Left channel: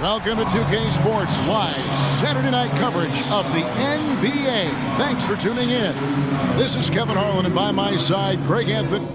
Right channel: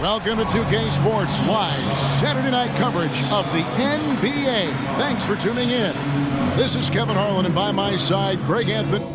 Welcome to 2K Sports live Saturday night coverage of the NBA. Thanks for tuning in. This is Kevin Harlan, and by my side, Greg Anthony.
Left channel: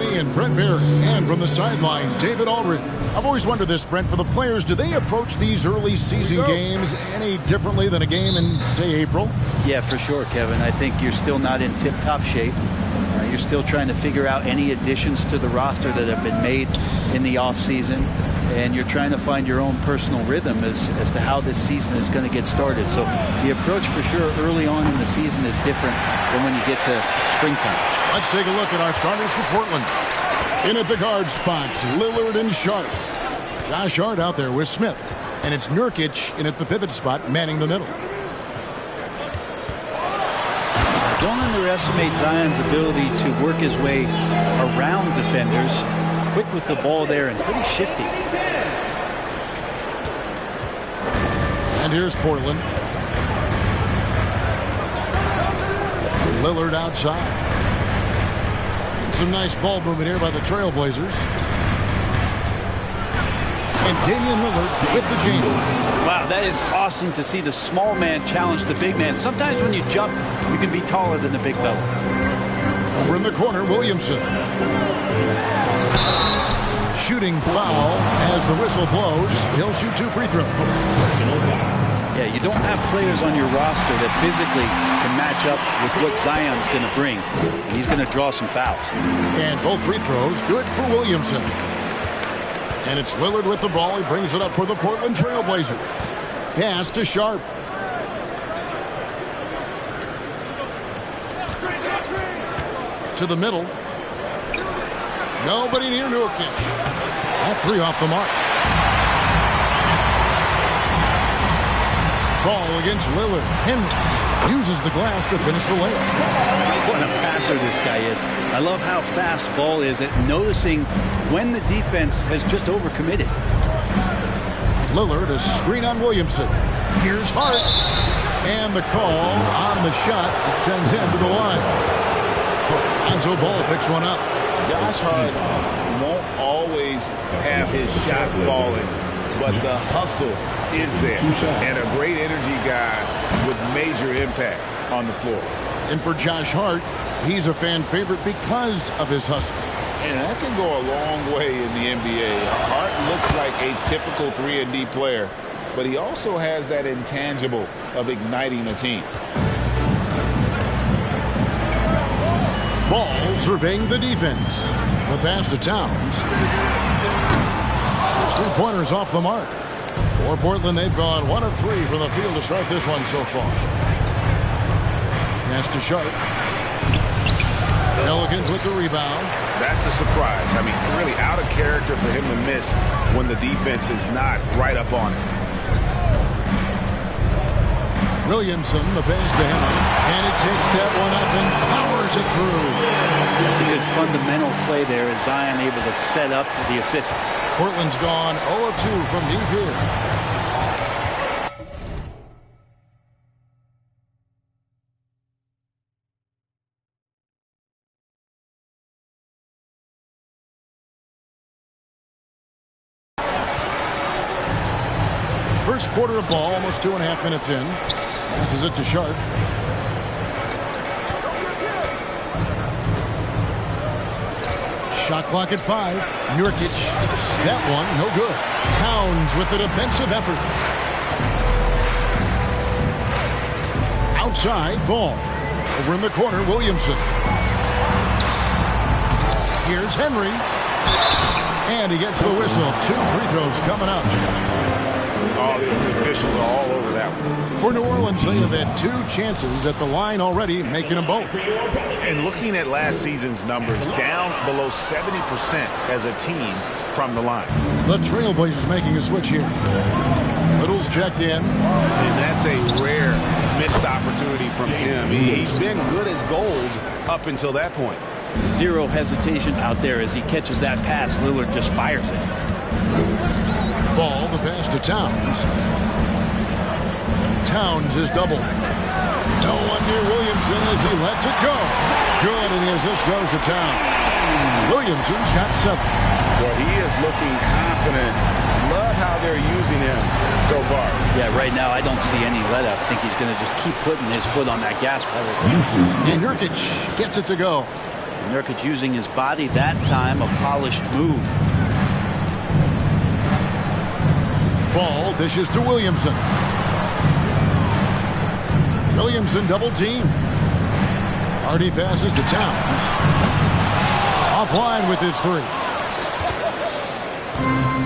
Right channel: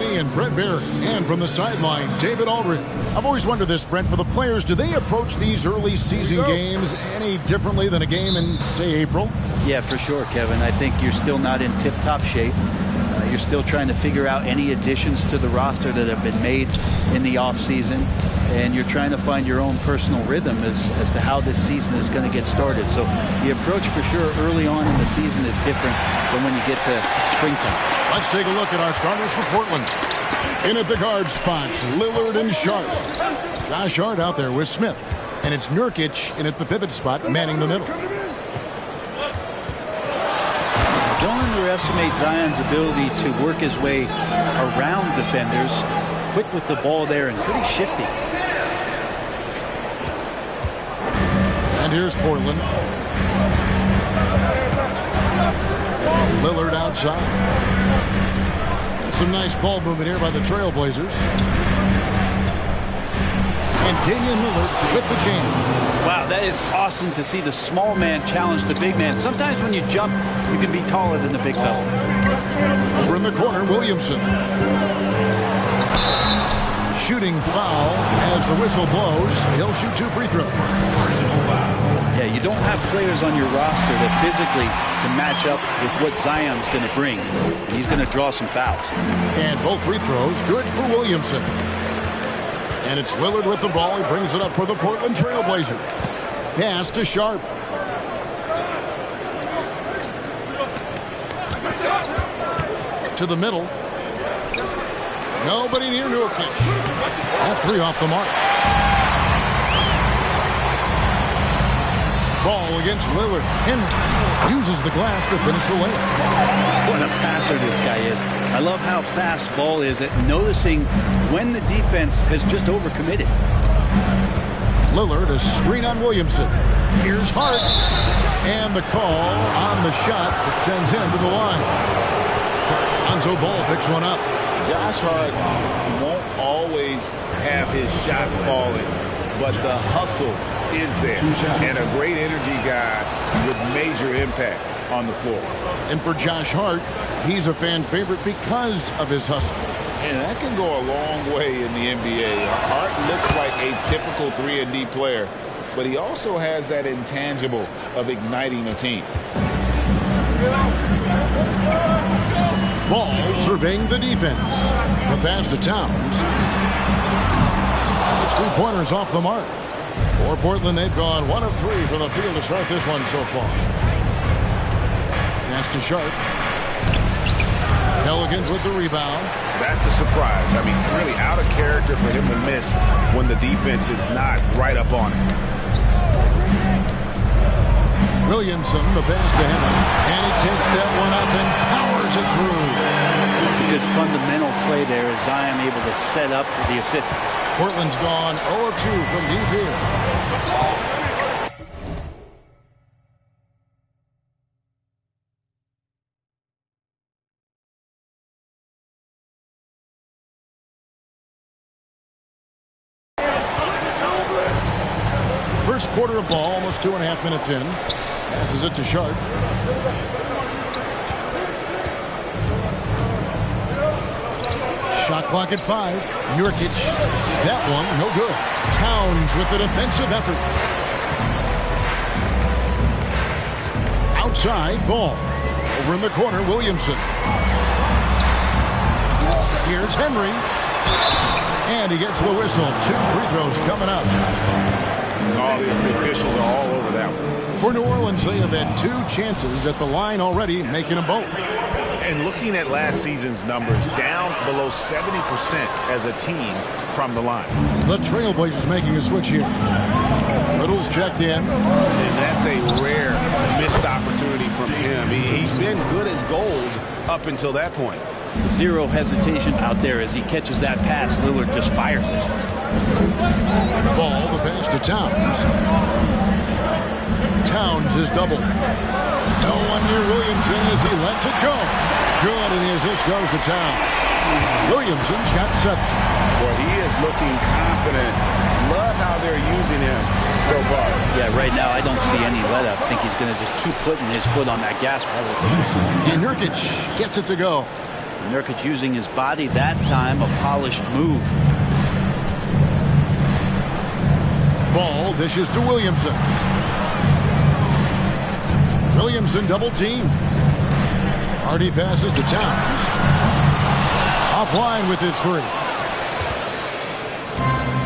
And Brent Barry, and from the sideline, David Aldridge. I've always wondered this, Brent, for the players, do they approach these early season games any differently than a game in, say, April? Yeah, for sure, Kevin. I think you're still not in tip-top shape. You're still trying to figure out any additions to the roster that have been made in the offseason, and you're trying to find your own personal rhythm as to how this season is going to get started. So the approach for sure early on in the season is different than when you get to springtime. Let's take a look at our starters for Portland. In at the guard spots, Lillard and Sharp. Josh Hart out there with Smith. And it's Nurkic in at the pivot spot, manning the middle. Don't underestimate Zion's ability to work his way around defenders. Quick with the ball there and pretty shifty. And here's Portland. Lillard outside. Some nice ball movement here by the Trailblazers. And Damian Lillard with the jam. Wow, that is awesome to see the small man challenge the big man. Sometimes when you jump, you can be taller than the big fella. Over in the corner, Williamson. Shooting foul as the whistle blows. He'll shoot 2 free throws. Yeah, you don't have players on your roster that physically can match up with what Zion's going to bring. And he's going to draw some fouls. And both free throws good for Williamson. And it's Lillard with the ball. He brings it up for the Portland Trailblazers. Pass to Sharp. To the middle. Nobody near Nurkic. That 3 off the mark. Ball against Lillard. Henry uses the glass to finish the layup. What a passer this guy is. I love how fast Ball is at noticing when the defense has just overcommitted. Lillard, a screen on Williamson. Here's Hart. And the call on the shot that sends him to the line. Lonzo Ball picks one up. Josh Hart won't always have his shot falling, but the hustle is there. And a great energy guy with major impact on the floor. And for Josh Hart, he's a fan favorite because of his hustle. And that can go a long way in the NBA. Hart looks like a typical 3-and-D player, but he also has that intangible of igniting a team. Ball surveying the defense. The pass to Towns. His 3-pointers off the mark. For Portland, they've gone 1 of 3 from the field to start this one so far. Pass to Sharp. Pelicans with the rebound. That's a surprise. I mean, really out of character for him to miss when the defense is not right up on it. Williamson, the pass to Henry. And he takes that one up and powers it through. That's a good fundamental play there as Zion able to set up for the assist. Portland's gone 0 of 2 from deep here. First quarter of ball, almost 2.5 minutes in. Passes it to Sharp. Shot clock at 5. Nurkic. That one, no good. Towns with the defensive effort. Outside, Ball. Over in the corner, Williamson. Here's Henry. And he gets the whistle. 2 free throws coming up. Oh, the officials are all over that one. For New Orleans, they have had 2 chances at the line already, making them both. And looking at last season's numbers, down below 70% as a team from the line. The Trailblazers making a switch here. Little's checked in. And that's a rare missed opportunity from him. He's been good as gold up until that point. Zero hesitation out there as he catches that pass. Lillard just fires it. Ball, the pass to Towns. Towns is doubled. No one near Williamson as he lets it go. Good, and the assist goes to Towns. Williamson's got 7. Boy, he is looking confident. Love how they're using him so far. Yeah, right now I don't see any let up. I think he's going to just keep putting his foot on that gas pedal. And Nurkic gets it to go. Nurkic using his body that time, a polished move. Ball dishes to Williamson. Williamson double team. Hardy passes to Towns. Offline with his 3.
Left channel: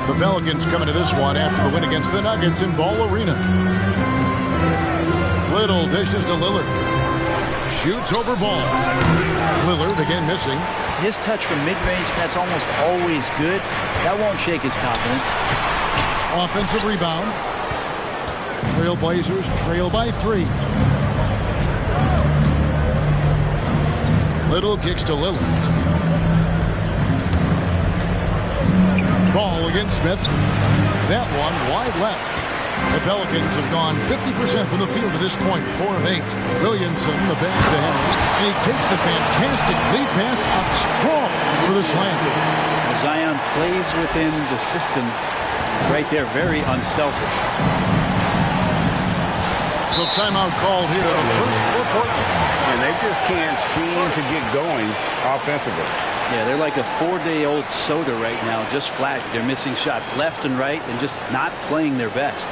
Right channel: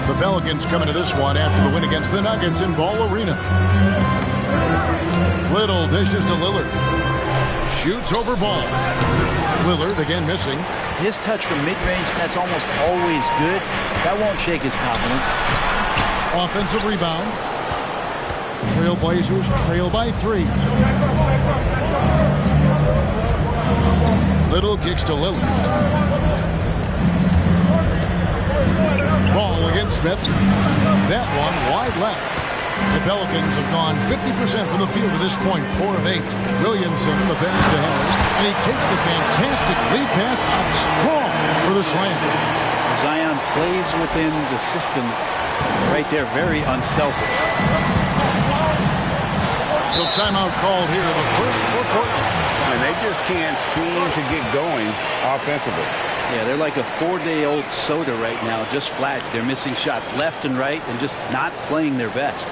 The Pelicans coming to this one after the win against the Nuggets in Ball Arena. Little dishes to Lillard. Shoots over Ball. Lillard again missing. His touch from mid-range, that's almost always good. That won't shake his confidence. Offensive rebound. Trailblazers trail by 3. Little kicks to Lillard. Ball against Smith. That one wide left. The Pelicans have gone 50% from the field to this point, 4 of 8. Williamson, the pass to Henry, and he takes the fantastic lead pass out strong for the slam. Zion plays within the system right there, very unselfish. So timeout called here, the first for Portland. And they just can't seem to get going offensively. Yeah, they're like a 4-day-old soda right now, just flat. They're missing shots left and right and just not playing their best.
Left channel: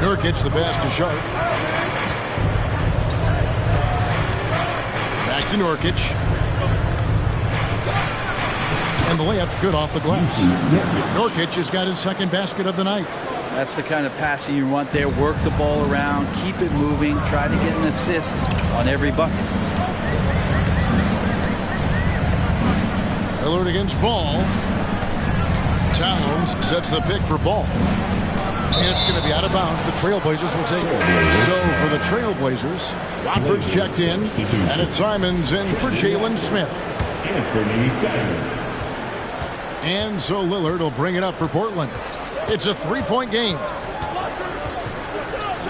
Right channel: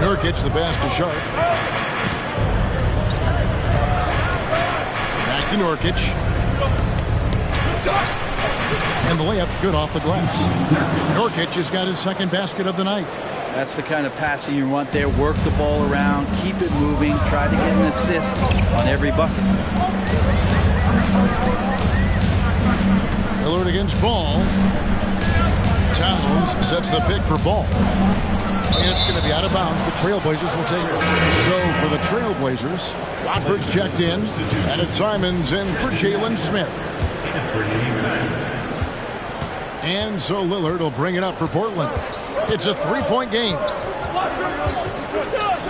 Nurkic, the pass to Sharp. Back to Nurkic. And the layup's good off the glass. Nurkic has got his second basket of the night. That's the kind of passing you want there. Work the ball around, keep it moving, try to get an assist on every bucket. Lillard against Ball. Towns sets the pick for Ball. And it's going to be out of bounds. The Trailblazers will take it. So for the Trailblazers, Watford's checked in, and it's Simons in for Jalen Smith. And so Lillard will bring it up for Portland. It's a 3-point game.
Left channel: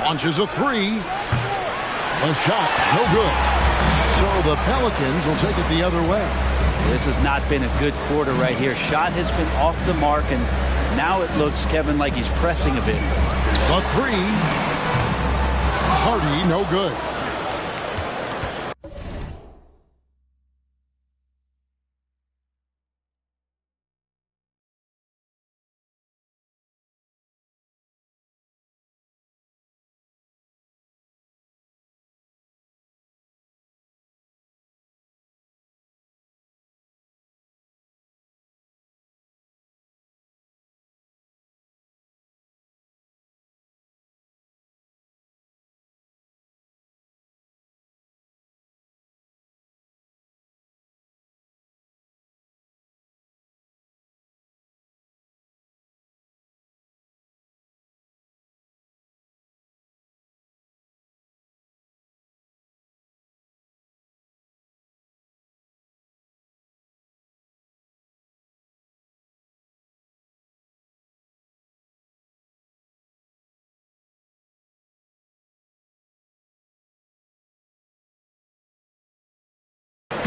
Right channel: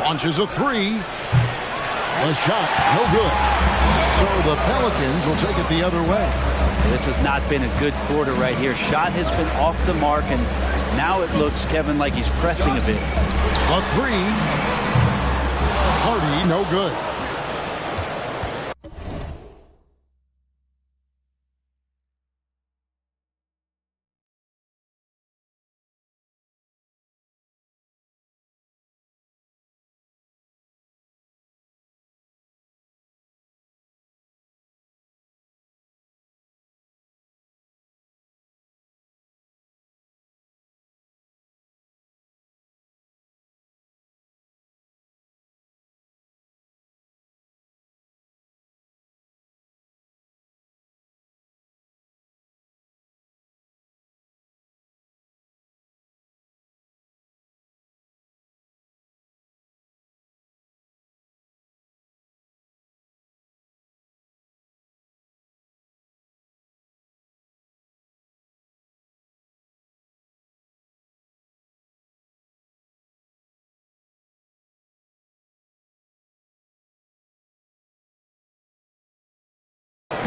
Launches a 3. A shot, no good. So the Pelicans will take it the other way. This has not been a good quarter right here. Shot has been off the mark, and now it looks, Kevin, like he's pressing a bit. A 3. Hardy, no good.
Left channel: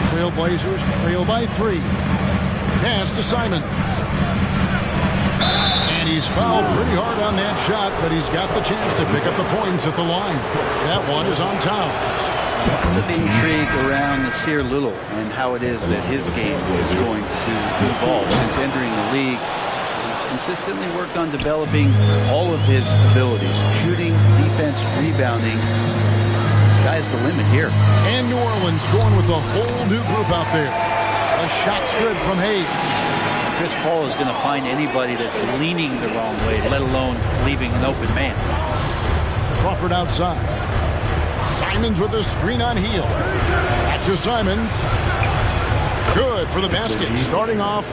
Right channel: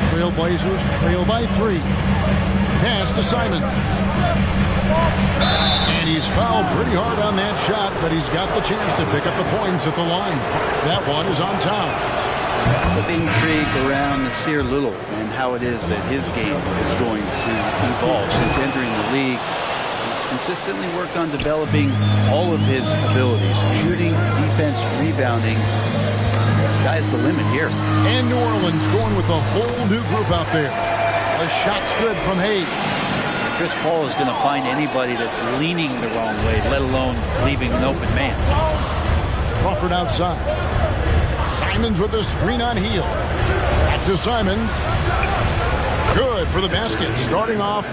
Trailblazers trail by 3. Pass to Simons. And he's fouled pretty hard on that shot, but he's got the chance to pick up the points at the line. That one is on Towns. Lots of intrigue around Nasir Little and how it is that his game is going to evolve. Since entering the league, he's consistently worked on developing all of his abilities. Shooting, defense, rebounding. Sky's the limit here. And New Orleans going with a whole new group out there. A shot's good from Hayes. Chris Paul is going to find anybody that's leaning the wrong way, let alone leaving an open man. Crawford outside. Simons with a screen on Hield. Back to Simons. Good for the basket. Starting off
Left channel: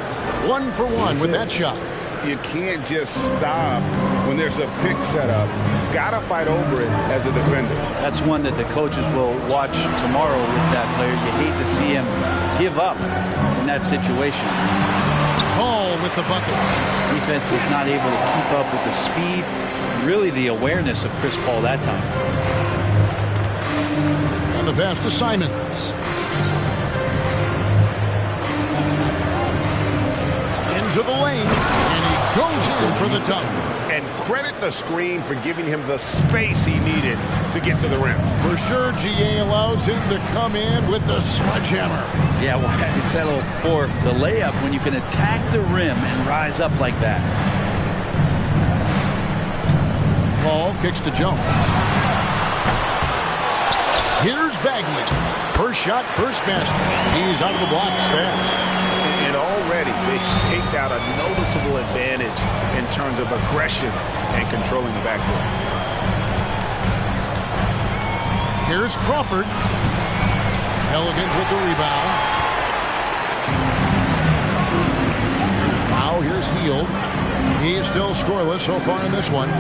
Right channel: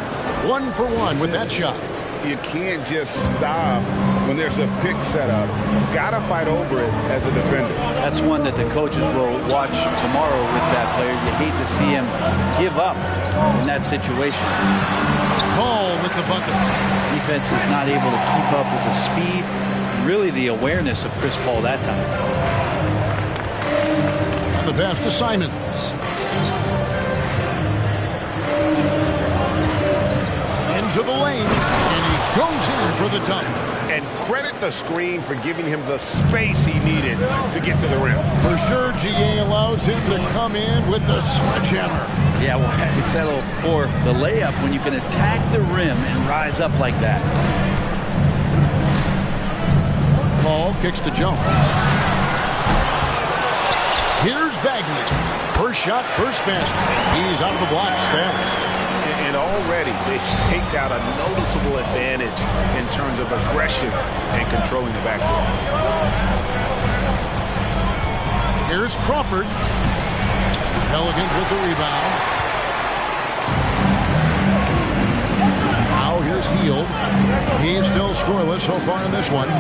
1 for 1 with that shot. You can't just stop when there's a pick set up. Gotta fight over it as a defender. That's one that the coaches will watch tomorrow with that player. You hate to see him give up in that situation. Paul with the bucket. Defense is not able to keep up with the speed, really the awareness of Chris Paul that time. And the pass to Simons. Into the lane, and he goes in for the dunk. And credit the screen for giving him the space he needed to get to the rim. For sure, GA allows him to come in with the sledgehammer. Yeah, why settle for the layup when you can attack the rim and rise up like that? Paul kicks to Jones. Here's Bagley. First shot, first basket. He's out of the blocks fast. And already they've staked out a noticeable advantage in terms of aggression and controlling the backcourt. Here's Crawford. Pelicans with the rebound. Now here's Hield. He's still scoreless so far in this one.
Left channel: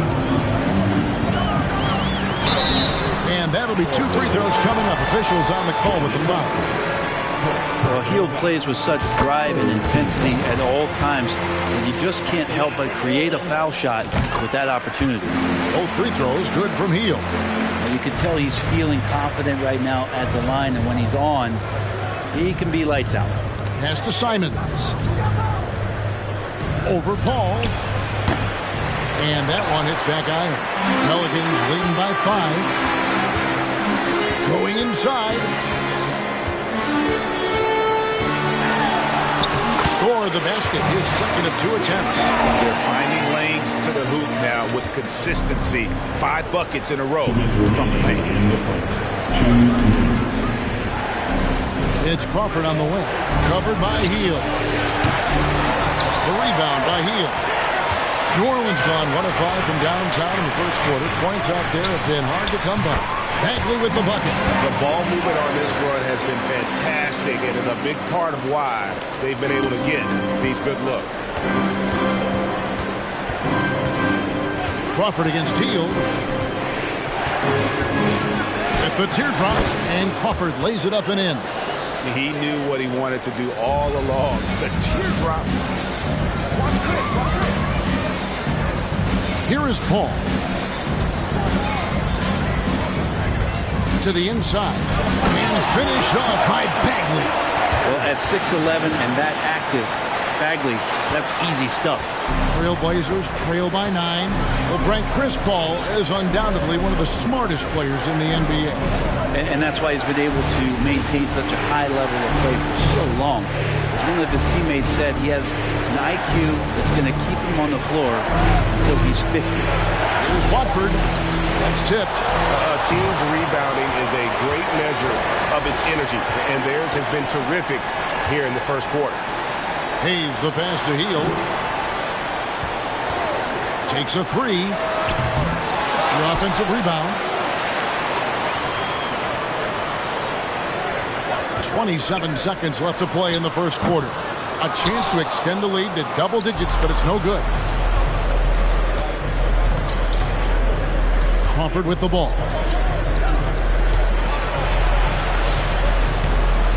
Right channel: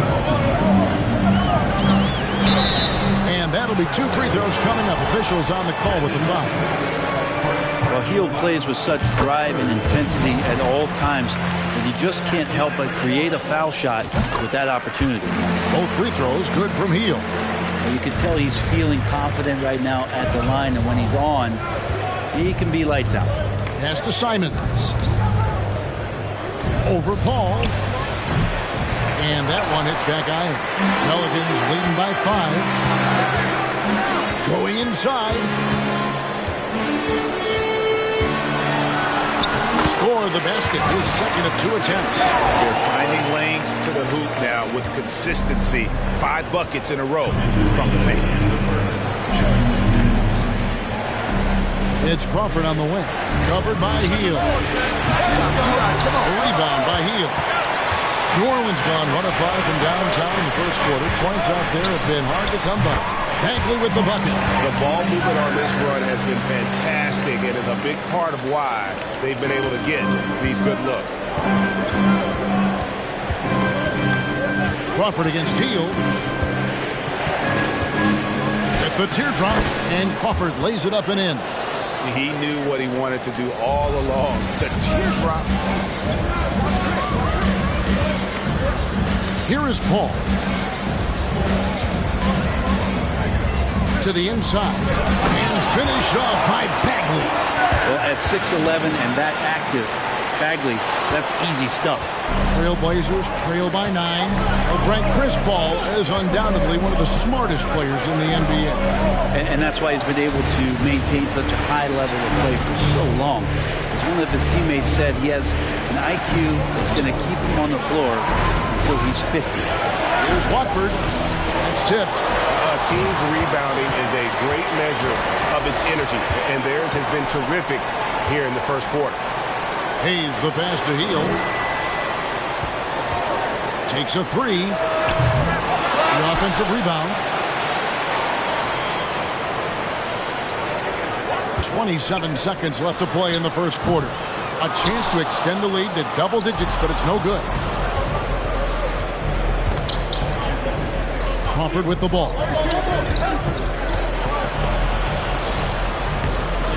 And that'll be 2 free throws coming up. Officials on the call with the foul. Well, Hield plays with such drive and intensity at all times, and you just can't help but create a foul shot with that opportunity. Both free throws good from Hield. You can tell he's feeling confident right now at the line, and when he's on, he can be lights out. Pass to Simons. Over Paul. And that one hits back iron. Pelicans leading by 5. Going inside. Score the basket, his second of 2 attempts. They're finding lanes to the hoop now with consistency. 5 buckets in a row from the paint. It's Crawford on the wing. Covered by Hield. The rebound by Hield. New Orleans gone 1 of 5 from downtown in the first quarter. Points out there have been hard to come by. Bagley with the bucket. The ball movement on this run has been fantastic and is a big part of why they've been able to get these good looks. Crawford against Hield. At the teardrop, and Crawford lays it up and in. He knew what he wanted to do all along. The teardrop. Here is Paul. To the inside. And finished off by Bagley. Well, at 6'11" and that active, Bagley, that's easy stuff. Trailblazers trail by 9. Well, Brent, Chris Paul is undoubtedly one of the smartest players in the NBA. And that's why he's been able to maintain such a high level of play for so long. As one of his teammates said, he has an IQ that's going to keep him on the floor until he's 50. Here's Watford. That's tipped. A team's rebounding is a great measure of its energy, and theirs has been terrific here in the first quarter. Hayes the pass to Hield. Takes a 3. The offensive rebound. 27 seconds left to play in the first quarter. A chance to extend the lead to double digits, but it's no good. Crawford with the ball.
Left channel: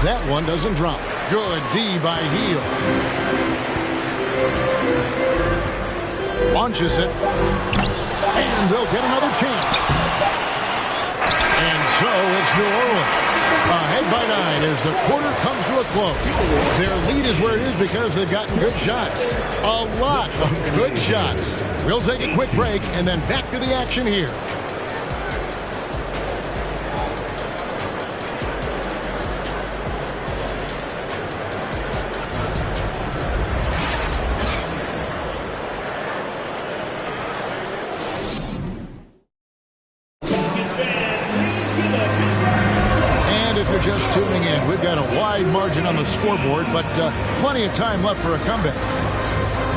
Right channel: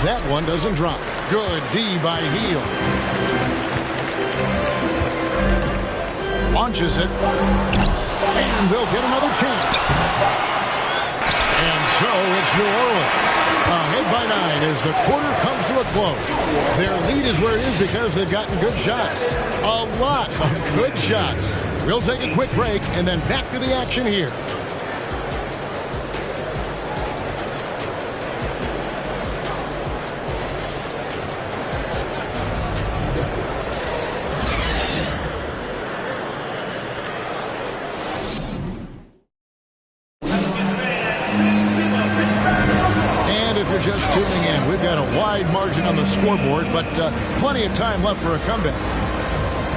That one doesn't drop. Good D by Hield. Launches it. And they'll get another chance. And so it's New Orleans. Ahead by 9 as the quarter comes to a close. Their lead is where it is because they've gotten good shots. A lot of good shots. We'll take a quick break and then back to the action here. If you're just tuning in, we've got a wide margin on the scoreboard, but plenty of time left for a comeback.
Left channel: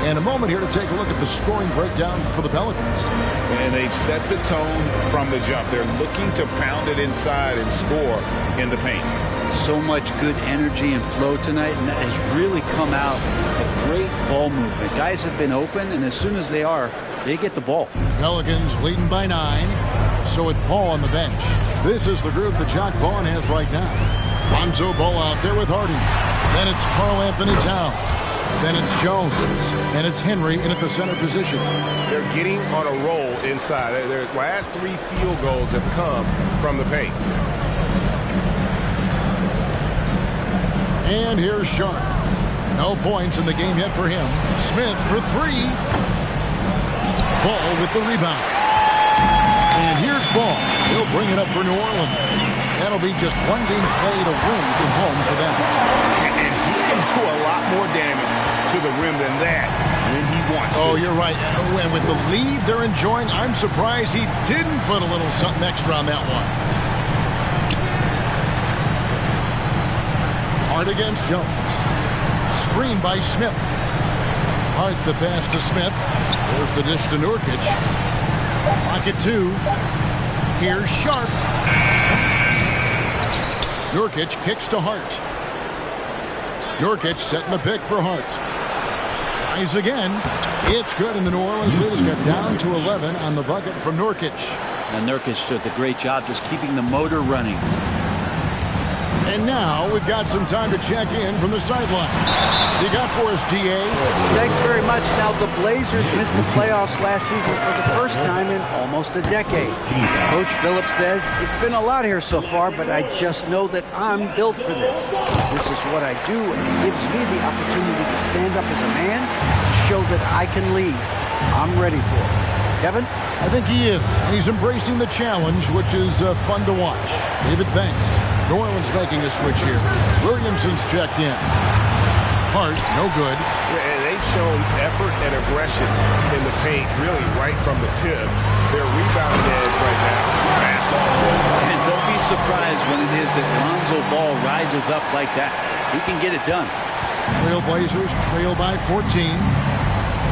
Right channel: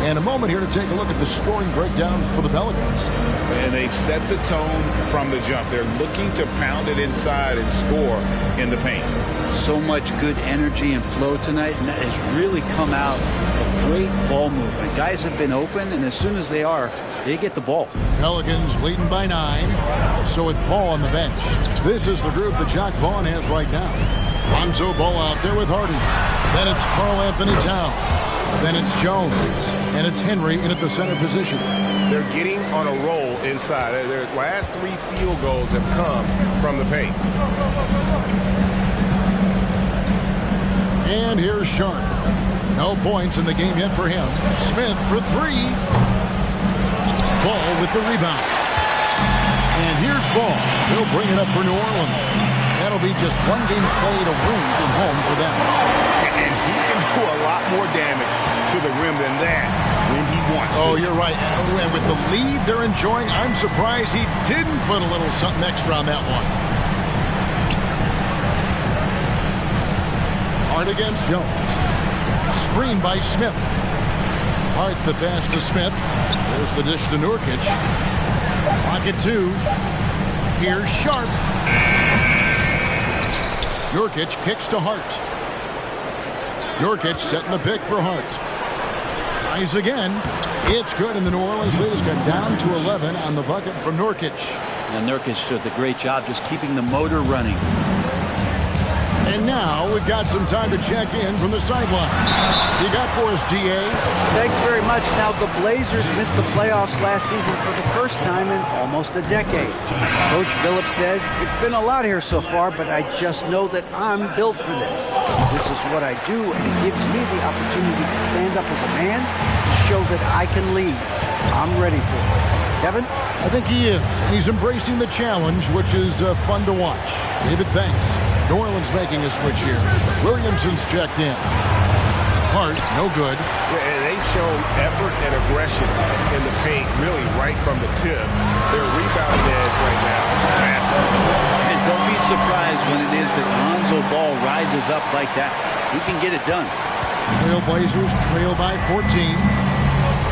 And a moment here to take a look at the scoring breakdown for the Pelicans. And they've set the tone from the jump. They're looking to pound it inside and score in the paint. So much good energy and flow tonight, and that has really come out of great ball movement. Guys have been open, and as soon as they are, they get the ball. Pelicans leading by 9. So with Paul on the bench, this is the group that Jacque Vaughn has right now. Lonzo Ball out there with Hardy. Then it's Karl-Anthony Towns. Then it's Jones. And it's Henry in at the center position. They're getting on a roll inside. Their last 3 field goals have come from the paint. And here's Sharp. No points in the game yet for him. Smith for 3. Ball with the rebound. And here's Ball. He'll bring it up for New Orleans. That'll be just one game played away from home for them. And he can do a lot more damage to the rim than that when he wants to. Oh, you're right. And with the lead they're enjoying, I'm surprised he didn't put a little something extra on that one. Hart against Jones. Screen by Smith. Hart the pass to Smith. There's the dish to Nurkic. Pocket 2. Here's Sharp. Nurkic kicks to Hart. Nurkic setting the pick for Hart. Tries again. It's good, and the New Orleans lead has got down to 11 on the bucket from Nurkic. Now Nurkic does a great job just keeping the motor running. And now we've got some time to check in from the sideline. You got for us, D.A.? Thanks very much. Now, the Blazers missed the playoffs last season for the first time in almost a decade. Coach Billups says, it's been a lot here so far, but I just know that I'm built for this. This is what I do, and it gives me the opportunity to stand up as a man to show that I can lead. I'm ready for it. Kevin? I think he is, and he's embracing the challenge, which is fun to watch. David, thanks. New Orleans making a switch here. Williamson's checked in. Hart, no good. And they've shown effort and aggression in the paint, really right from the tip. Their rebounding edge right now, massive. And don't be surprised when it is that Lonzo Ball rises up like that. He can get it done. Trailblazers trail by 14.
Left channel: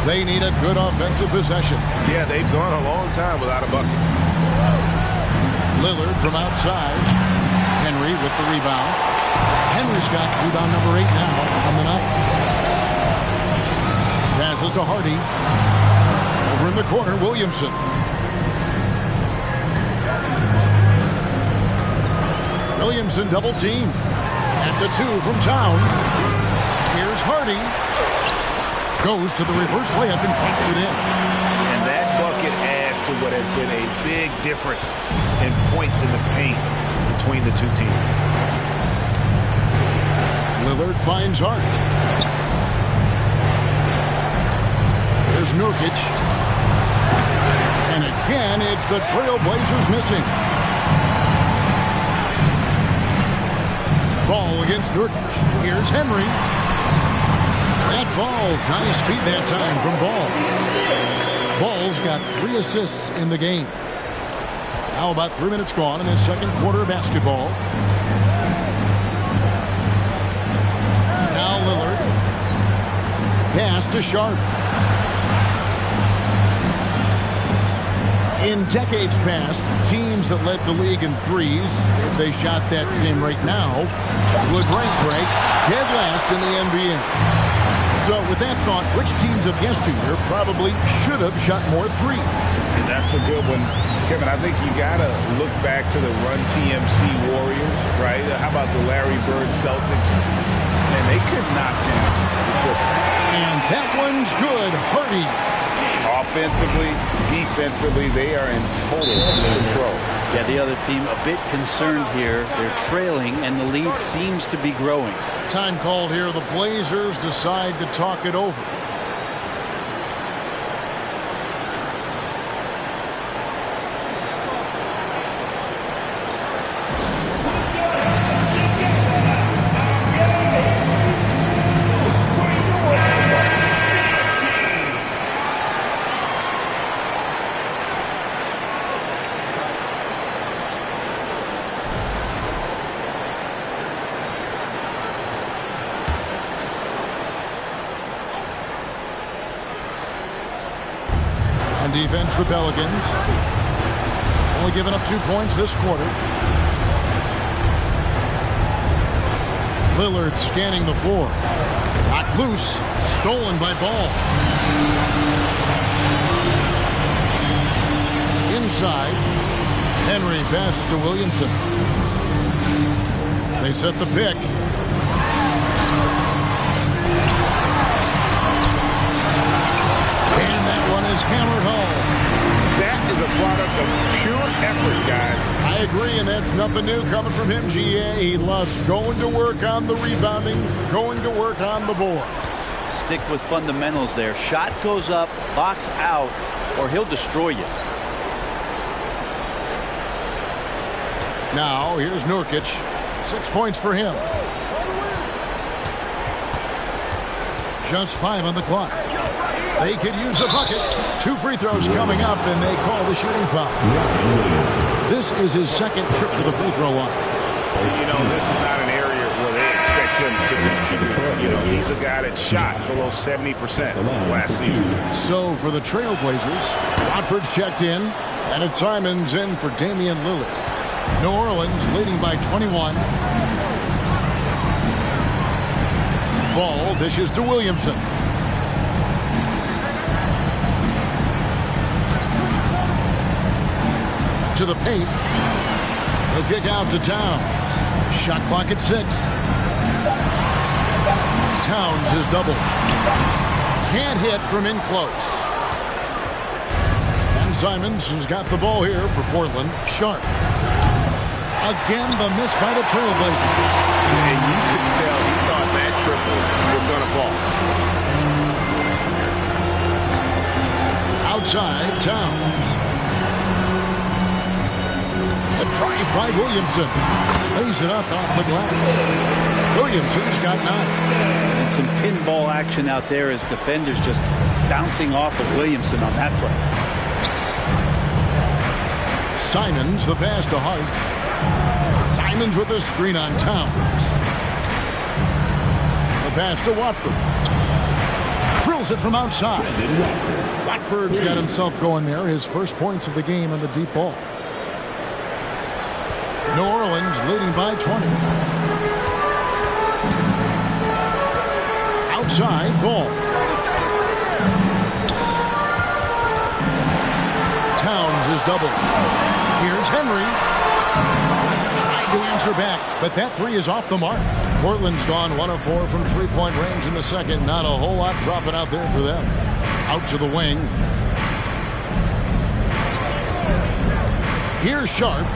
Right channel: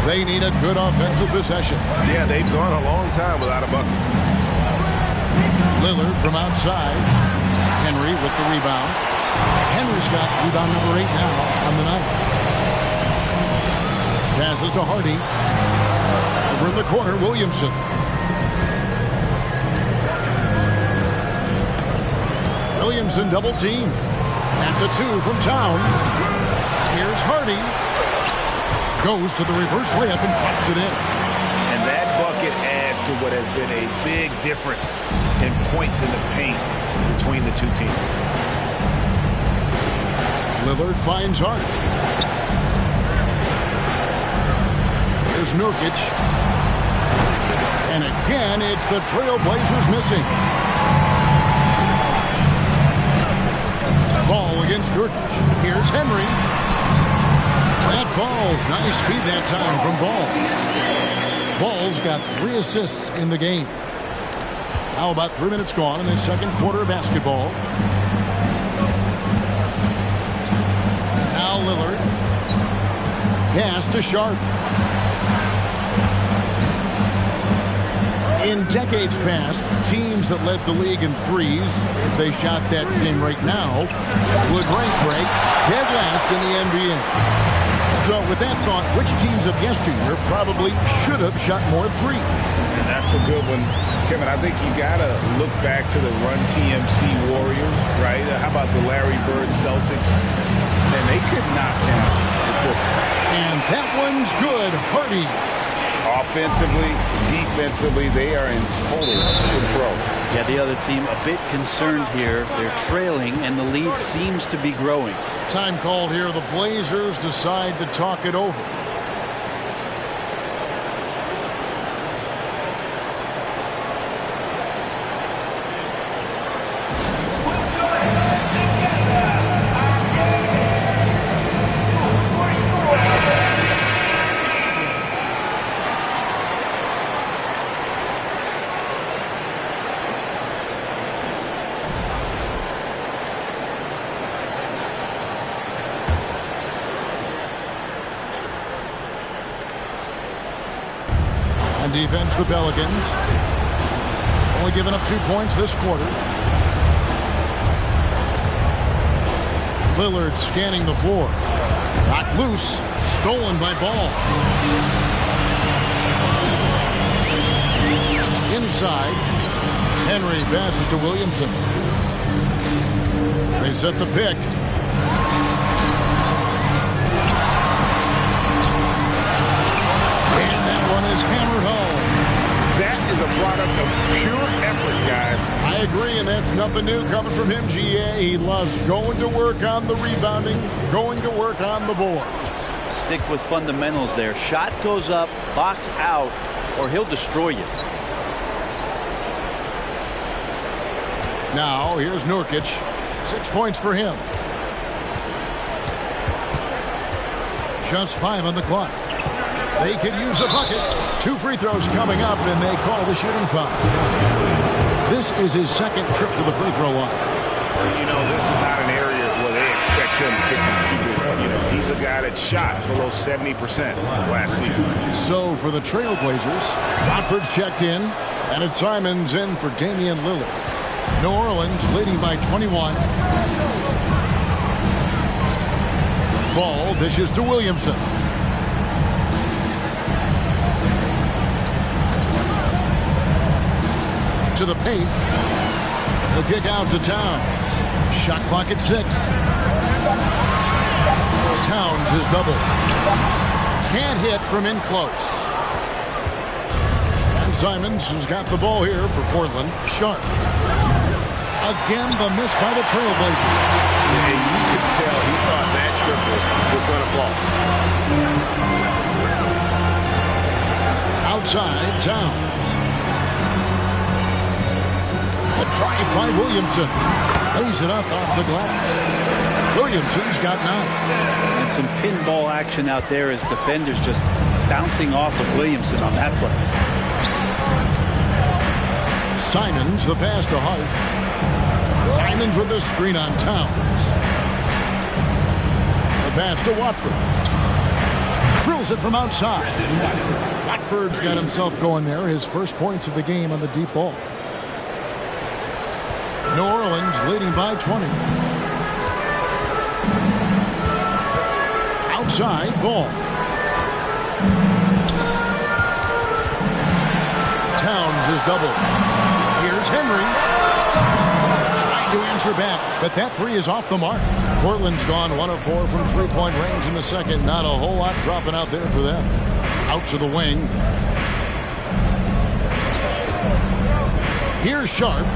They need a good offensive possession. Yeah, they've gone a long time without a bucket. Lillard from outside. Henry with the rebound. Henry's got rebound number 8 now on the night. Passes to Hardy. Over in the corner, Williamson. Williamson double team. That's a 2 from Towns. Here's Hardy. Goes to the reverse layup and drops it in. And that bucket adds to what has been a big difference in points in the paint between the two teams. Lillard finds Hart. Here's Nurkic. And again, it's the Trailblazers missing. Ball against Nurkic. Here's Henry. That falls. Nice feed that time from Ball. Ball's got 3 assists in the game. Now about 3 minutes gone in the second quarter of basketball. Now Lillard. Pass to Sharp. In decades past, teams that led the league in threes, if they shot that same rate now, would rank break dead last in the NBA. So with that thought, which teams of yesteryear probably should have shot more threes? And that's a good one. Kevin, I think you got to look back to the Run TMC Warriors, right? How about the Larry Bird Celtics? And they could knock down the triple. And that one's good. Hardy. Off Offensively, defensively, they are in total control. Yeah, the other team a bit concerned here. They're trailing, and the lead seems to be growing. Time called here. The Blazers decide to talk it over. On defense, the Pelicans only giving up 2 points this quarter. Lillard scanning the floor. Knocked loose. Stolen by Ball. Inside. Henry passes to Williamson. They set the pick. And that one is hammered home. That is a product of pure effort, guys. I agree, and that's nothing new coming from him, GA. He loves going to work on the rebounding, going to work on the board. Stick with fundamentals there. Shot goes up, box out, or he'll destroy you. Now, here's Nurkic. 6 points for him. Just 5 on the clock. They could use a bucket. 2 free throws coming up, and they call the shooting foul. This is his second trip to the free throw line. You know, this is not an area where they expect him to contribute. You know, he's a guy that shot below 70% last season. So for the Trailblazers, Watford's checked in, and it's Simons in for Damian Lillard. New Orleans leading by 21. Ball dishes to Williamson. To the paint. The kick out to Towns. Shot clock at 6. Towns is doubled. Can't hit from in close. And Simons has got the ball here for Portland. Sharp. Again, the miss by the Trailblazers. And you could tell he thought that triple was going to fall. Outside, Towns. A drive by Williamson. Lays it up off the glass. Williamson's got 9. And some pinball action out there as defenders just bouncing off of Williamson on that play. Simons, the pass to Hart. Simons with the screen on Towns. The pass to Watford. Drills it from outside. Watford's got himself going there. His first points of the game on the deep ball. New Orleans leading by 20. Outside, Ball. Towns is doubled. Here's Henry. Tried to answer back, but that 3 is off the mark. Portland's gone 1 of 4 from three-point range in the second. Not a whole lot dropping out there for them. Out to the wing. Here's Sharp.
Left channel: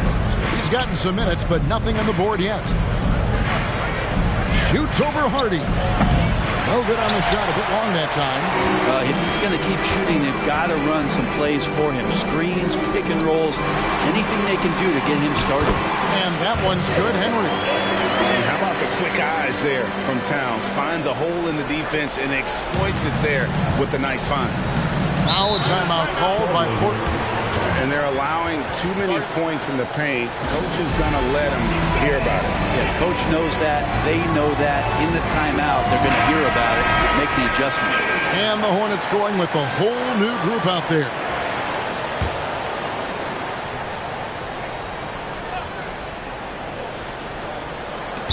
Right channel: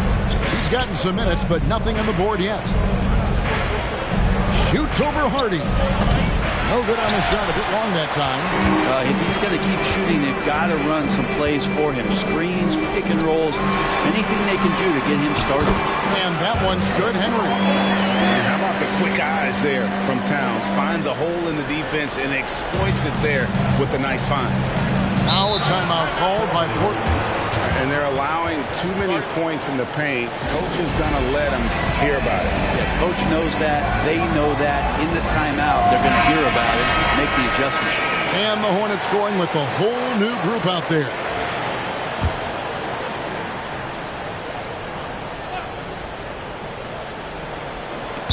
He's gotten some minutes, but nothing on the board yet. Shoots over Hardy. No good on the shot. A bit long that time. If he's going to keep shooting, they've got to run some plays for him. Screens, pick and rolls, anything they can do to get him started. And that one's good, Henry. And how about the quick eyes there from Towns? Finds a hole in the defense and exploits it there with a nice find. Now a timeout called by Portland. And they're allowing too many points in the paint. Coach is going to let them hear about it. Yeah, coach knows that. They know that. In the timeout, they're going to hear about it, make the adjustment. And the Hornets going with a whole new group out there.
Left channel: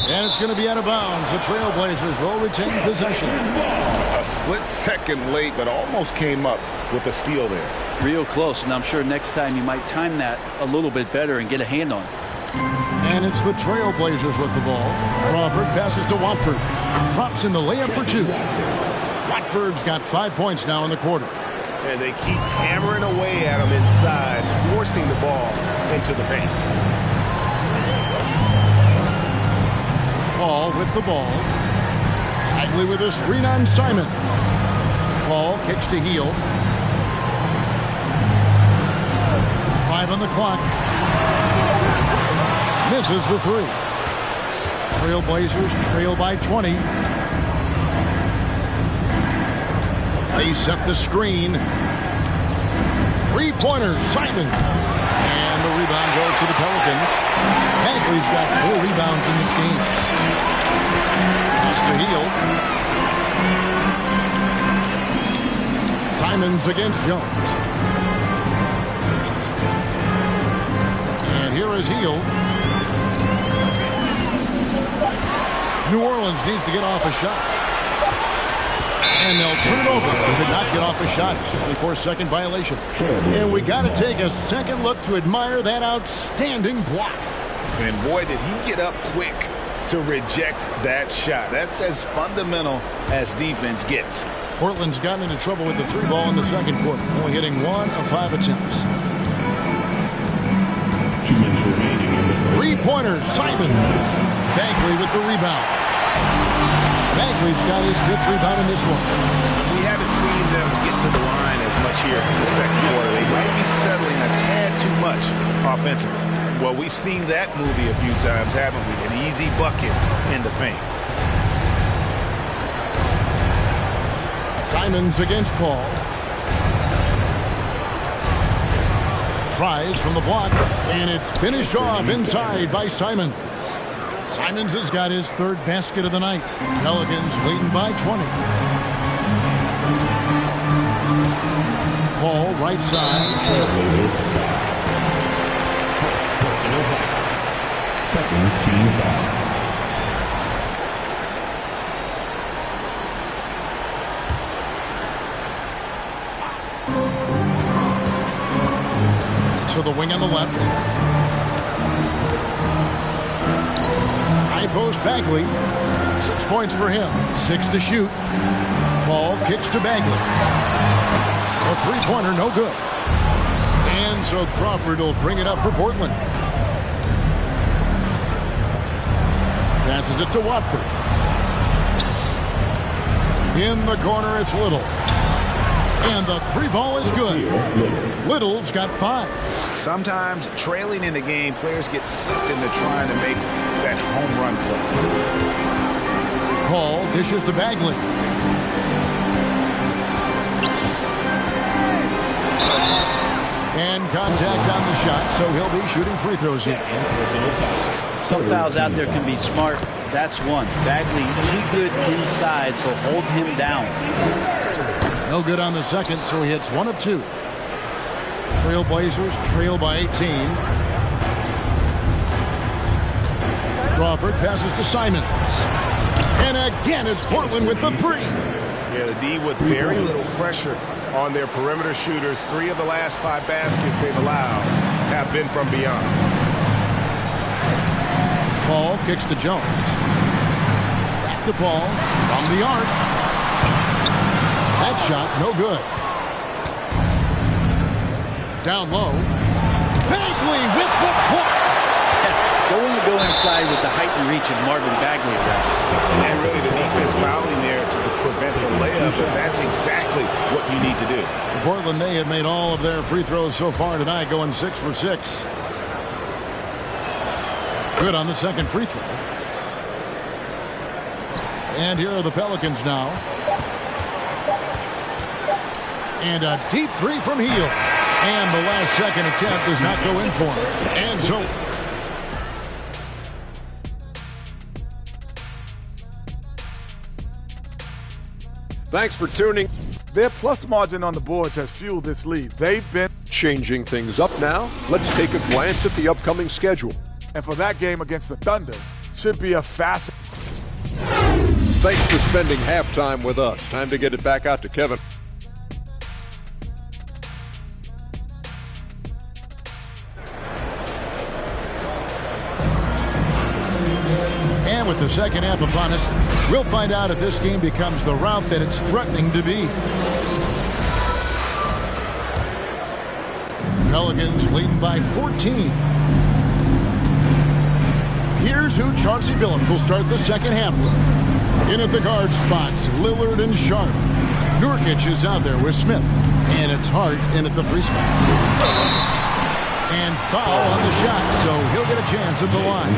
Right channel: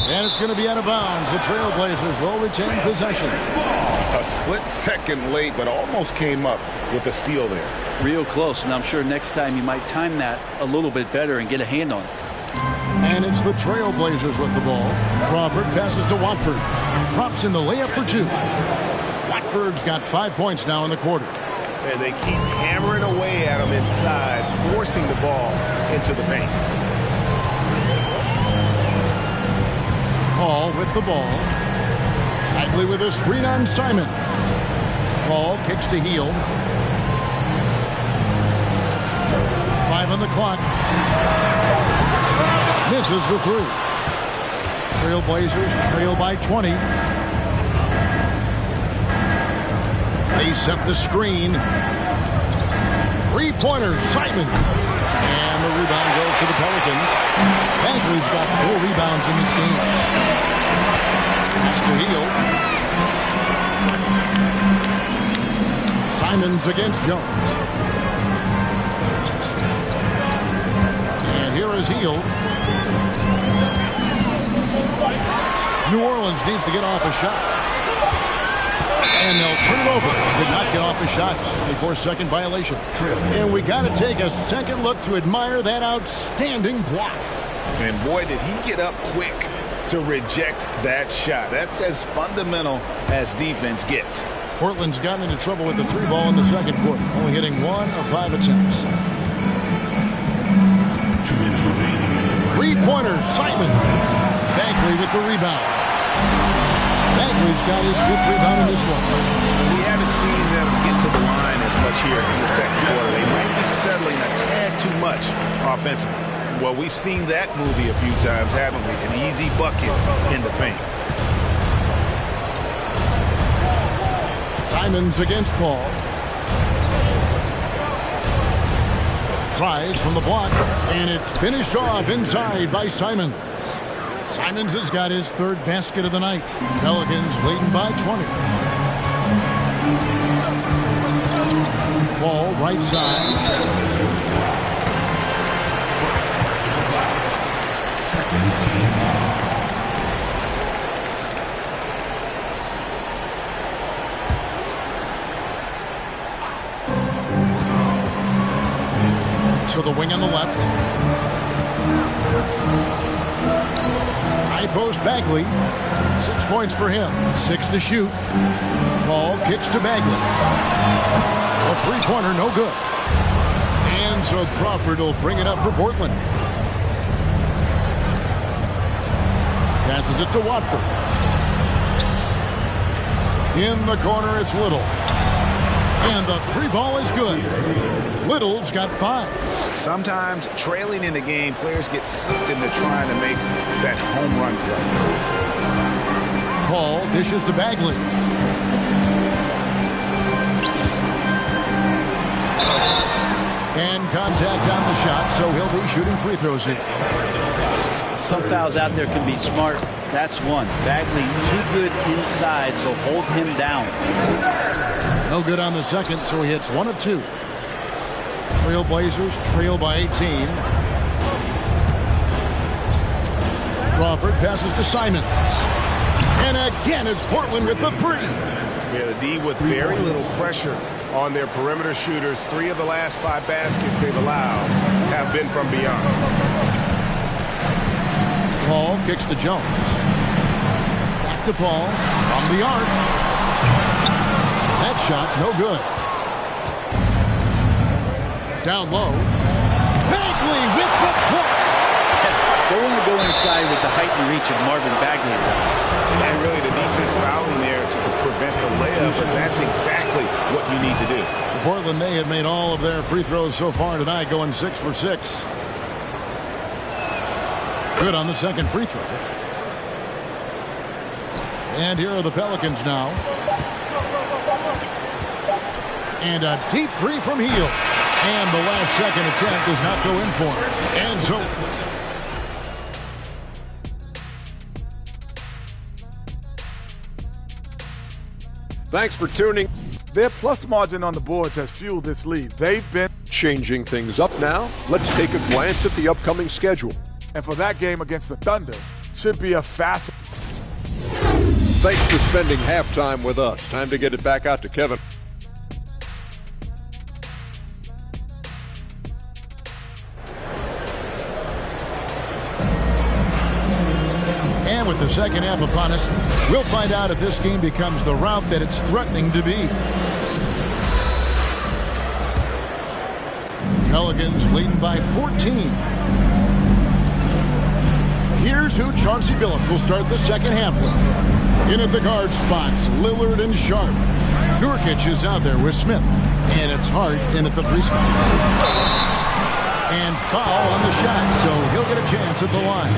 And it's going to be out of bounds. The Trailblazers will retain possession. A split second late, but almost came up with a steal there. Real close, and I'm sure next time you might time that a little bit better and get a hand on it. And it's the Trailblazers with the ball. Crawford passes to Watford. Drops in the layup for 2. Watford's got 5 points now in the quarter. And they keep hammering away at him inside, forcing the ball into the paint. Paul with the ball. Bagley with a screen on Simon. Paul kicks to Hield. 5 on the clock. Misses the 3. Trailblazers trail by 20. They set the screen. 3-pointer, Simon. And the rebound goes to the Pelicans. Bagley's got 4 rebounds in this game. Pass to Hield. Simons against Jones. And here is Hield. New Orleans needs to get off a shot. And they'll turn it over. Did not get off a shot. 24-second violation. And we got to take a second look to admire that outstanding block. And boy, did he get up quick to reject that shot. That's as fundamental as defense gets. Portland's gotten into trouble with the 3 ball in the second quarter, only hitting 1 of 5 attempts. 3-pointer, Simon. Bagley with the rebound. Bagley's got his 5th rebound in this one. We haven't seen them get to the line as much here in the second quarter. They might be settling a tad too much offensively. Well, we've seen that movie a few times, haven't we? An easy bucket in the paint. Simons against Paul. Tries from the block, and it's finished off inside by Simons. Simons has got his 3rd basket of the night. Pelicans leading by 20. Paul, right side. Second team foul. To the wing on the left. High post Bagley. 6 points for him. 6 to shoot. Paul kicks to Bagley. A 3-pointer, no good. And so Crawford will bring it up for Portland. Passes it to Watford. In the corner, it's Little. And the 3-ball is good. Little's got 5. Sometimes trailing in the game, players get sucked into trying to make that home run play. Paul dishes to Bagley. And contact on the shot, so he'll be shooting free throws here. Some fouls out there can be smart. That's one. Bagley too good inside, so hold him down. No good on the second, so he hits 1 of 2. Trailblazers trail by 18. Crawford passes to Simons. And again, it's Portland with the 3. Yeah, the D with very little pressure on their perimeter shooters. 3 of the last 5 baskets they've allowed have been from beyond. Paul kicks to Jones. Back to Paul from the arc. That shot, no good. Down low. Bagley with the block. Don't want to go inside with the height and reach of Marvin Bagley around. And really the defense fouling there to prevent the layup, but that's exactly what you need to do. For Portland, they have made all of their free throws so far tonight, going 6 for 6. Good on the second free throw. And here are the Pelicans now. And a deep 3 from Hield. And the last second attempt does not go in for him. And so thanks for tuning. Their plus margin on the boards has fueled this lead. They've been Changing things up now, let's take a glance at the upcoming schedule. and for that game against the Thunder, should be a fast. Thanks for spending halftime with us. Time to get it back out to Kevin. And with the second half upon us, we'll find out if this game becomes the route that it's threatening to be. Pelicans leading by 14. Here's who Chauncey Billups will start the second half with. In at the guard spots, Lillard and Sharp. Nurkic is out there with Smith. And it's Hart in at the 3 spot. And foul on the shot, so he'll get a chance at the line.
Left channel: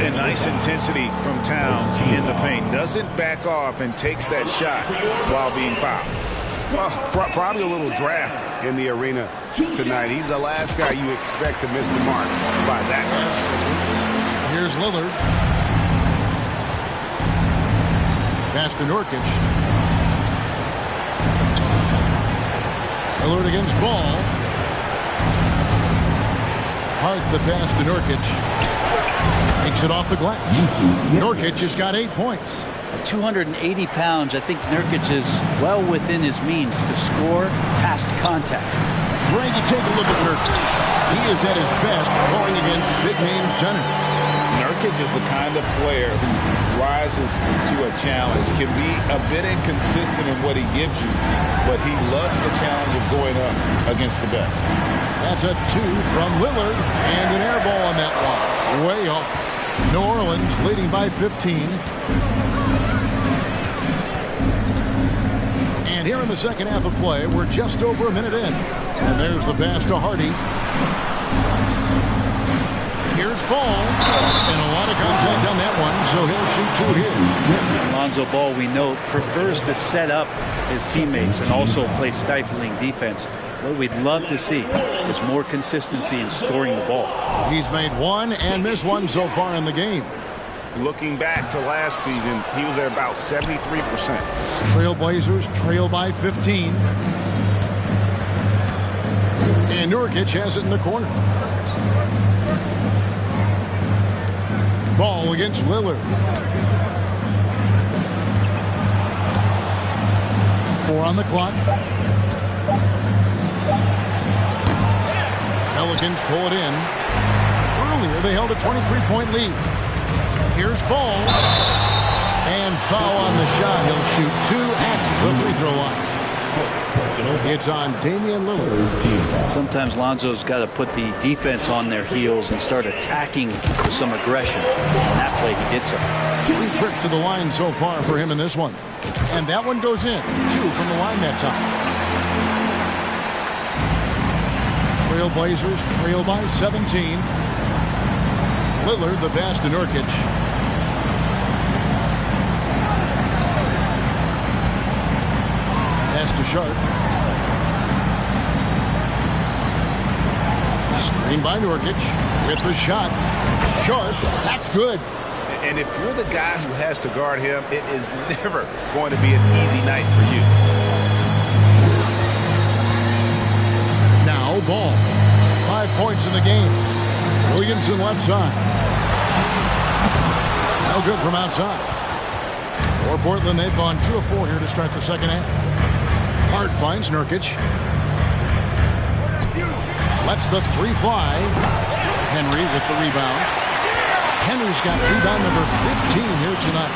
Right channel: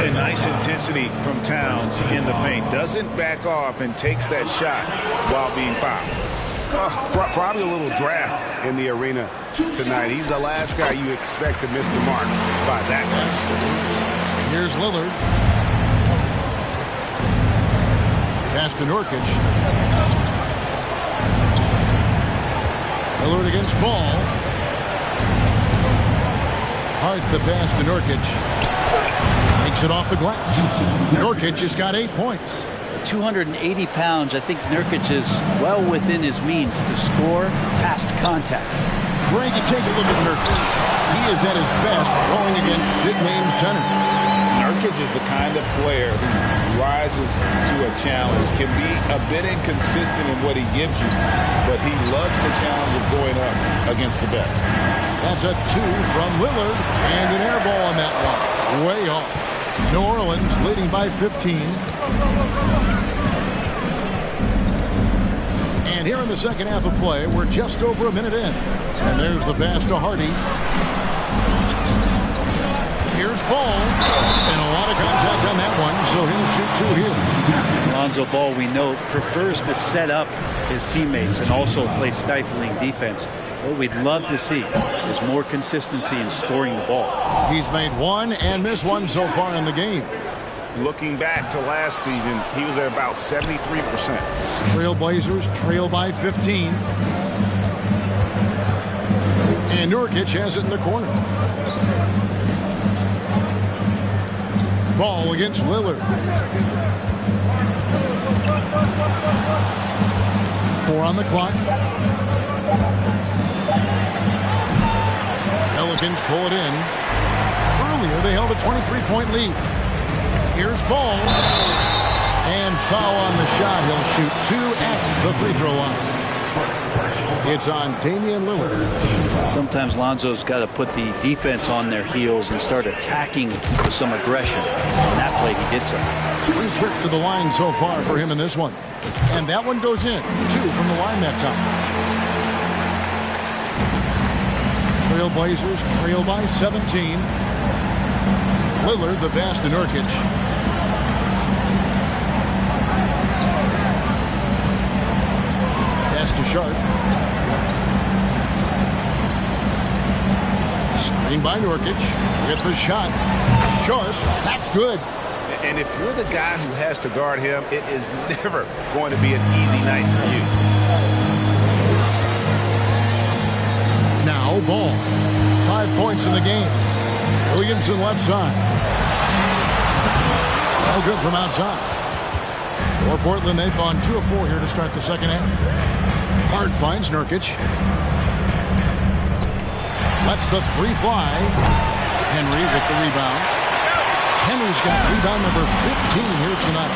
A nice intensity from Towns in the paint. Doesn't back off and takes that shot while being fouled. Well, probably a little draft in the arena tonight. He's the last guy you expect to miss the mark by that much. Here's Lillard. Pass to Nurkic. Lillard against Ball. Hart the pass to Nurkic. Makes it off the glass. Nurkic has got 8 points. At 280 pounds, I think Nurkic is well within his means to score past contact. Greg, you take a look at Nurkic. He is at his best going against big-name centers. Nurkic is the kind of player who rises to a challenge, can be a bit inconsistent in what he gives you, but he loves the challenge of going up against the best. That's a 2 from Lillard, and an air ball on that one. Way off. New Orleans leading by 15. And here in the second half of play, we're just over a minute in. And there's the pass to Hardy. Here's Ball. And a lot of contact on that one, so he'll shoot 2 here. Lonzo Ball, we know, prefers to set up his teammates and also play stifling defense. What we'd love to see is more consistency in scoring the ball. He's made 1 and missed 1 so far in the game. Looking back to last season, he was at about 73%. Trailblazers trail by 15. And Nurkic has it in the corner. Ball against Lillard. 4 on the clock. Pelicans pull it in. Earlier, they held a 23-point lead. Here's Ball. And foul on the shot. He'll shoot 2 at the free throw line. It's on Damian Lillard. Sometimes Lonzo's got to put the defense on their heels and start attacking with some aggression. In that play, he did so. 3 trips to the line so far for him in this one. And that one goes in. 2 from the line that time. Trailblazers trail by 17. Lillard the pass to Nurkic. Pass to Sharp. Screen by Nurkic with the shot. Sharp, that's good. And if you're the guy who has to guard him, it is never going to be an easy night for you. Now Ball. 5 points in the game. Williamson left side. No good from outside. For Portland, they've gone 2 of 4 here to start the second half. Hart finds Nurkic. Lets the 3 fly. Henry with the rebound. Henry's got rebound number 15 here tonight.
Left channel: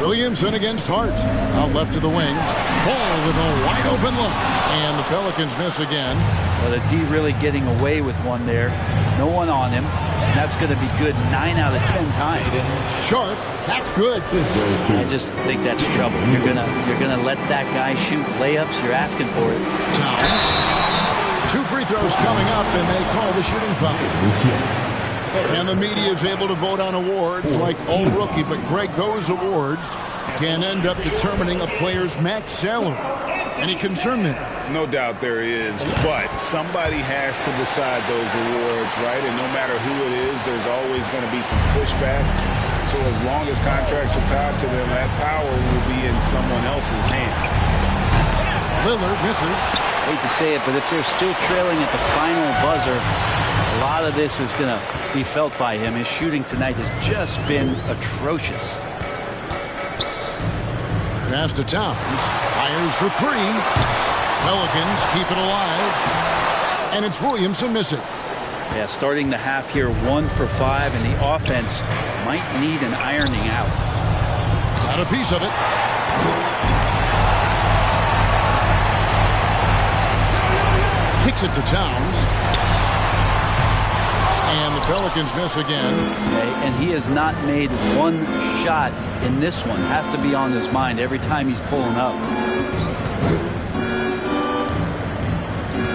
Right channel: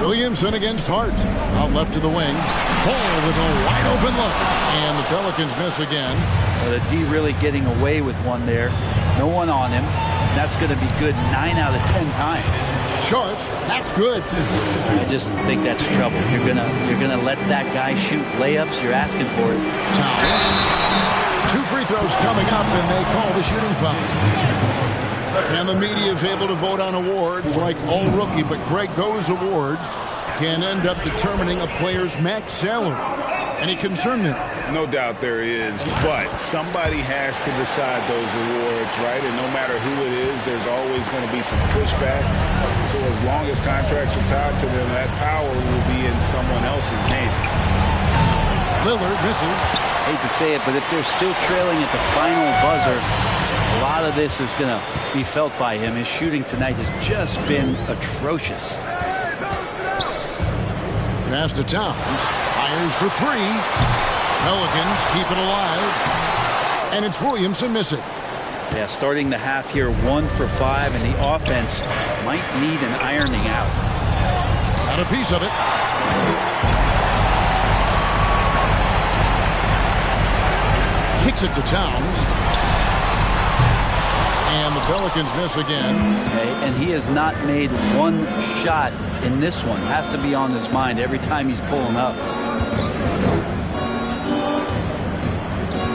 Williamson against Hart. Out left to the wing. Ball with a wide open look. And the Pelicans miss again. Well, the D really getting away with one there. No one on him. And that's going to be good 9 out of 10 times. Sharp. That's good. I just think that's trouble. You're gonna let that guy shoot layups. You're asking for it. Towns. 2 free throws coming up, and they call the shooting foul. And the media is able to vote on awards like All Rookie, but Greg, those awards can end up determining a player's max salary. Any concern there? No doubt there is, but somebody has to decide those awards, right? And no matter who it is, there's always going to be some pushback. So as long as contracts are tied to them, that power will be in someone else's hands. Lillard misses. Hate to say it, but if they're still trailing at the final buzzer, a lot of this is going to be felt by him. His shooting tonight has just been atrocious. Pass to Towns. Fires for 3. Pelicans keep it alive. And it's Williamson missing. Yeah, starting the half here 1 for 5, and the offense might need an ironing out. Got a piece of it. Kicks it to Towns. And the Pelicans miss again. And he has not made one shot in this one. Has to be on his mind every time he's pulling up.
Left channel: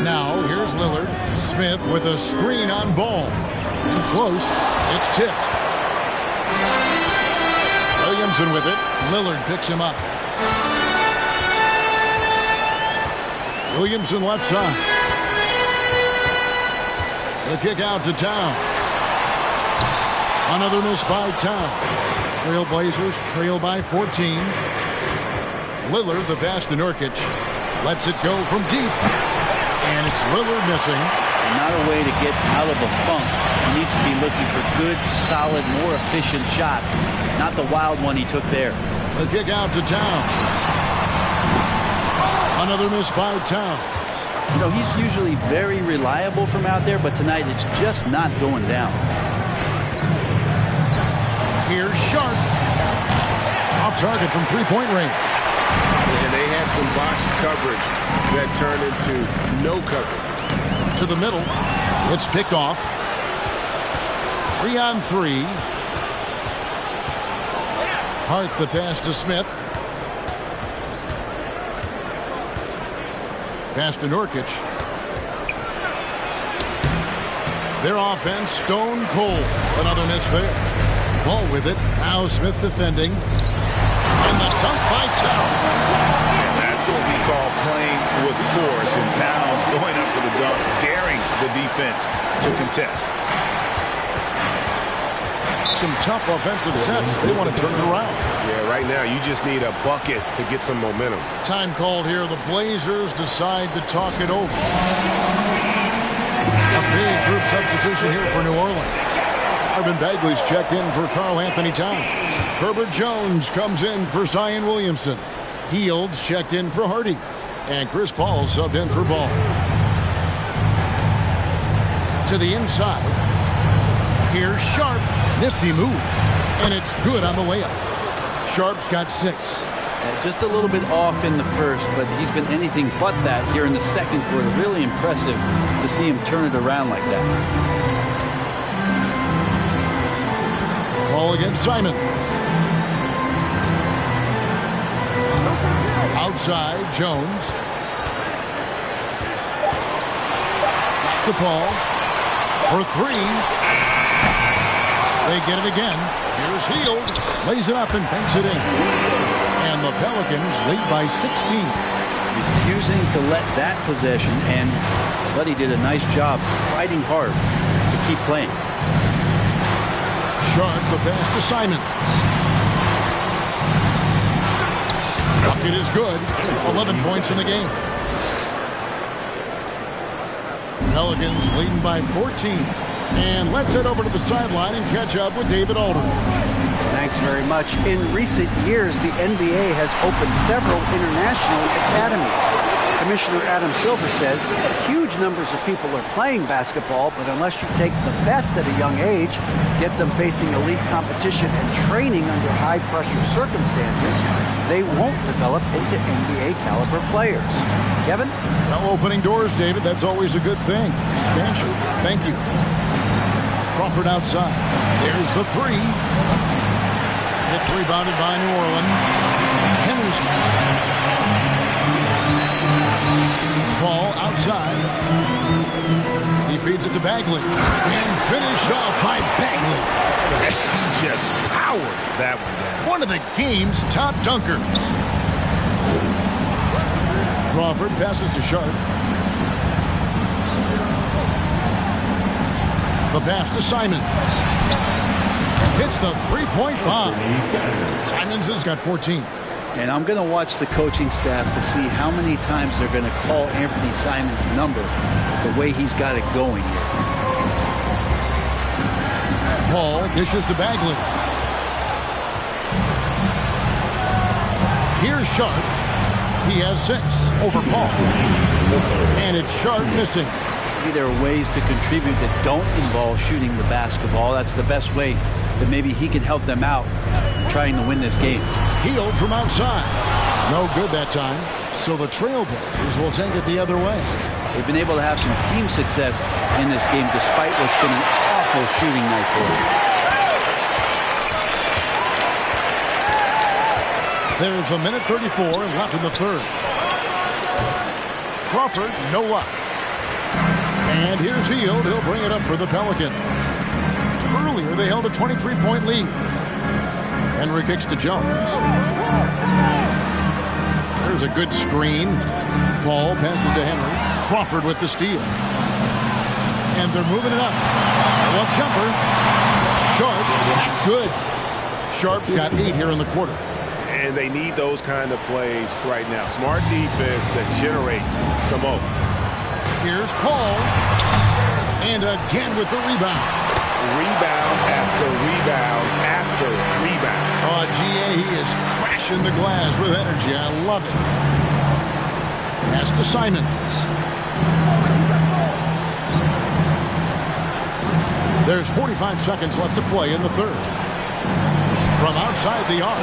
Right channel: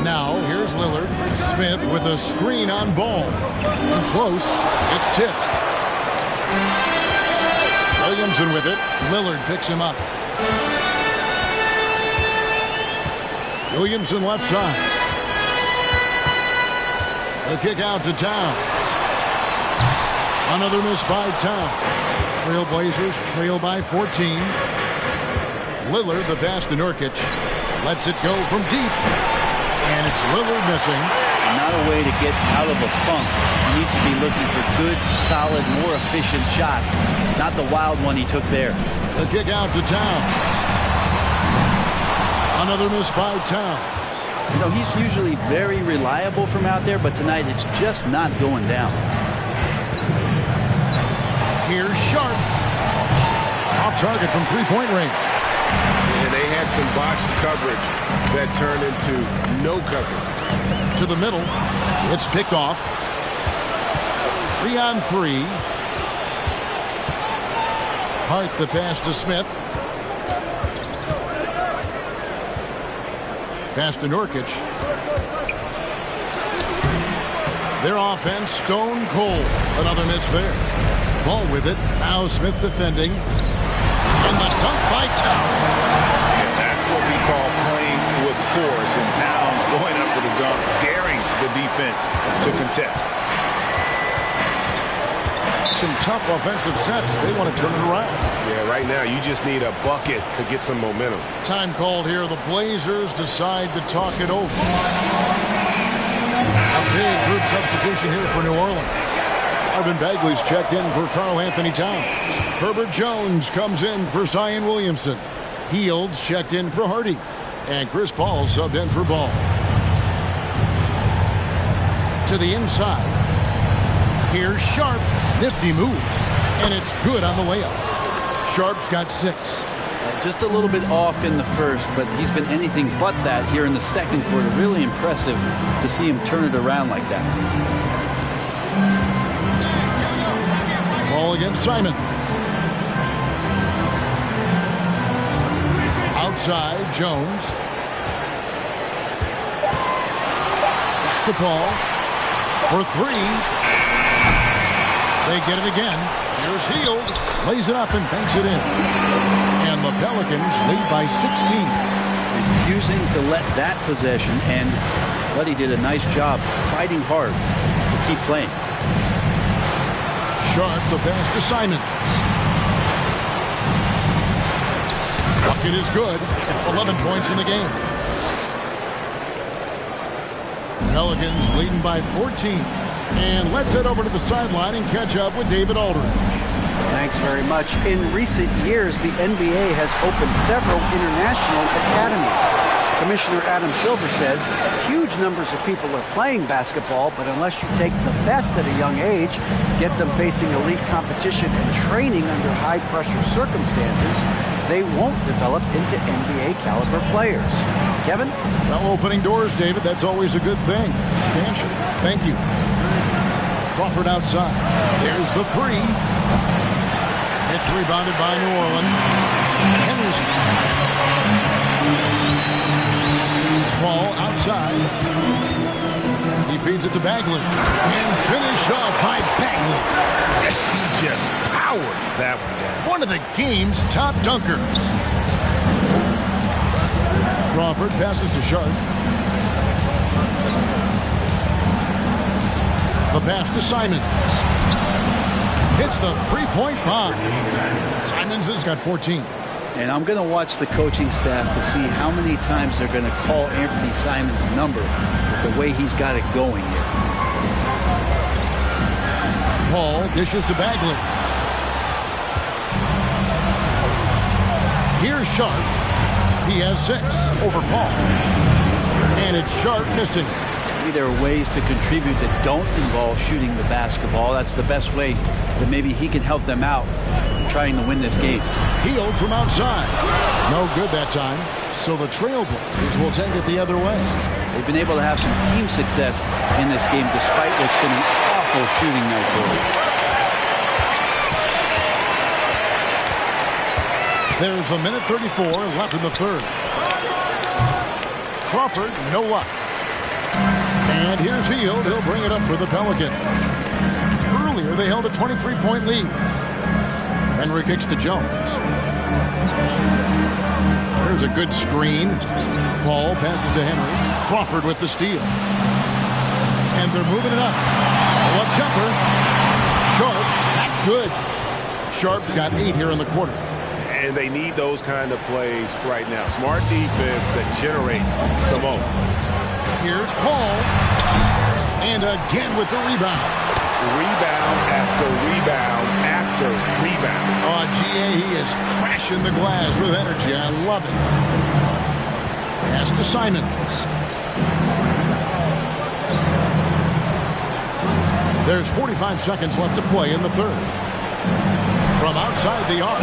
Now, here's Lillard. Smith with a screen on Ball. And close. It's tipped. Williamson with it. Lillard picks him up. Williamson left side. The kick out to Towns. Another miss by Towns. Trailblazers trail by 14. Lillard, the pass to Nurkic. Lets it go from deep. And it's Lillard missing. Not a way to get out of a funk. He needs to be looking for good, solid, more efficient shots. Not the wild one he took there. The kick out to Towns. Another miss by Towns. You know, he's usually very reliable from out there, but tonight it's just not going down. Here's Sharp. Off target from three-point range. And they had some botched coverage that turned into no coverage. To the middle. It's picked off. 3-on-3. Hart the pass to Smith. Pass to Nurkic. Their offense stone cold. Another miss there. Ball with it. Now Smith defending. And the dunk by Towns. Yeah, that's what we call playing with force. And Towns going up for the dunk, daring the defense to contest. Some tough offensive sets. They want to turn it around. Yeah, right now you just need a bucket to get some momentum. Time called here. The Blazers decide to talk it over. A big group substitution here for New Orleans. Marvin Bagley's checked in for Karl Anthony Towns. Herbert Jones comes in for Zion Williamson. Hields checked in for Hardy. And Chris Paul subbed in for Ball. To the inside. Here's Sharp. Nifty move. And it's good on the layup. Sharp's got 6. Just a little bit off in the first, but he's been anything but that here in the second quarter. Really impressive to see him turn it around like that. Ball against Simon. Outside, Jones. Back to Paul. For 3. They get it again. Here's Hield. Lays it up and banks it in. And the Pelicans lead by 16. Refusing to let that possession end. But he did a nice job fighting hard to keep playing. Sharp the pass to Simons. Bucket is good. 11 points in the game. Pelicans leading by 14. And let's head over to the sideline and catch up with David Aldridge. Thanks very much. In recent years, the NBA has opened several international academies. Commissioner Adam Silver says huge numbers of people are playing basketball, but unless you take the best at a young age, get them facing elite competition and training under high-pressure circumstances, they won't develop into NBA-caliber players. Kevin? Well, opening doors, David. That's always a good thing. Expansion. Thank you. Crawford outside. There's the 3. It's rebounded by New Orleans. Henderson. Paul outside. He feeds it to Bagley. And finished off by Bagley. He just powered that one down. One of the game's top dunkers. Crawford passes to Sharp. The pass to Simons. Hits the three-point bomb. Simons has got 14. And I'm going to watch the coaching staff to see how many times they're going to call Anthony Simons' number with the way he's got it going here. Paul dishes to Bagley. Here's Sharp. He has 6 over Paul. And it's Sharp missing. Maybe there are ways to contribute that don't involve shooting the basketball. That's the best way that maybe he can help them out trying to win this game. Hield from outside. No good that time. So the Trailblazers will take it the other way. They've been able to have some team success in this game despite what's been an awful shooting night for them. There's a minute 34 left in the third. Crawford, no luck. And here's Hield. He'll bring it up for the Pelicans. Earlier, they held a 23-point lead. Henry kicks to Jones. There's a good screen. Paul passes to Henry. Crawford with the steal. And they're moving it up. Pull-up jumper. Sharp. That's good. Sharp's got 8 here in the quarter. And they need those kind of plays right now. Smart defense that generates some open. Here's Paul. And again with the rebound. Rebound after rebound after rebound. Oh, G.A., he is crashing the glass with energy. I love it. Pass to Simons. There's 45 seconds left to play in the third. From outside the arc.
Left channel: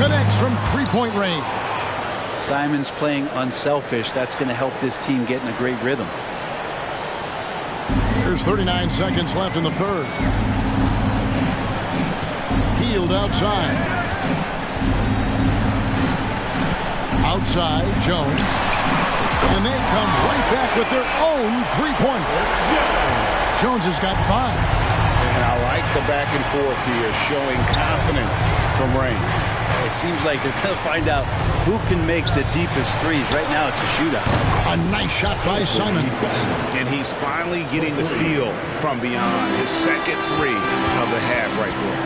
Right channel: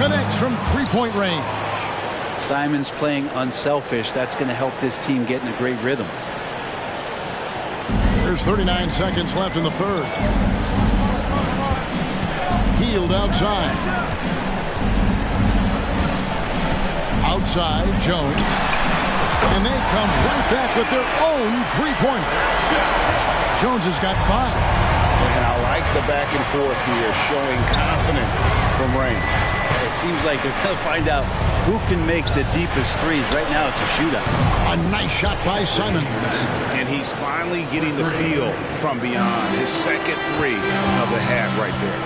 Connects from three-point range. Simons playing unselfish. That's going to help this team get in a great rhythm. There's 39 seconds left in the third. Hield outside. Outside, Jones. And they come right back with their own three-pointer. Jones has got 5. And I like the back and forth here, showing confidence from Rain. It seems like they're going to find out who can make the deepest threes. Right now, it's a shootout. A nice shot by Simons. And he's finally getting the feel from beyond. His second 3 of the half right there.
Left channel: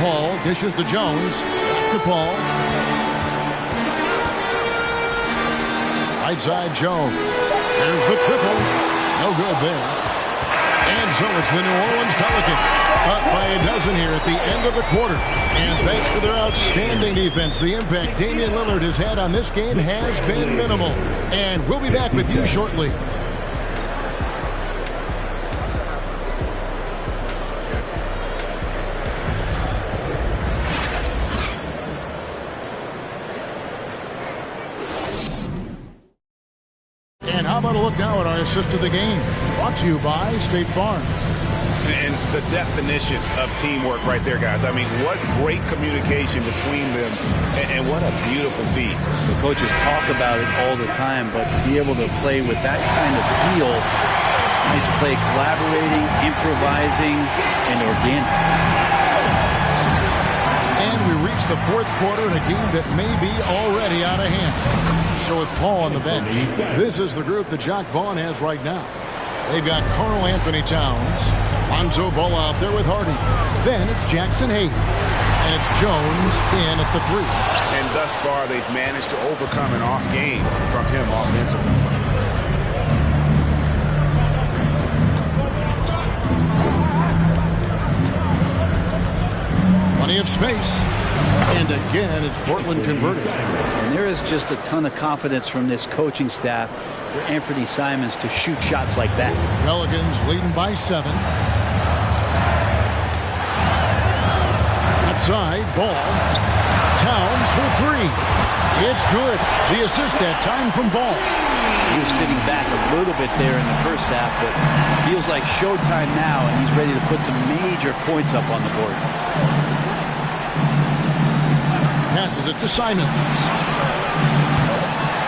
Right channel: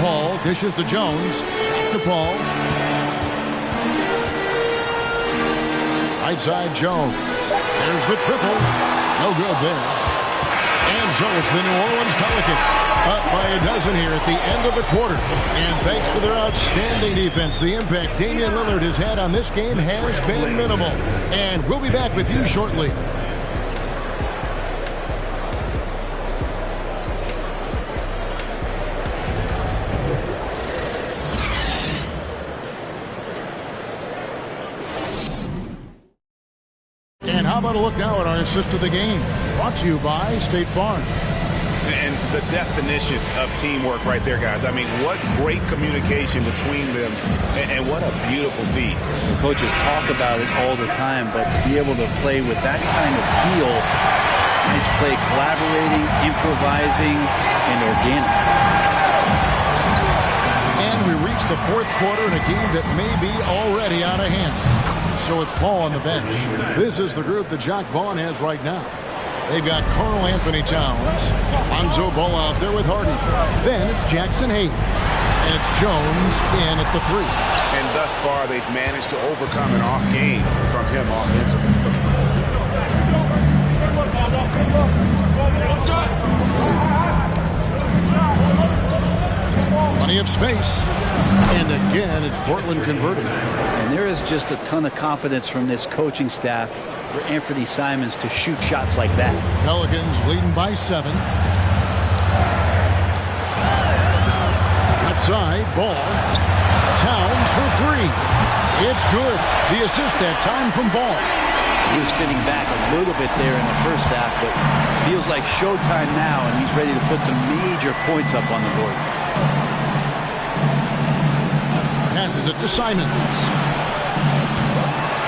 Paul dishes to Jones. Back to Paul. Right side, Jones. There's the triple. No good there. And so it's the New Orleans Pelicans up by a dozen here at the end of the quarter. And thanks to their outstanding defense, the impact Damian Lillard has had on this game has been minimal. And we'll be back with you shortly. And how about a look now at our assist of the game? Brought to you by State Farm. And the definition of teamwork right there, guys. I mean, what great communication between them, and what a beautiful feat. The coaches talk about it all the time, but to be able to play with that kind of feel, nice play, collaborating, improvising, and organic. And we reach the fourth quarter in a game that may be already out of hand. So with Paul on the bench, this is the group that Jacque Vaughn has right now. They've got Karl Anthony Towns, Lonzo Ball out there with Hardy. Then it's Jackson Hayes. And it's Jones in at the 3. And thus far, they've managed to overcome an off game from him offensively. Plenty of space. And again, it's Portland converted. And there is just a ton of confidence from this coaching staff for Anthony Simons to shoot shots like that. Pelicans leading by 7. Left side, Ball. Towns for 3. It's good. The assist that time from Ball. He was sitting back a little bit there in the first half, but feels like showtime now, and he's ready to put some major points up on the board. Passes it to Simons.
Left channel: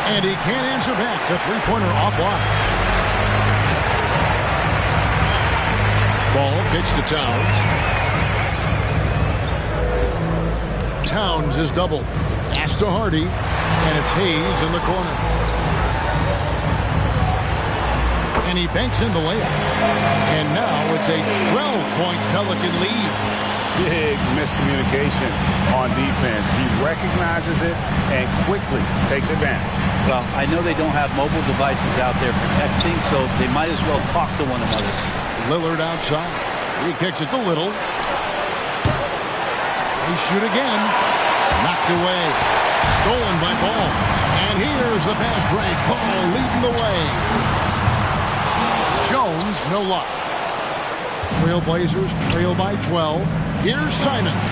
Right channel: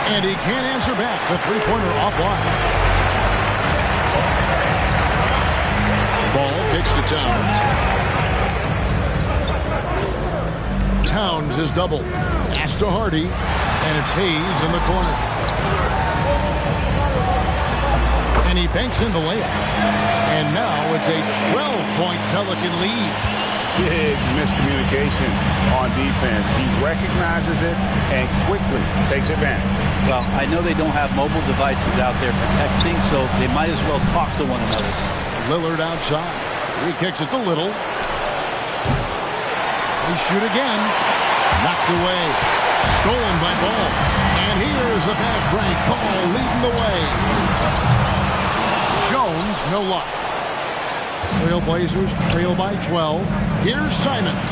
And he can't answer back. The three-pointer offline. Ball kicks to Towns. Towns is doubled. Pass to Hardy. And it's Hayes in the corner. And he banks in the layup. And now it's a 12-point Pelican lead. Big miscommunication on defense. He recognizes it and quickly takes advantage. Well, I know they don't have mobile devices out there for texting, so they might as well talk to one another. Lillard outside. He kicks it to Little. They shoot again. Knocked away. Stolen by Ball. And here's the fast break. Ball leading the way. Jones, no luck. Trailblazers trail by 12. Here's Simons.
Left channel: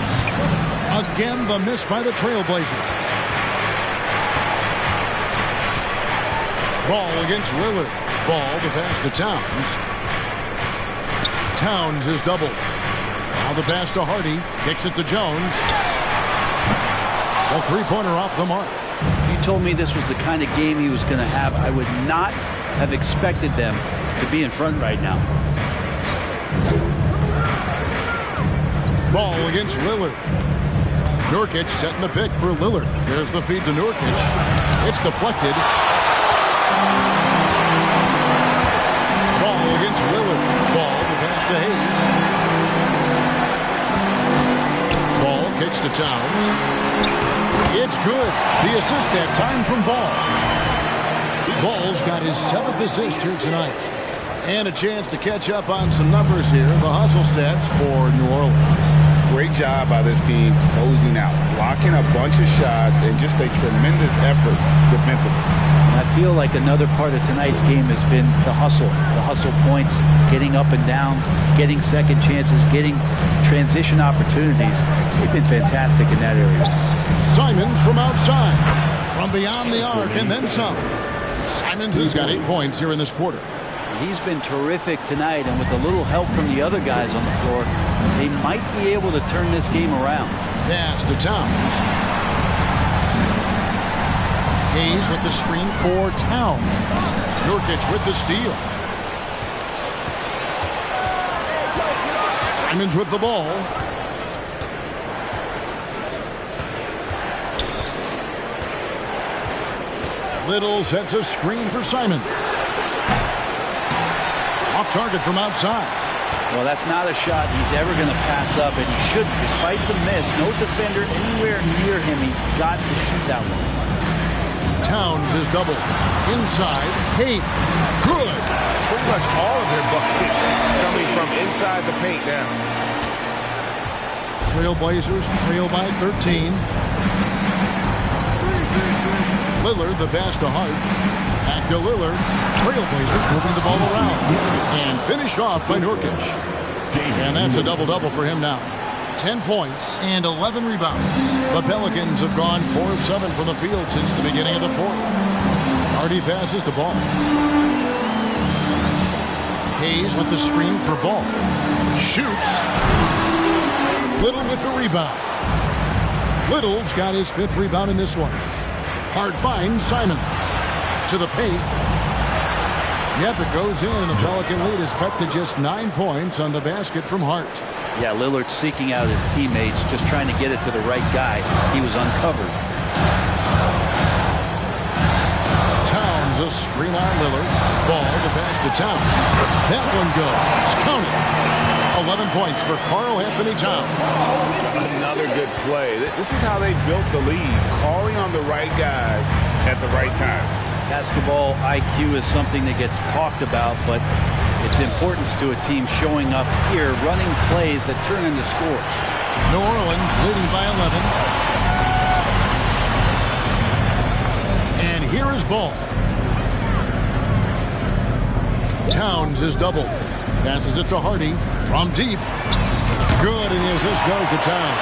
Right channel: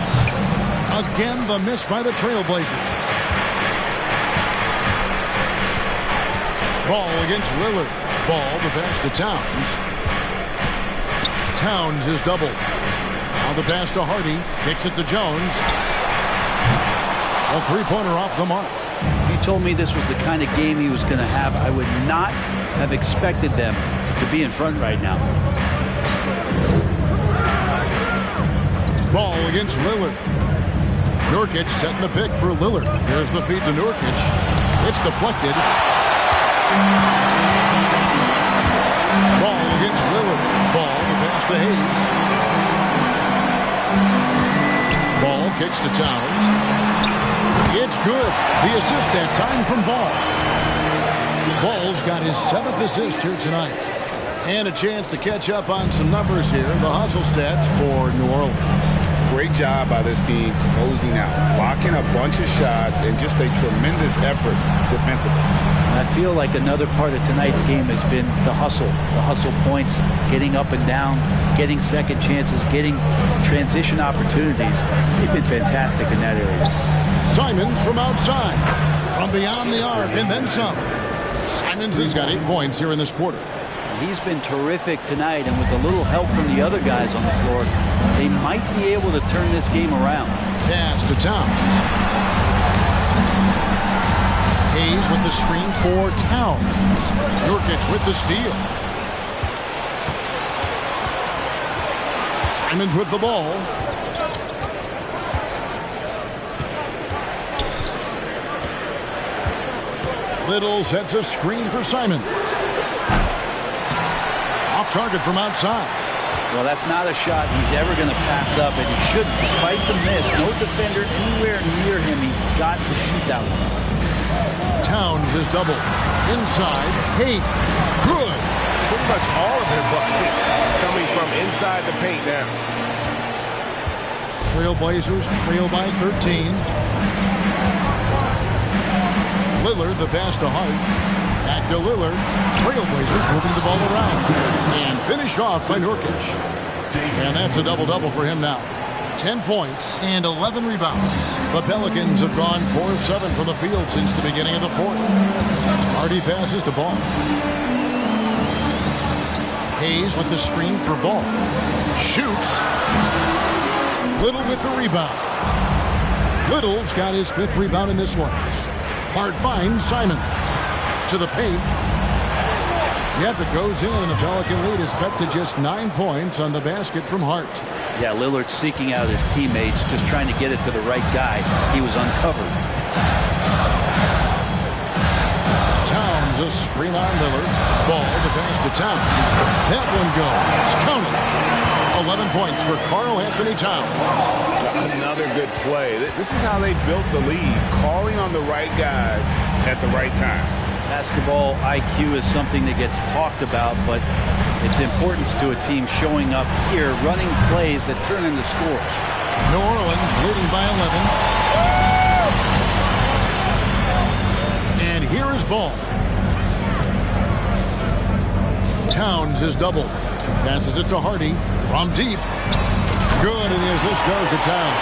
Again, the miss by the Trailblazers. Ball against Lillard. Ball, the pass to Towns. Towns is doubled. Now the pass to Hardy. Kicks it to Jones. A three-pointer off the mark. If you told me this was the kind of game he was going to have, I would not have expected them to be in front right now. Ball against Lillard. Nurkic setting the pick for Lillard. There's the feed to Nurkic. It's deflected. Ball against Lillard. Ball, the pass to Hayes. Ball kicks to Towns. It's good. The assist that time from Ball. Ball's got his 7th assist here tonight. And a chance to catch up on some numbers here. The hustle stats for New Orleans. Great job by this team closing out, blocking a bunch of shots, and just a tremendous effort defensively. I feel like another part of tonight's game has been the hustle points, getting up and down, getting second chances, getting transition opportunities. They've been fantastic in that area. Simons from outside, from beyond the arc, and then some. Simons has got 8 points here in this quarter. He's been terrific tonight, and with a little help from the other guys on the floor, they might be able to turn this game around. Pass to Towns. Hayes with the screen for Towns. Nurkic with the steal. Simons with the ball. Little sets a screen for Simons. Off target from outside. Well, that's not a shot he's ever going to pass up, and he shouldn't. Despite the miss, no defender anywhere near him. He's got to shoot that one. Towns is doubled. Inside, Hayes. Good. Pretty much all of their buckets coming from inside the paint now. Trailblazers trail by 13. Lillard, the pass to Hart. Back to Lillard. Trailblazers moving the ball around. And finished off by Nurkic. And that's a double-double for him now. 10 points and 11 rebounds. The Pelicans have gone 4 of 7 from the field since the beginning of the fourth. Hardy passes to Ball. Hayes with the screen for Ball. Shoots. Little with the rebound. Little's got his 5th rebound in this one. Hart finds Simons. To the paint. Yep, it goes in, and the Pelican lead is cut to just 9 points on the basket from Hart. Yeah, Lillard seeking out his teammates, just trying to get it to the right guy. He was uncovered. Towns, a screen on Lillard. Ball to pass to Towns. That one goes. Count it. 11 points for Karl Anthony Towns. Another good play. This is how they built the lead, calling on the right guys at the right time. Basketball IQ is something that gets talked about, but its importance to a team showing up here, running plays that turn into scores. New Orleans leading by 11. And here is Ball. Towns is doubled. Passes it to Hardy from deep. Good, and the assist goes to Towns.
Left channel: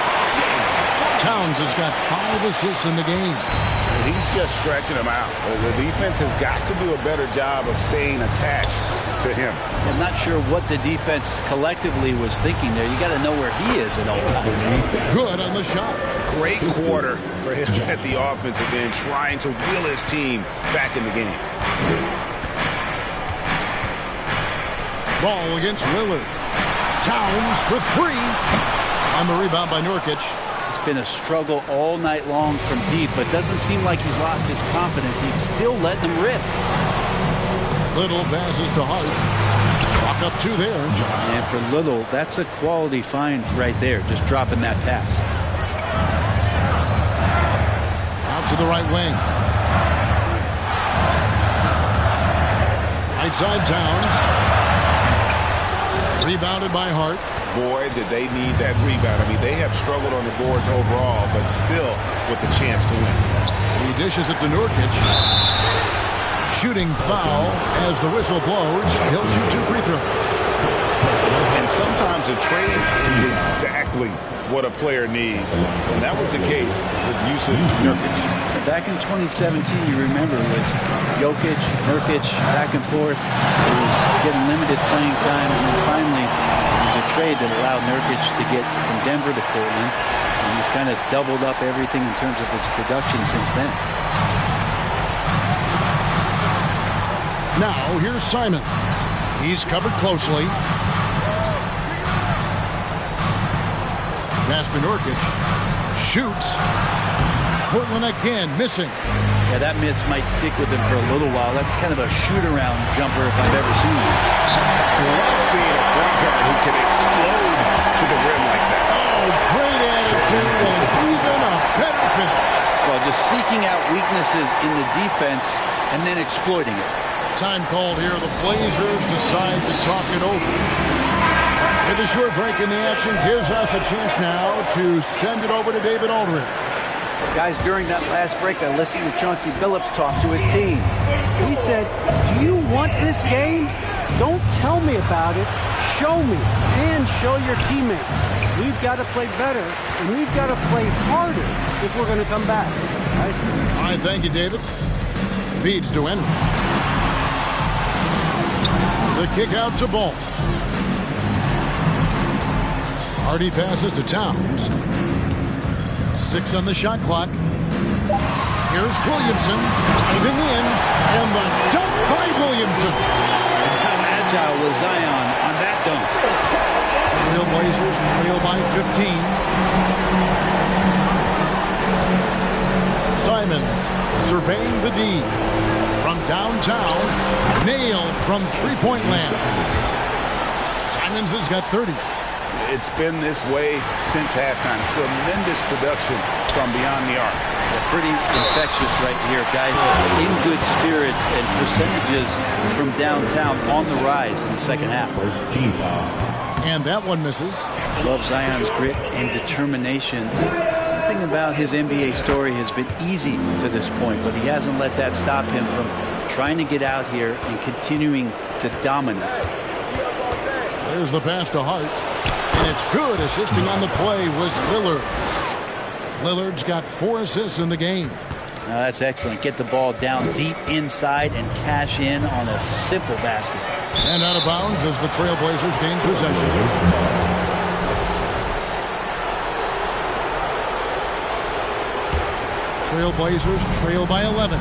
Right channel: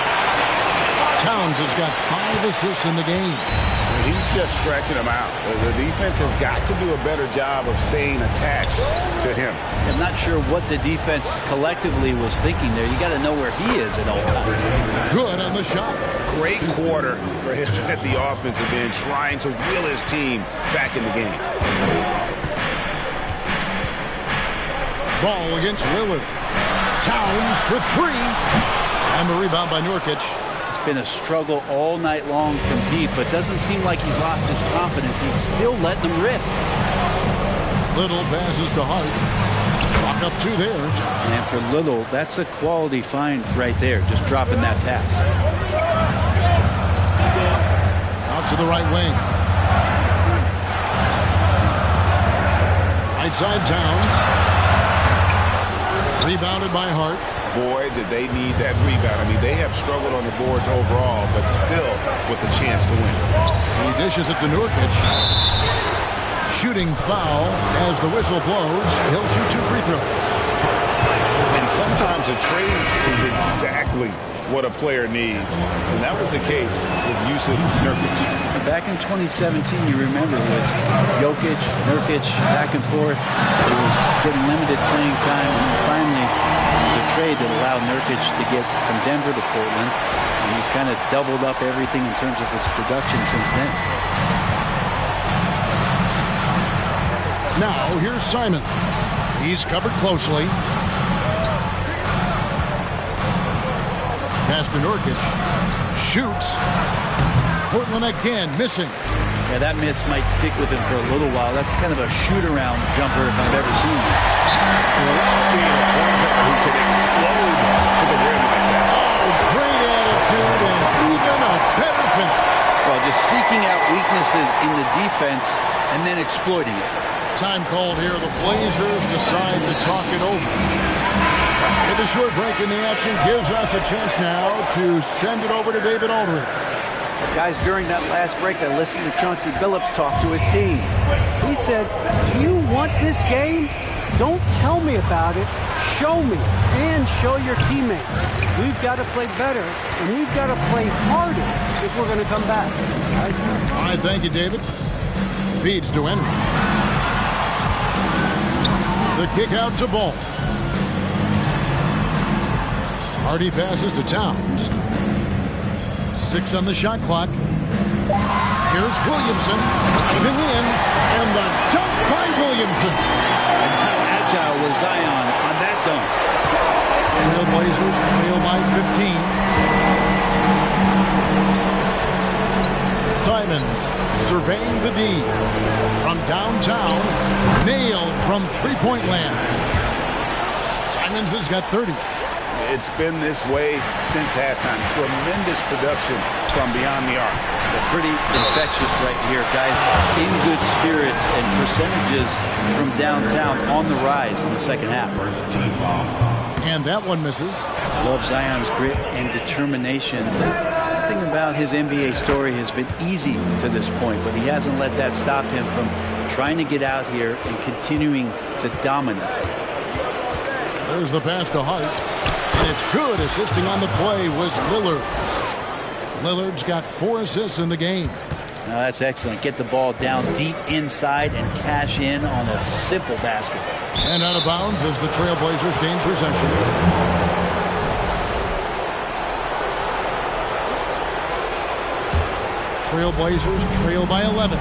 Towns has got 5 assists in the game. He's just stretching them out. The defense has got to do a better job of staying attached to him. I'm not sure what the defense collectively was thinking there. You got to know where he is at all times. Good on the shot. Great quarter for him at the offensive end, trying to will his team back in the game. Ball against Lillard. Towns for 3. And the rebound by Nurkic. It's been a struggle all night long from deep, but doesn't seem like he's lost his confidence. He's still letting them rip. Little passes to Hart. Chalk up 2 there. And for Little, that's a quality find right there, just dropping that pass. Out to the right wing. Right side Towns. Rebounded by Hart. Boy, did they need that rebound. I mean, they have struggled on the boards overall, but still with the chance to win. He dishes it to Nurkic. Shooting foul as the whistle blows. He'll shoot 2 free throws. And sometimes a trade is exactly what a player needs. And that was the case with Jusuf Nurkic. Back in 2017, you remember, it was Jokic, Nurkic, back and forth. He was getting limited playing time, and then finally there was a trade that allowed Nurkic to get from Denver to Portland, and he's kind of doubled up everything in terms of his production since then. Now, here's Simons. He's covered closely. Pass to Nurkic. Shoots. Portland again missing. Yeah, that miss might stick with him for a little while. That's kind of a shoot-around jumper if I've ever seen one. Love seeing a point guard who can explode to the rim like that. Oh, great attitude and even a better finish. Well, just seeking out weaknesses in the defense and then exploiting it. Time called here. The Blazers decide to talk it over. With a short break in the action, gives us a chance now to send it over to David Aldridge. Guys, during that last break, I listened to Chauncey Billups talk to his team. He said, do you want this game? Don't tell me about it. Show me and show your teammates. We've got to play better, and we've got to play harder if we're going to come back. Nice. All right, thank you, David. Feeds to Henry. The kick out to Ball. Hardy passes to Towns. 6 on the shot clock. Here's Williamson diving in, and the dunk by Williamson. And how agile was Zion on that dunk? Trailblazers trail by 15. Simons surveying the D. From downtown, nailed from three-point land. Simons has got 30. It's been this way since halftime. Tremendous production from beyond the arc. They're pretty infectious right here, guys. In good spirits and percentages from downtown on the rise in the second half. And that one misses. I love Zion's grit and determination. Nothing about his NBA story has been easy to this point, but he hasn't let that stop him from trying to get out here and continuing to dominate. There's the pass to Hart. And it's good. Assisting on the play was Lillard. Lillard's got 4 assists in the game. Now that's excellent. Get the ball down deep inside and cash in on a simple basket. And out of bounds as the Trailblazers gain possession. Trailblazers trail by 11.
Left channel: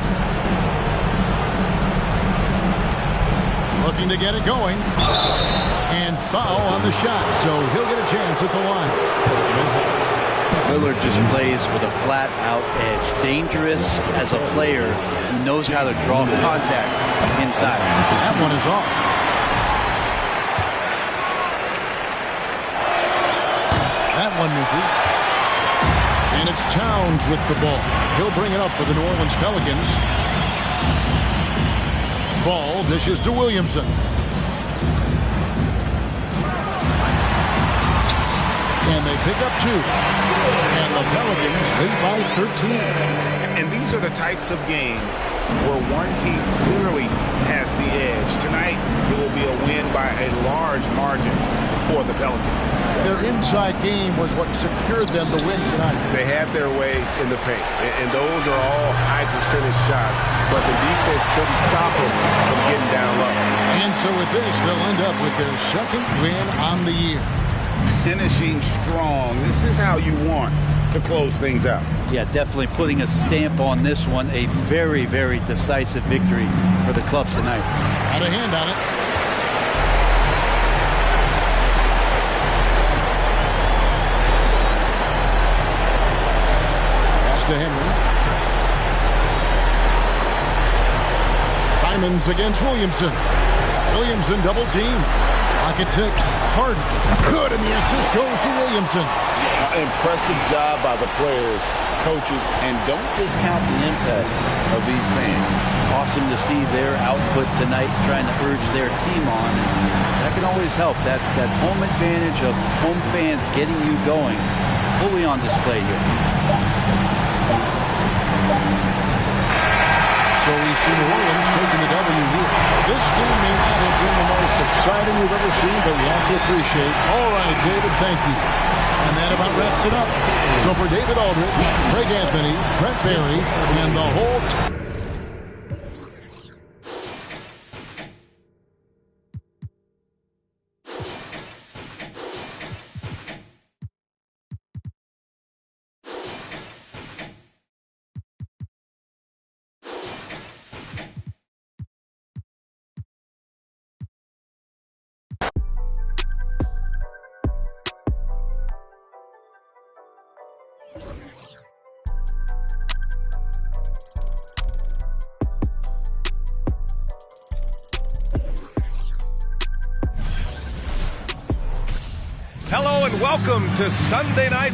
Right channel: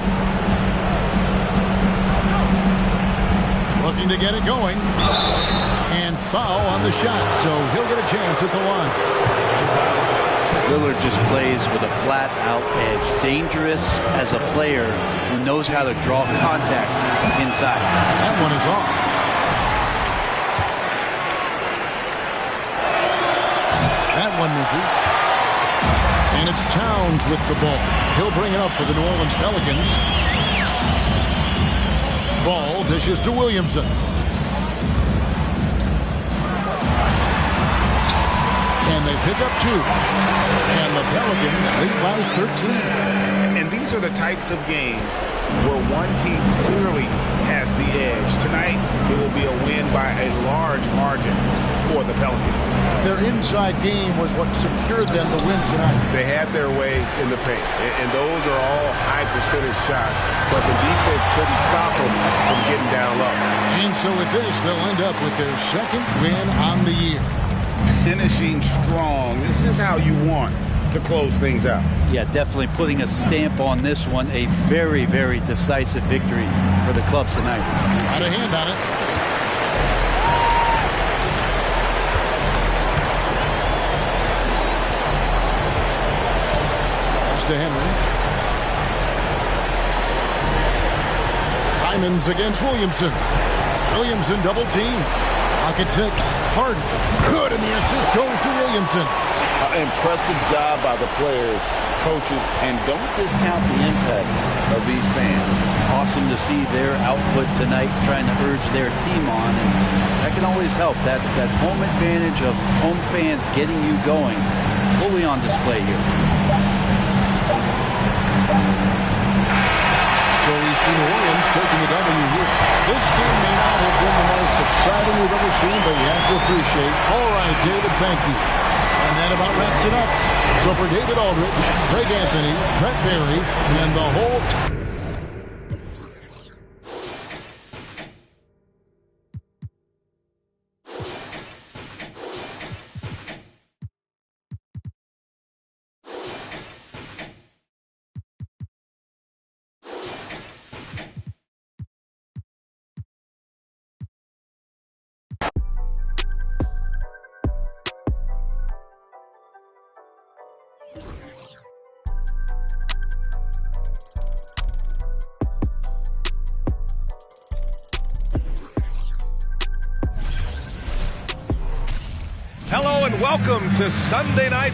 Looking to get it going. And foul on the shot, so he'll get a chance at the line. Lillard just plays with a flat-out edge. Dangerous as a player who knows how to draw contact inside. That one is off. That one misses. And it's Towns with the ball. He'll bring it up for the New Orleans Pelicans. Ball dishes to Williamson. And they pick up 2. And the Pelicans lead by 13. And these are the types of games where one team clearly has the edge. Tonight, it will be a win by a large margin for the Pelicans. Their inside game was what secured them the win tonight. They had their way in the paint, and those are all high percentage shots, but the defense couldn't stop them from getting down low. And so with this, they'll end up with their second win on the year. Finishing strong. This is how you want to close things out. Yeah, definitely putting a stamp on this one. A very, very decisive victory for the club tonight. Got a hand on it. Pass to Henry. Simons against Williamson. Williamson double team. Pocket 6. Hard. Good, and the assist goes to Williamson. Impressive job by the players, coaches, and don't discount the impact of these fans. Awesome to see their output tonight, trying to urge their team on, and that can always help. That home advantage of home fans getting you going, fully on display here. So we see New Orleans taking the W here. This game may not have been the most exciting we've ever seen, but you have to appreciate. All right, David, thank you. And that about wraps it up. So for David Aldridge, Greg Anthony, Brent Barry, and the whole Hello and welcome to Sunday Night.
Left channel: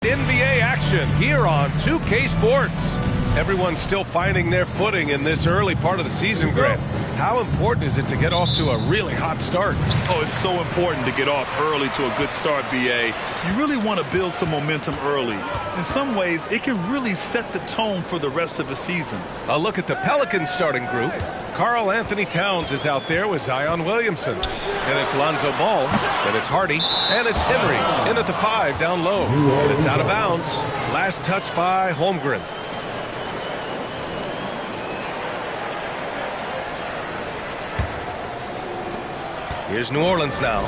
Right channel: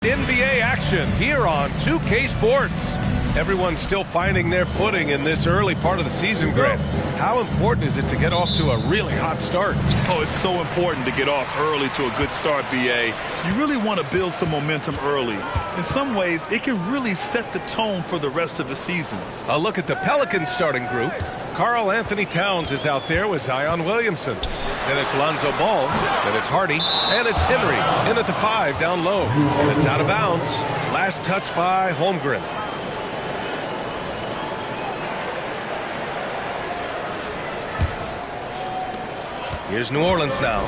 NBA action here on 2K Sports. Everyone's still finding their footing in this early part of the season, Grant. How important is it to get off to a really hot start? Oh, it's so important to get off early to a good start, BA. You really want to build some momentum early. In some ways, it can really set the tone for the rest of the season. A look at the Pelicans starting group. Karl Anthony Towns is out there with Zion Williamson. Then it's Lonzo Ball. Then it's Hardy. And it's Henry in at the 5 down low. And it's out of bounds. Last touch by Holmgren. Here's New Orleans now.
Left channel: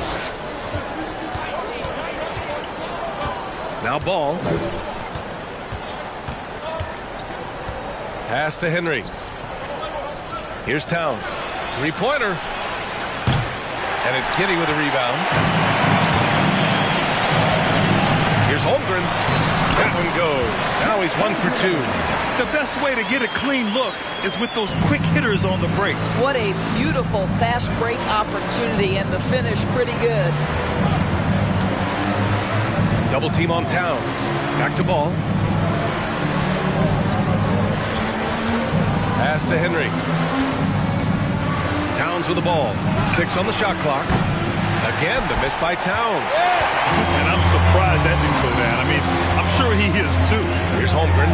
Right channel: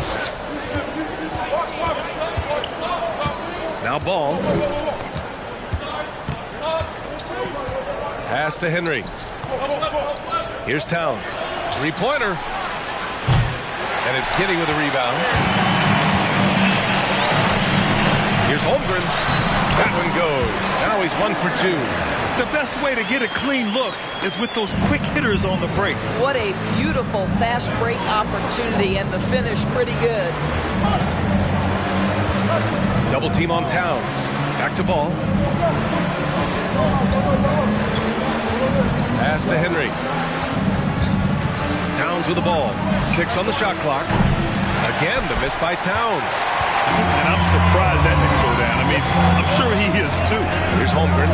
Now Ball. Pass to Henry. Here's Towns. Three-pointer. And it's Giddey with a rebound. Here's Holmgren. That one goes. Now he's 1 for 2. The best way to get a clean look is with those quick hitters on the break. What a beautiful fast break opportunity, and the finish pretty good. Double team on Towns. Back to Ball. Pass to Henry. Towns with the ball. 6 on the shot clock. Again, the miss by Towns. And I'm surprised that didn't go down. I mean, I'm sure he is too. Here's Holmgren.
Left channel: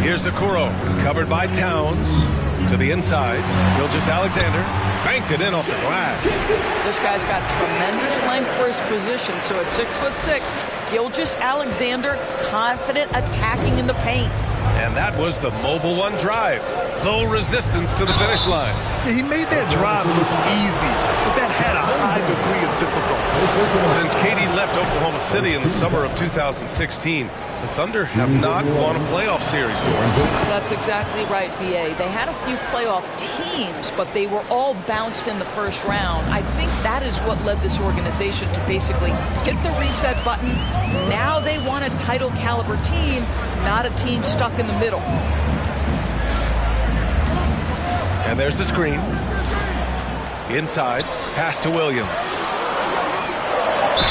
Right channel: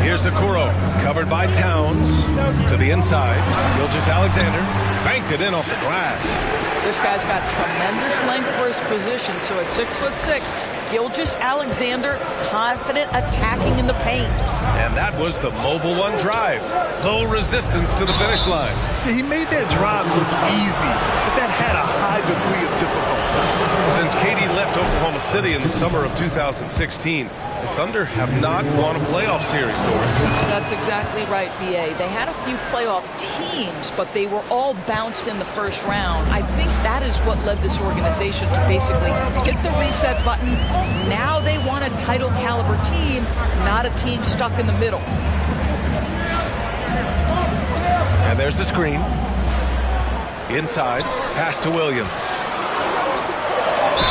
Here's Okoro. Covered by Towns. To the inside. Gilgeous-Alexander. Banked it in off the glass. This guy's got tremendous length for his position. So at 6'6", Gilgeous-Alexander confident attacking in the paint. And that was the Mobile One drive. Low resistance to the finish line. Yeah, he made that drive look easy, but that had a high degree of difficulty. Since KD left Oklahoma City in the summer of 2016, the Thunder have not won a playoff series, Doris. That's exactly right, BA. They had a few playoff teams, but they were all bounced in the first round. I think that is what led this organization to basically hit the reset button. Now they want a title caliber team, not a team stuck in the middle. And there's the screen. Inside, pass to Williams.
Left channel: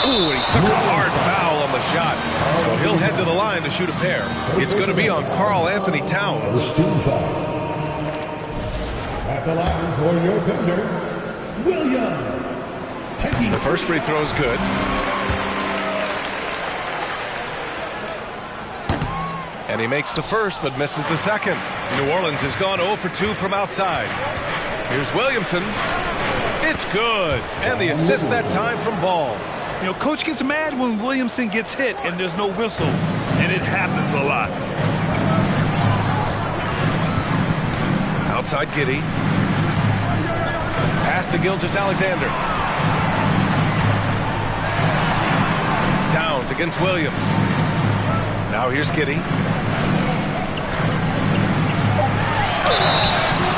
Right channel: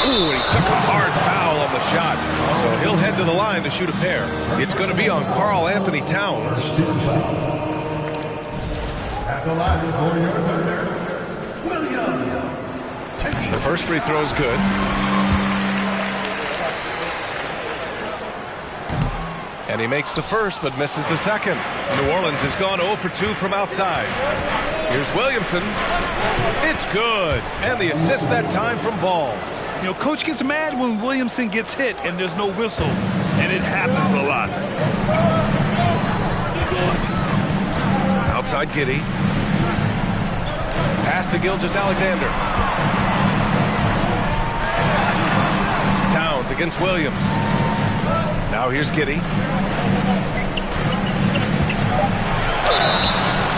Ooh, he took a hard foul on the shot. So he'll head to the line to shoot a pair. It's going to be on Karl Anthony Towns. At the line for your Thunder, Williams. The first free throw is good. And he makes the first, but misses the second. New Orleans has gone 0 for 2 from outside. Here's Williamson. It's good. And the assist that time from Ball. You know, Coach gets mad when Williamson gets hit and there's no whistle. And it happens a lot. Outside Giddey. Pass to Gilgeous-Alexander. Towns against Williams. Now here's Giddey.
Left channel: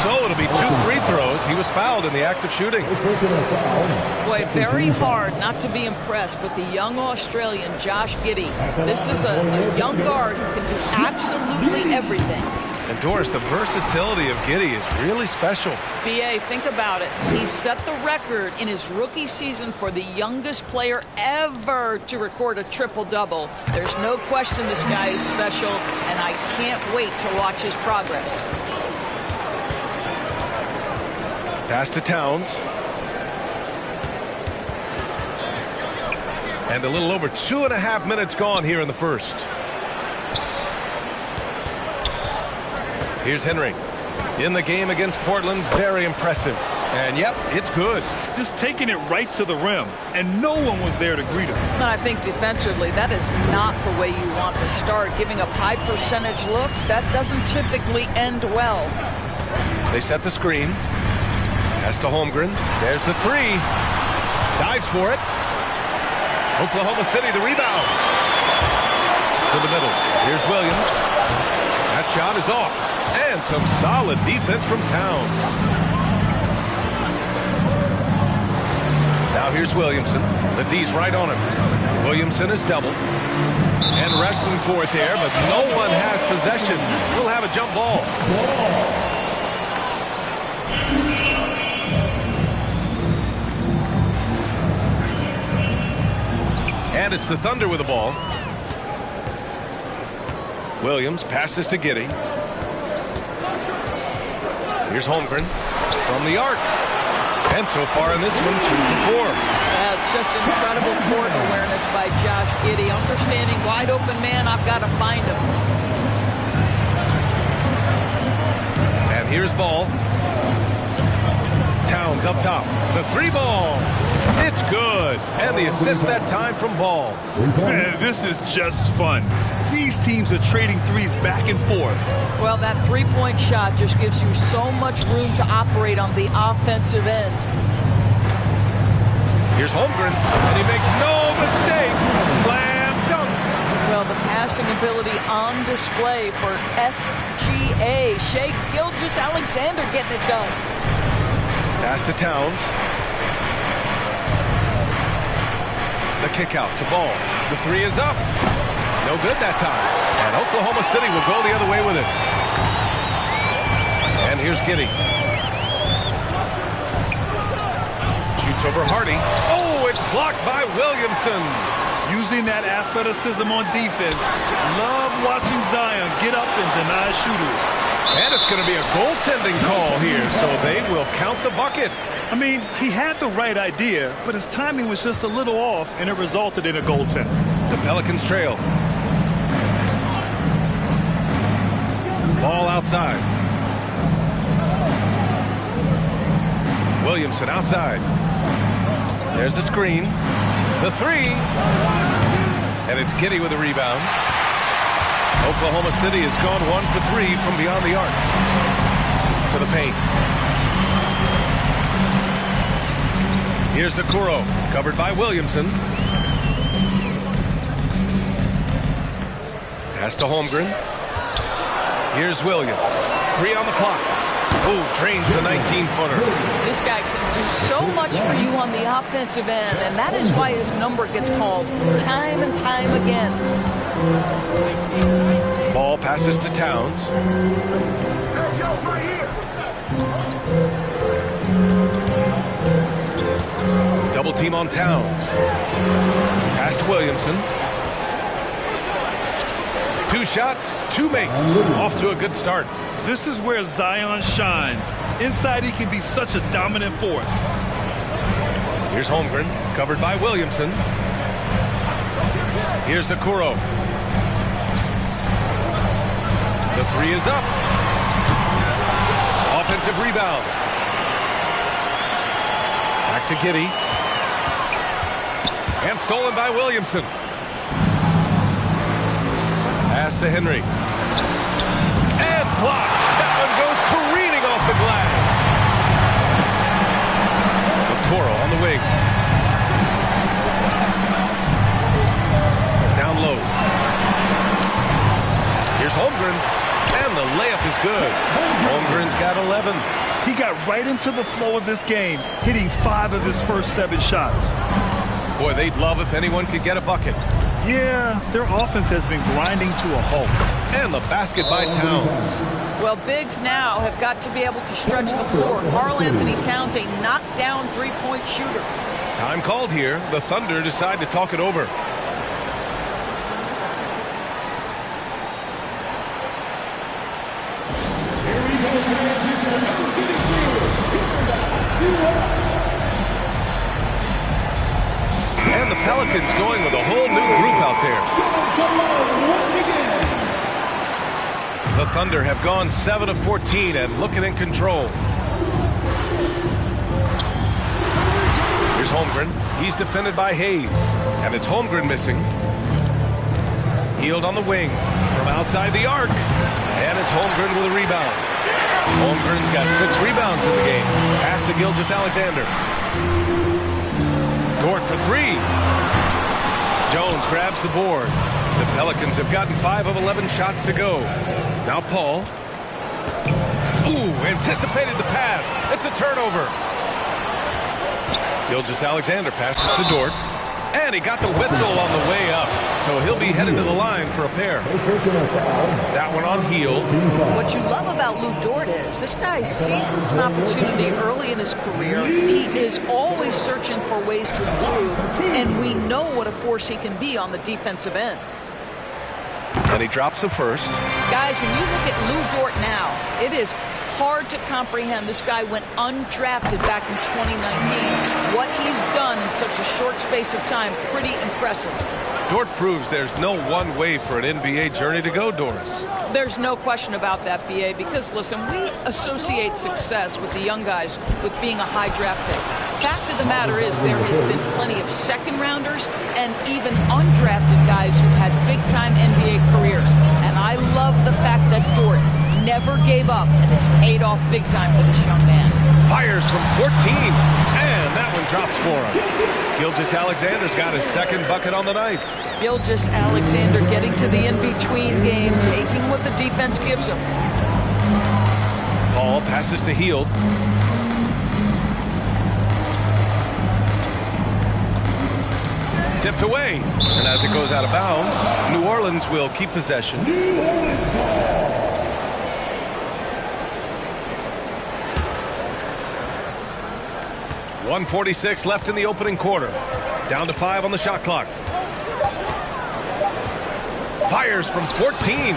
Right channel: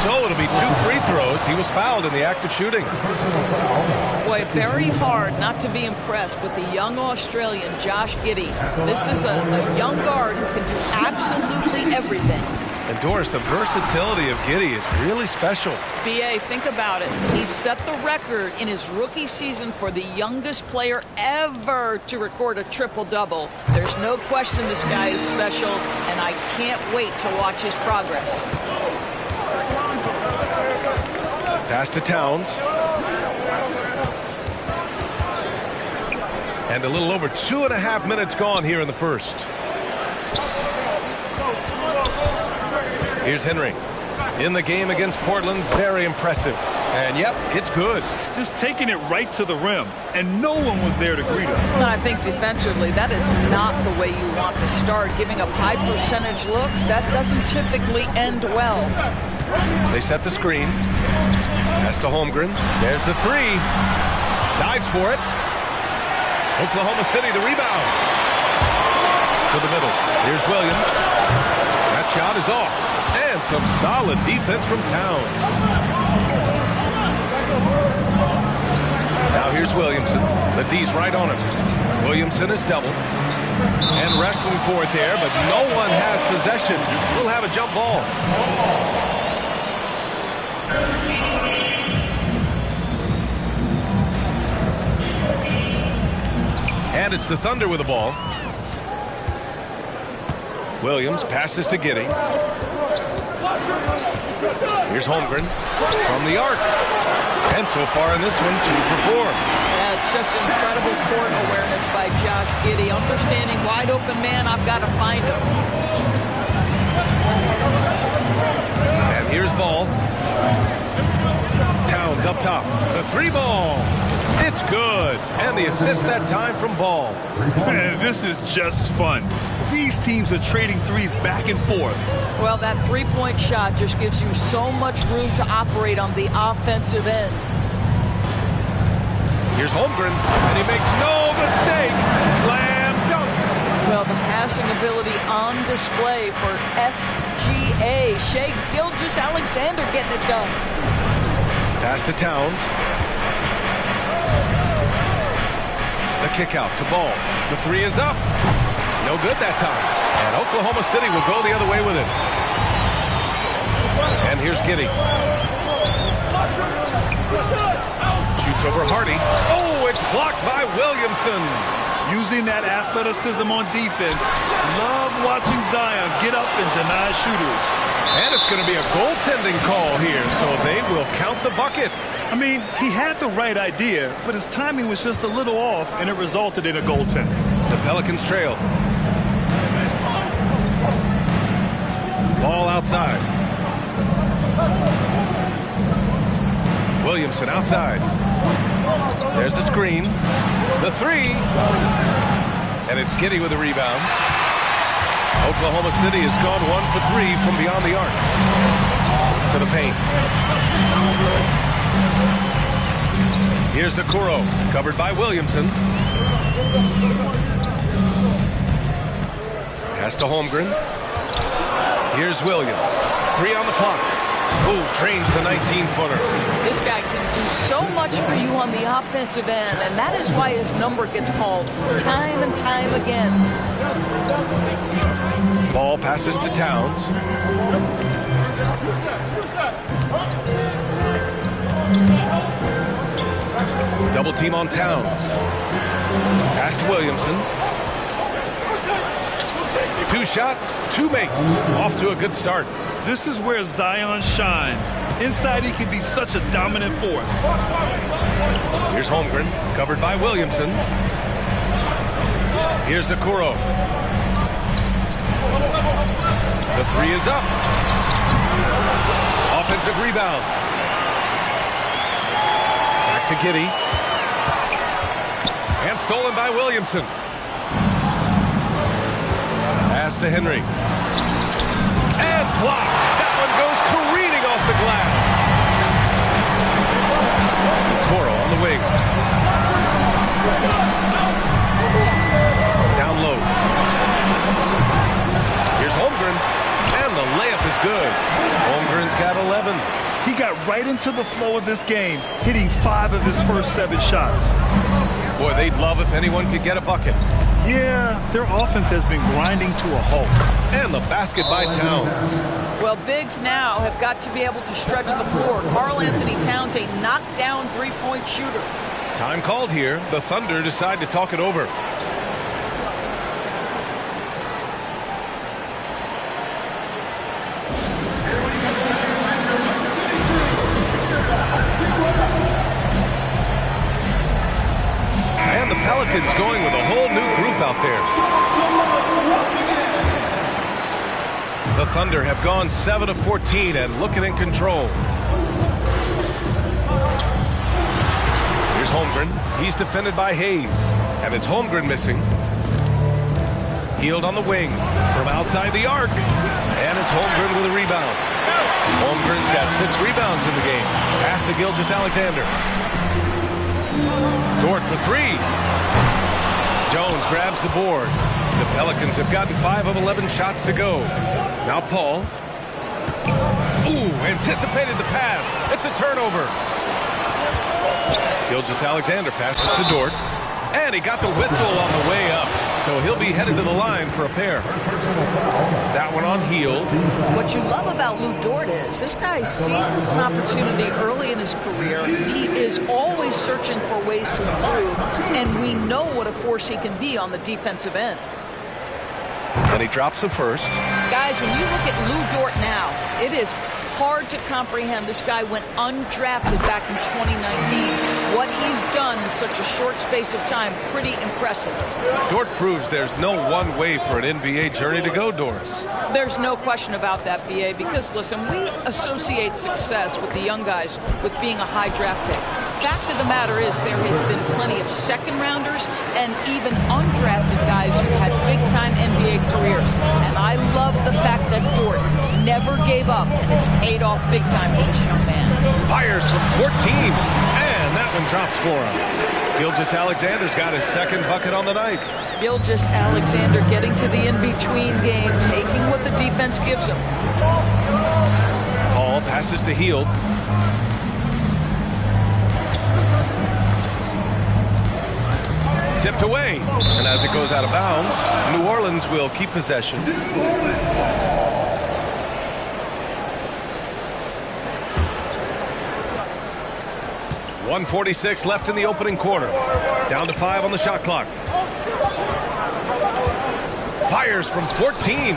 So it'll be 2 free throws. He was fouled in the act of shooting. Boy, very hard not to be impressed with the young Australian Josh Giddey. This is a young guard who can do absolutely everything. And Doris, the versatility of Giddey is really special. B.A., think about it. He set the record in his rookie season for the youngest player ever to record a triple-double. There's no question this guy is special, and I can't wait to watch his progress. Pass to Towns. And a little over 2.5 minutes gone here in the first. Here's Henry. In the game against Portland, very impressive. And yep, it's good. Just taking it right to the rim, and no one was there to greet him. And I think defensively, that is not the way you want to start. Giving up high percentage looks, that doesn't typically end well. They set the screen. Pass to Holmgren. There's the 3. Dives for it. Oklahoma City, the rebound. To the middle. Here's Williams. That shot is off. And some solid defense from Towns. Now here's Williamson. The D's right on him. Williamson is doubled. And wrestling for it there, but no one has possession. We'll have a jump ball. And it's the Thunder with the ball. Williams passes to Giddey. Here's Holmgren from the arc. And so far in this one, 2 for 4. Yeah, it's just incredible court awareness by Josh Giddey. Understanding wide open man, I've got to find him. And here's Ball. Towns up top. The 3 ball. It's good. And the assist that time from Ball. Man, this is just fun. These teams are trading threes back and forth. Well, that three-point shot just gives you so much room to operate on the offensive end. Here's Holmgren, and he makes no mistake. Slam dunk. Well, the passing ability on display for SGA. Shai Gilgeous-Alexander getting it done. Pass to Towns. The kick out to Ball. The 3 is up. No good that time. And Oklahoma City will go the other way with it. And here's Giddey. Shoots over Hardy. Oh, it's blocked by Williamson. Using that athleticism on defense. Love watching Zion get up and deny shooters. And it's going to be a goaltending call here, so they will count the bucket. I mean, he had the right idea, but his timing was just a little off, and it resulted in a goaltend. The Pelicans trail. Ball outside. Williamson outside. There's the screen. The 3. And it's Giddey with the rebound. Oklahoma City has gone 1 for 3 from beyond the arc. To the paint. Here's Okoro, covered by Williamson. Pass to Holmgren. Here's Williams. 3 on the clock. Oh, drains the 19-footer. This guy can do so much for you on the offensive end, and that is why his number gets called time and time again. Ball passes to Towns. Double team on Towns. Pass to Williamson. 2 shots, 2 makes. Off to a good start. This is where Zion shines. Inside, he can be such a dominant force. Here's Holmgren, covered by Williamson. Here's Okoro. The 3 is up. Offensive rebound. Back to Giddey. And stolen by Williamson. Pass to Henry. And blocked. That one goes careening off the glass. Okoro on the wing. Down low. Here's Holmgren. And the layup is good. Holmgren's got 11. He got right into the flow of this game, hitting 5 of his first 7 shots. Boy, they'd love if anyone could get a bucket. Yeah, their offense has been grinding to a halt. And the basket by Towns. Well, bigs now have got to be able to stretch the floor. Karl-Anthony Towns, a knockdown three-point shooter. Time called here. The Thunder decide to talk it over. And the Pelicans going with a whole new group out there. The Thunder have gone 7 of 14 and looking in control. Here's Holmgren. He's defended by Hayes. And it's Holmgren missing. Hield on the wing from outside the arc. And it's Holmgren with a rebound. Holmgren's got 6 rebounds in the game. Pass to Gilgeous-Alexander. Dort for 3. Jones grabs the board. The Pelicans have gotten 5 of 11 shots to go. Now Paul. Ooh, anticipated the pass. It's a turnover. Gilgeous-Alexander passes to Dort. And he got the whistle on the way up. So he'll be headed to the line for a pair. That one on Hield. What you love about Lou Dort is this guy seizes an opportunity early in his career. He is always searching for ways to improve, and we know what a force he can be on the defensive end. And he drops the first. Guys, when you look at Lou Dort now, it is hard to comprehend. This guy went undrafted back in 2019. What he's done in such a short space of time, pretty impressive. Dort proves there's no one way for an NBA journey to go, Doris. There's no question about that, B.A., because, listen, we associate success with the young guys with being a high draft pick. Fact of the matter is there has been plenty of second-rounders and even undrafted guys who've had big-time NBA careers. And I love the fact that Dort never gave up, and it's paid off big time for this young man. Fires from 14, and that one drops for him. Gilgeous-Alexander's got his second bucket on the night. Gilgeous-Alexander getting to the in-between game, taking what the defense gives him. Paul passes to Hield. Tipped away, and as it goes out of bounds, New Orleans will keep possession. .146 left in the opening quarter. Down to 5 on the shot clock. Fires from 14.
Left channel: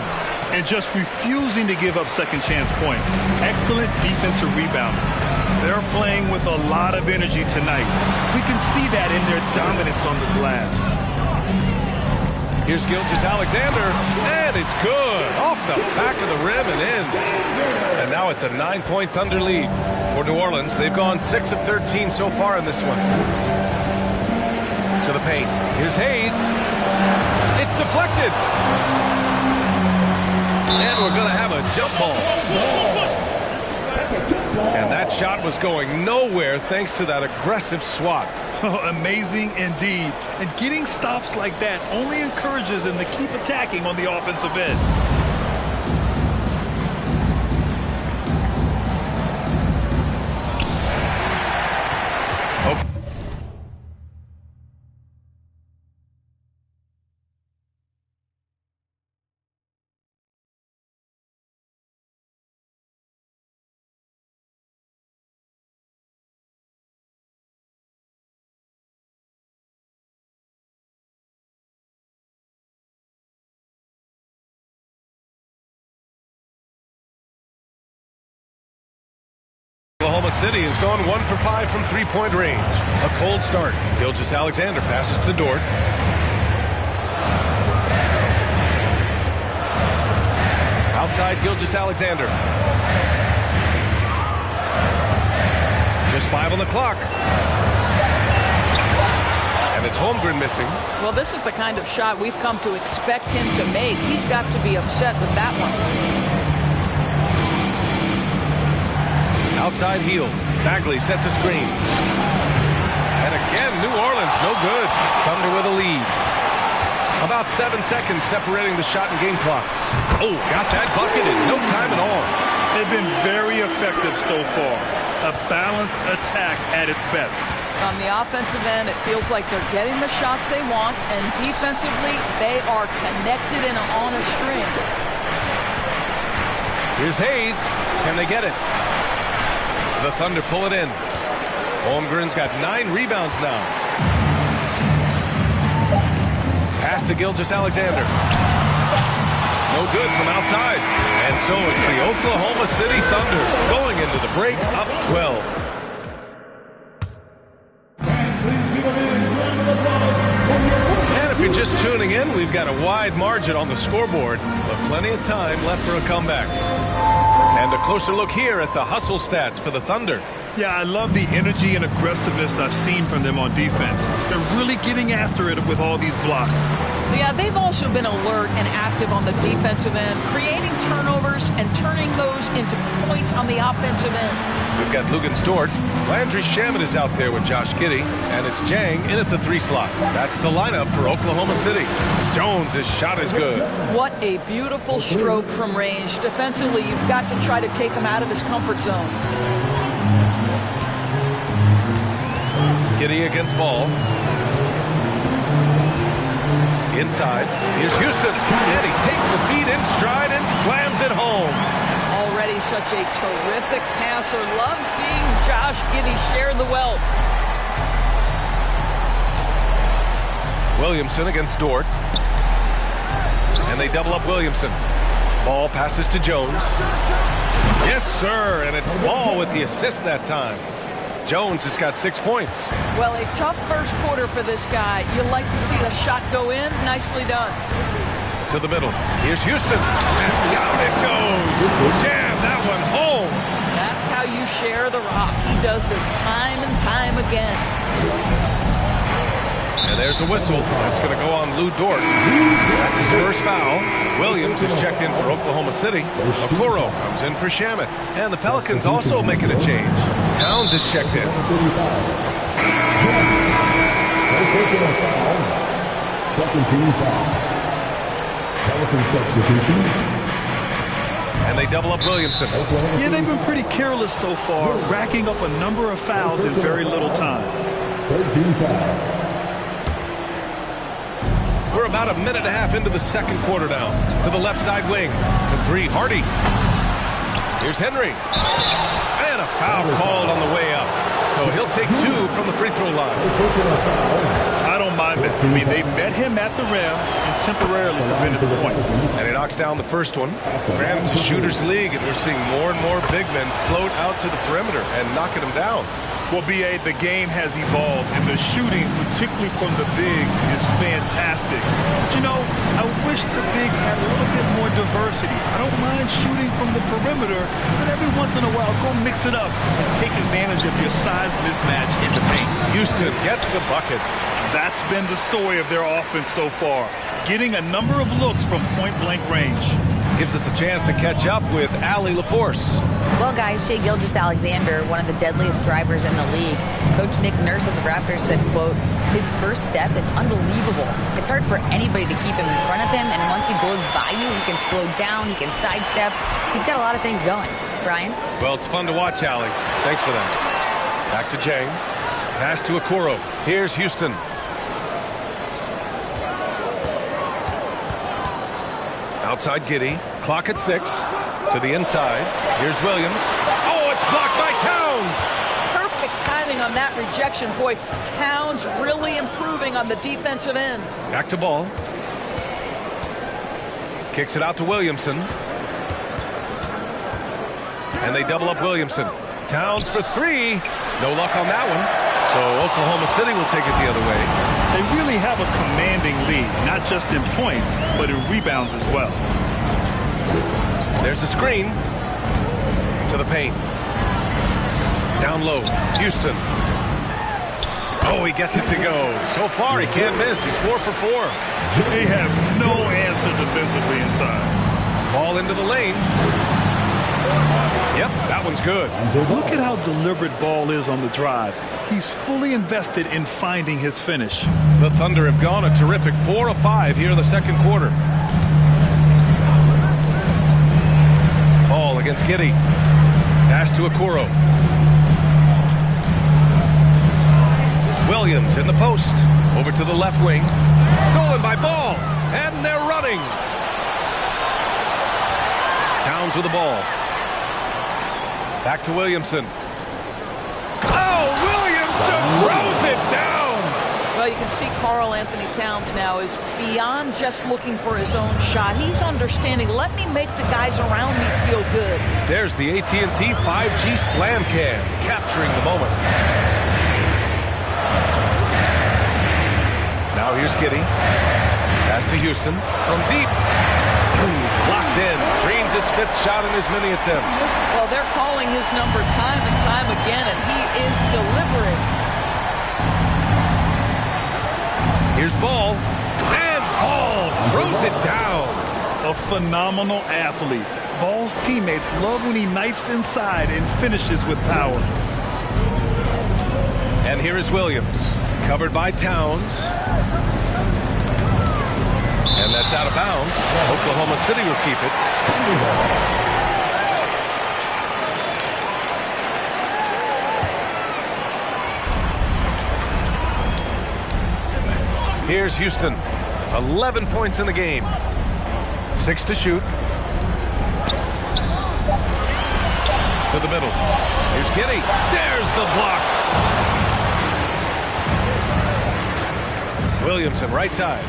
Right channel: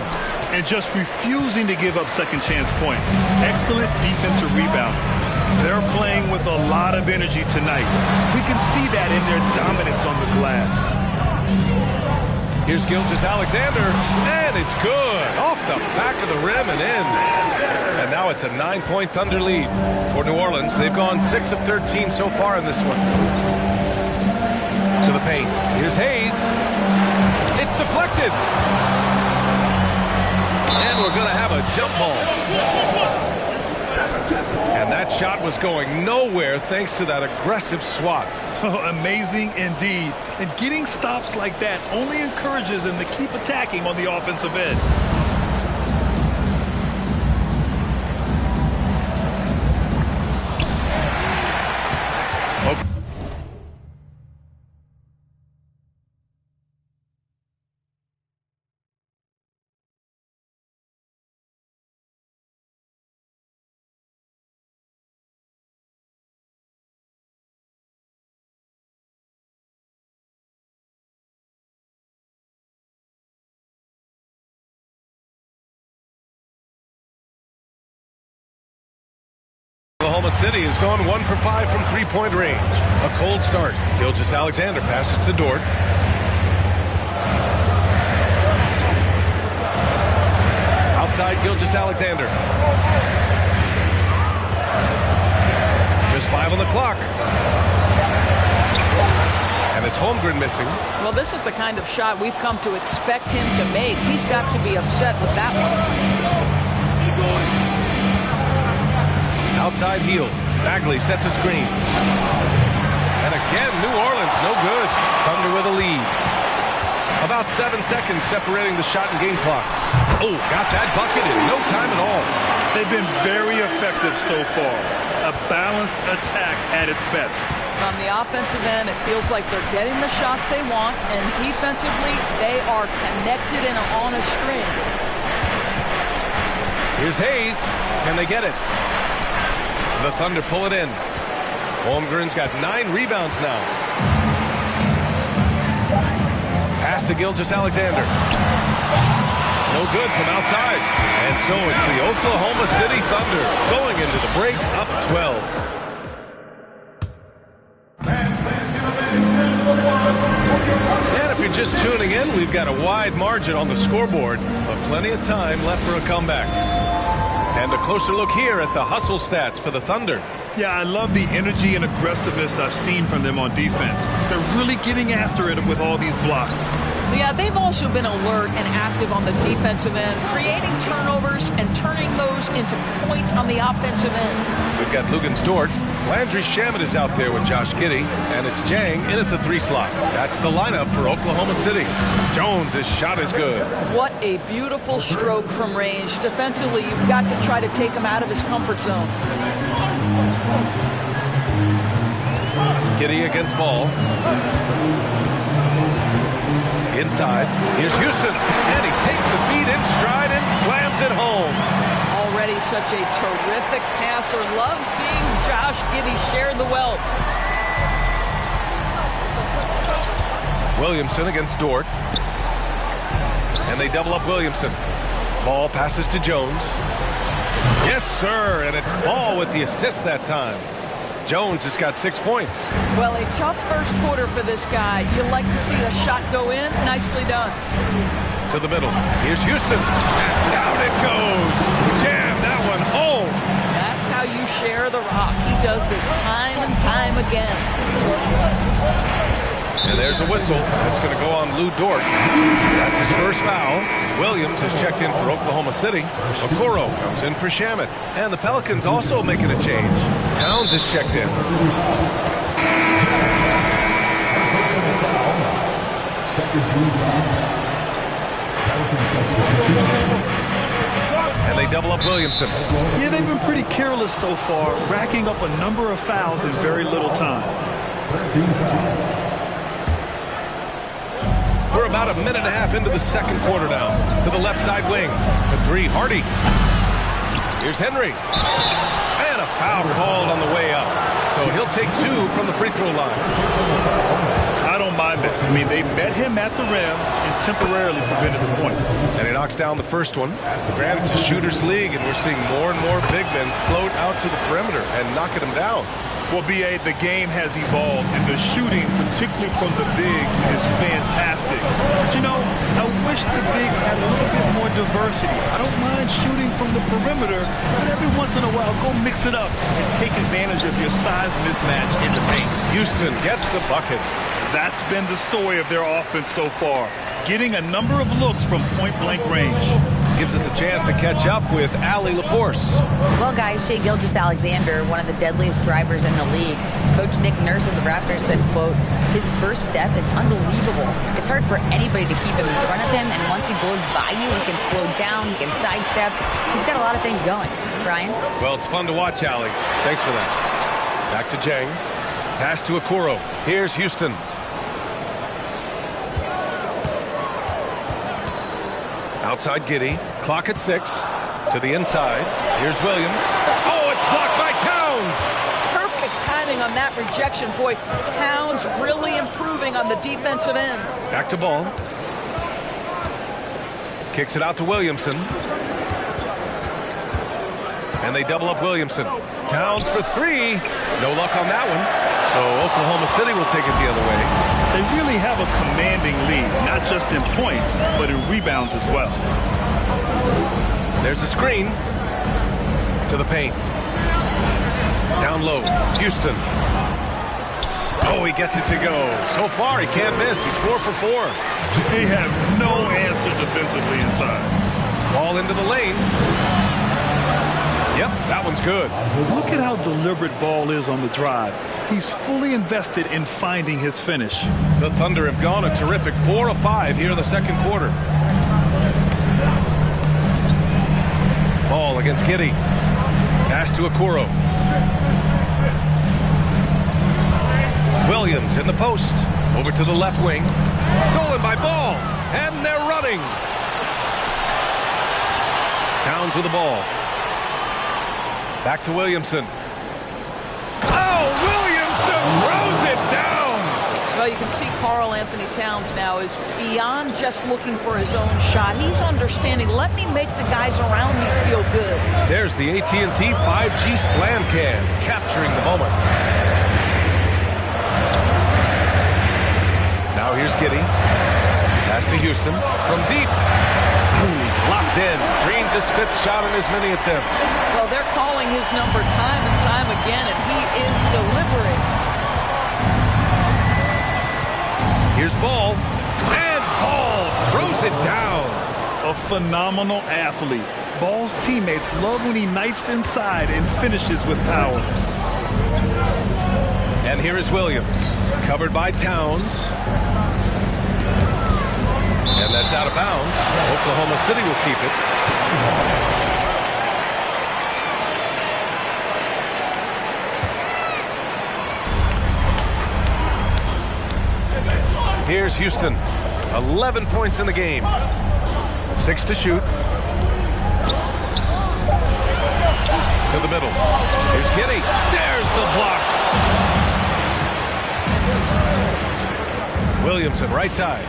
And just refusing to give up second chance points. Excellent defensive rebound. They're playing with a lot of energy tonight. We can see that in their dominance on the glass. Here's Gilgeous-Alexander, and it's good. Off the back of the rim and in. And now it's a 9-point Thunder lead for New Orleans. They've gone 6 of 13 so far in this one. To the paint. Here's Hayes. It's deflected. And we're going to have a jump ball. And that shot was going nowhere thanks to that aggressive swat. Amazing indeed. And getting stops like that only encourages them to keep attacking on the offensive end. Okay. Oklahoma City has gone 1 for 5 from three-point range. A cold start. Gilgeous-Alexander passes to Dort. Outside Gilgeous-Alexander. Just 5 on the clock. And it's Holmgren missing. Well, this is the kind of shot we've come to expect him to make. He's got to be upset with that one. Outside Hield. Bagley sets a screen. And again, New Orleans no good. Thunder with a lead. About 7 seconds separating the shot and game clocks. Oh, got that bucket in no time at all. They've been very effective so far. A balanced attack at its best. On the offensive end, it feels like they're getting the shots they want, and defensively, they are connected and on a string. Here's Hayes. Can they get it? The Thunder pull it in. Holmgren's got 9 rebounds now. Pass to Gilgeous-Alexander. No good from outside. And so it's the Oklahoma City Thunder going into the break up 12. And if you're just tuning in, we've got a wide margin on the scoreboard, but plenty of time left for a comeback. And a closer look here at the hustle stats for the Thunder. Yeah, I love the energy and aggressiveness I've seen from them on defense. They're really getting after it with all these blocks. Yeah, they've also been alert and active on the defensive end, creating turnovers and turning those into points on the offensive end. We've got Luguentz Dort. Landry Shamet is out there with Josh Giddey, and it's Jang in at the 3 slot. That's the lineup for Oklahoma City. Jones' his shot is good. What a beautiful stroke from range. Defensively, you've got to try to take him out of his comfort zone. Giddey against Ball. Inside. Here's Houston. And he takes the feed in stride and slams it home. Already such a terrific passer. Love seeing Josh Giddey share the wealth. Williamson against Dort. And they double up Williamson. Ball passes to Jones. Yes, sir. And it's Ball with the assist that time. Jones has got 6 points. Well, a tough first quarter for this guy. You like to see the shot go in. Nicely done. To the middle. Here's Houston. And down it goes. Jam that one home. That's how you share the rock. He does this time and time again. And there's a whistle. That's going to go on Lou Dort. That's his first foul. Williams is checked in for Oklahoma City. Okoro comes in for Shamet. And the Pelicans also making a change. Towns is checked in. Second team foul. Pelican substitution. And they double up Williamson. Yeah, they've been pretty careless so far, racking up a number of fouls in very little time. 13 foul. We're about a minute and a half into the second quarter now. To the left side wing. To 3, Hardy. Here's Henry. And a foul called on the way up. So he'll take 2 from the free throw line. I don't mind that. I mean, they met him at the rim and temporarily prevented the points. And he knocks down the first one. Granted, it's a shooter's league, and we're seeing more and more big men float out to the perimeter and knocking them down. Well, B.A., the game has evolved, and the shooting, particularly from the bigs, is fantastic. But, you know, I wish the bigs had a little bit more diversity. I don't mind shooting from the perimeter, but every once in a while, go mix it up and take advantage of your size mismatch in the paint. Houston gets the bucket. That's been the story of their offense so far, getting a number of looks from point-blank range. Gives us a chance to catch up with Allie LaForce. Well, guys, Shai Gilgeous-Alexander, one of the deadliest drivers in the league. Coach Nick Nurse of the Raptors said, quote, his first step is unbelievable. It's hard for anybody to keep him in front of him, and once he blows by you, he can slow down, he can sidestep. He's got a lot of things going. Brian? Well, it's fun to watch, Allie. Thanks for that. Back to Jang. Pass to Okoro. Here's Houston. Outside Giddey. Clock at 6. To the inside. Here's Williams. Oh, it's blocked by Towns. Perfect timing on that rejection. Boy, Towns really improving on the defensive end. Back to Ball. Kicks it out to Williamson. And they double up Williamson. Towns for 3. No luck on that one. So Oklahoma City will take it the other way. They really have a commanding lead, not just in points, but in rebounds as well. There's a screen to the paint. Down low, Houston. Oh, he gets it to go. So far, he can't miss. He's 4 for 4. They have no answer defensively inside. Ball into the lane. Yep, that one's good. Look at how deliberate Ball is on the drive. He's fully invested in finding his finish. The Thunder have gone a terrific 4 of 5 here in the second quarter. Ball against Giddey. Pass to Okoro. Williams in the post. Over to the left wing. Stolen by Ball. And they're running. Towns with the ball. Back to Williamson. Oh, Williamson throws it down. Well, you can see Karl Anthony Towns now is beyond just looking for his own shot. He's understanding, let me make the guys around me feel good. There's the AT&T 5G Slam Can, capturing the moment. Now here's Giddey. Pass to Houston from deep. Ooh, he's locked in. Drains his 5th shot in as many attempts. Well, they're calling his number time and time again, and he is delivering. Here's Ball. And Ball throws it down. A phenomenal athlete. Ball's teammates love when he knifes inside and finishes with power. And here is Williams. Covered by Towns. And that's out of bounds. Oklahoma City will keep it. Here's Houston. 11 points in the game. 6 to shoot. To the middle. Here's Giddey. There's the block. Williamson, right side.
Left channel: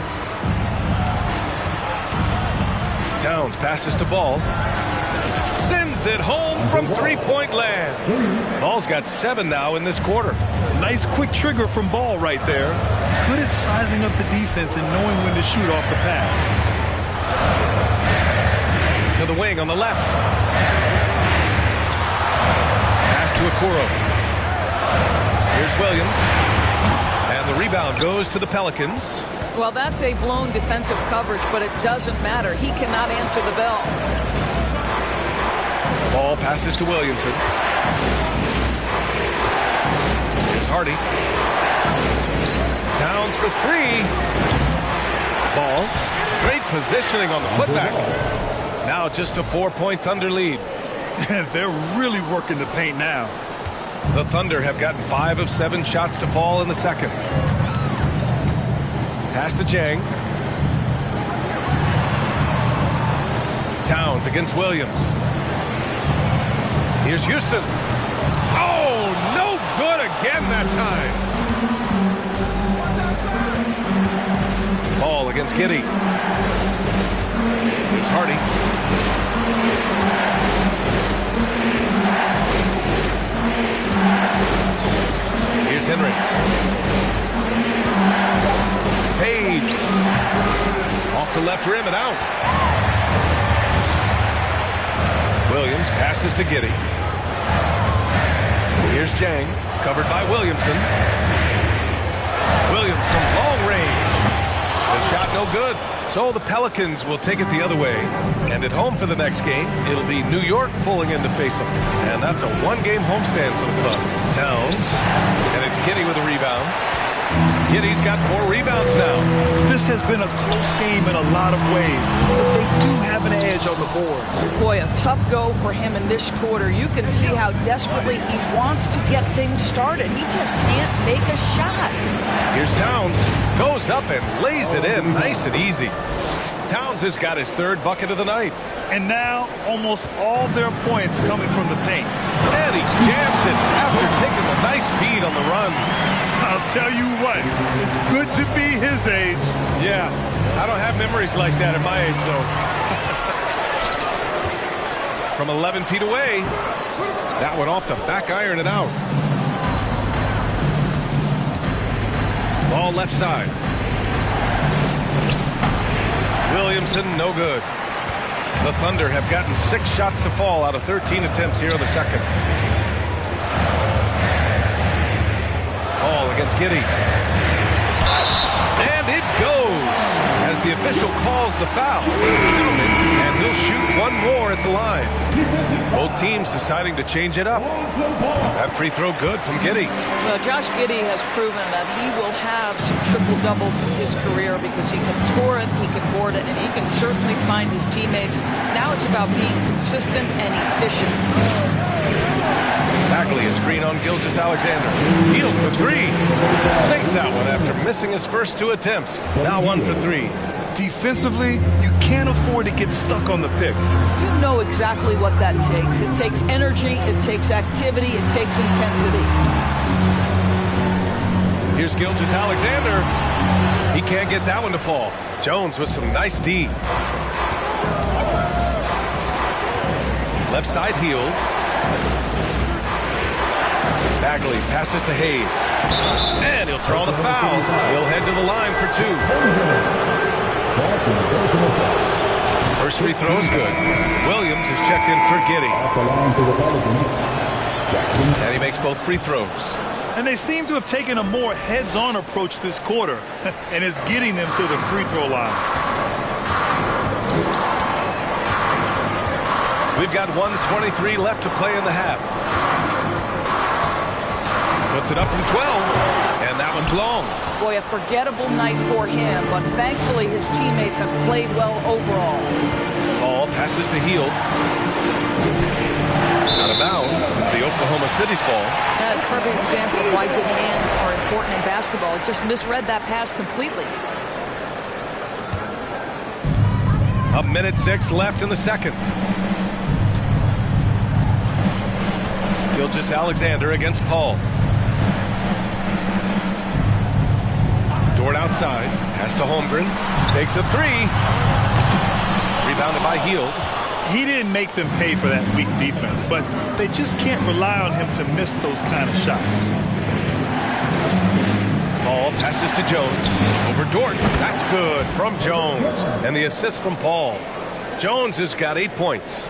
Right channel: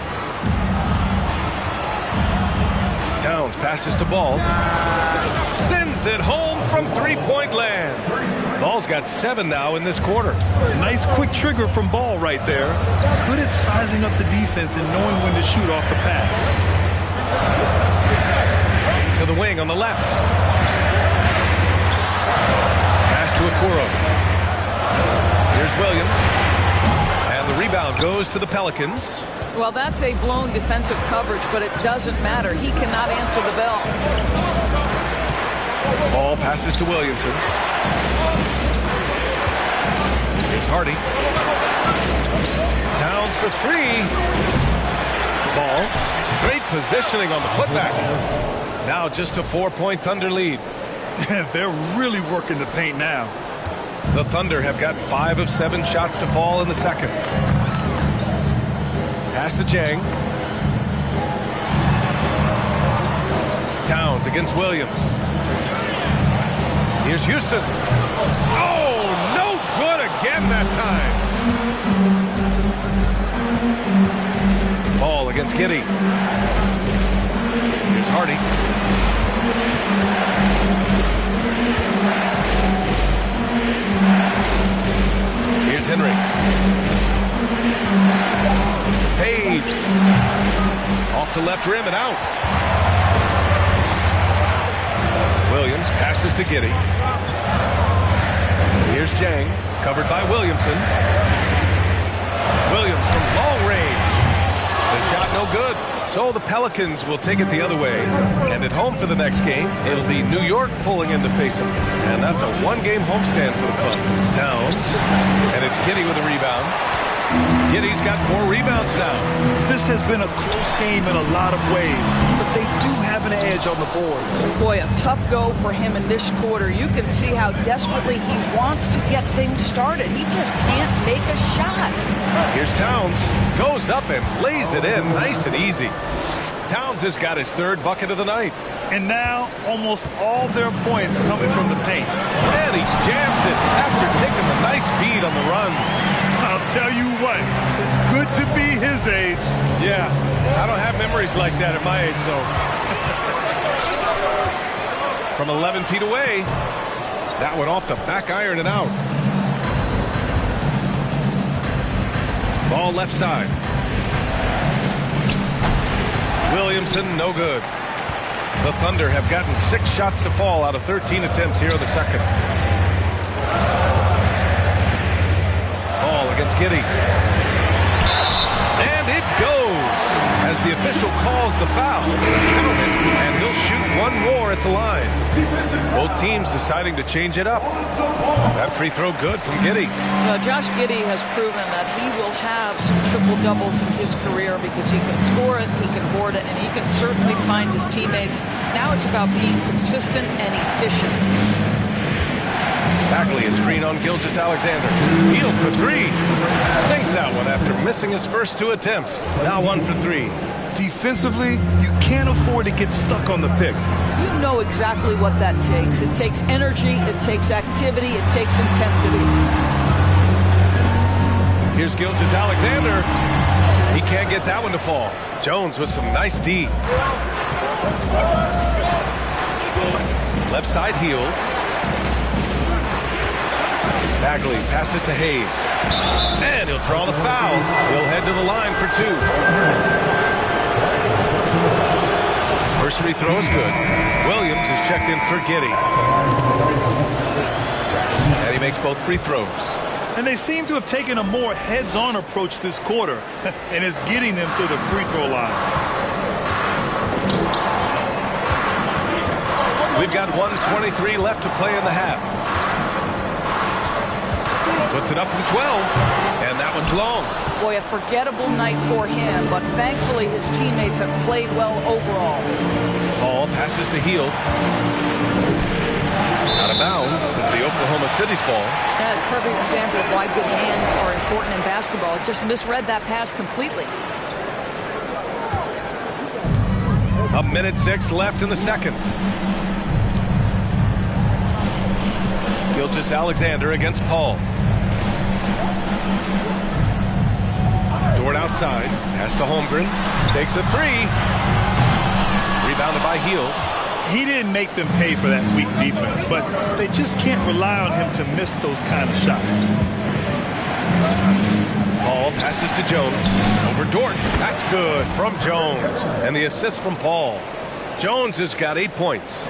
Towns passes to Ball. Sends it home from three-point land. Ball's got 7 now in this quarter. Nice quick trigger from Ball right there. Good at sizing up the defense and knowing when to shoot off the pass. To the wing on the left. Pass to Okoro. Here's Williams. And the rebound goes to the Pelicans. Well, that's a blown defensive coverage, but it doesn't matter. He cannot answer the bell. Ball passes to Williamson. Here's Hardy. Towns for 3. Ball. Great positioning on the putback. Now just a 4-point Thunder lead. They're really working the paint now. The Thunder have gotten 5 of 7 shots to fall in the second. Pass to Jang. Towns against Williams. Here's Houston. Oh, no good again that time. Ball against Giddey. Here's Hardy. Here's Henry. Fades. Off the left rim and out. Williams passes to Giddey. Here's Jang, covered by Williamson. Williams from long range. The shot no good. So the Pelicans will take it the other way. And at home for the next game, it'll be New York pulling in to face them. And that's a 1-game homestand for the club. Towns. And it's Giddey with a rebound. Giddey's got 4 rebounds now. This has been a close game in a lot of ways, but they do have an edge on the boards. Boy, a tough go for him in this quarter. You can see how desperately he wants to get things started. He just can't make a shot. Here's Towns. Goes up and lays it in nice and easy. Towns has got his 3rd bucket of the night. And now almost all their points coming from the paint. And he jams it after taking the nice feed on the run. I'll tell you what, it's good to be his age. Yeah, I don't have memories like that at my age, though. From 11 feet away, that one off the back iron and out. Ball left side. Williamson, no good. The Thunder have gotten 6 shots to fall out of 13 attempts here in the second. Ball against Giddey. And it goes as the official calls the foul. Count it, and he'll shoot one more at the line. Both teams deciding to change it up. That free throw good from Giddey. Well, Josh Giddey has proven that he will have some triple-doubles in his career because he can score it, he can board it, and he can certainly find his teammates. Now it's about being consistent and efficient. Bagley, a screen on Gilgeous-Alexander. Hield for three. Sinks that one after missing his first 2 attempts. Now 1 for 3. Defensively, you can't afford to get stuck on the pick. You know exactly what that takes. It takes energy, it takes activity, it takes intensity. Here's Gilgeous-Alexander. He can't get that one to fall. Jones with some nice D. Left side Hield. Bagley passes to Hayes. And he'll draw the foul. He'll head to the line for 2. First free throw is good. Williams is checked in for Giddey. And he makes both free throws. And they seem to have taken a more heads-on approach this quarter. And it's getting them to the free throw line. We've got 1:23 left to play in the half. Puts it up from 12, and that one's long. Boy, a forgettable night for him, but thankfully his teammates have played well overall. Ball passes to Hield. Out of bounds into the Oklahoma City's ball. That's a perfect example of why good hands are important in basketball. It just misread that pass completely. A minute 6 left in the second. Gilgeous-Alexander against Paul. Dort outside. Pass to Holmgren. Takes a 3. Rebounded by Hield. He didn't make them pay for that weak defense, but they just can't rely on him to miss those kind of shots. Paul passes to Jones. Over Dort. That's good from Jones. And the assist from Paul. Jones has got 8 points.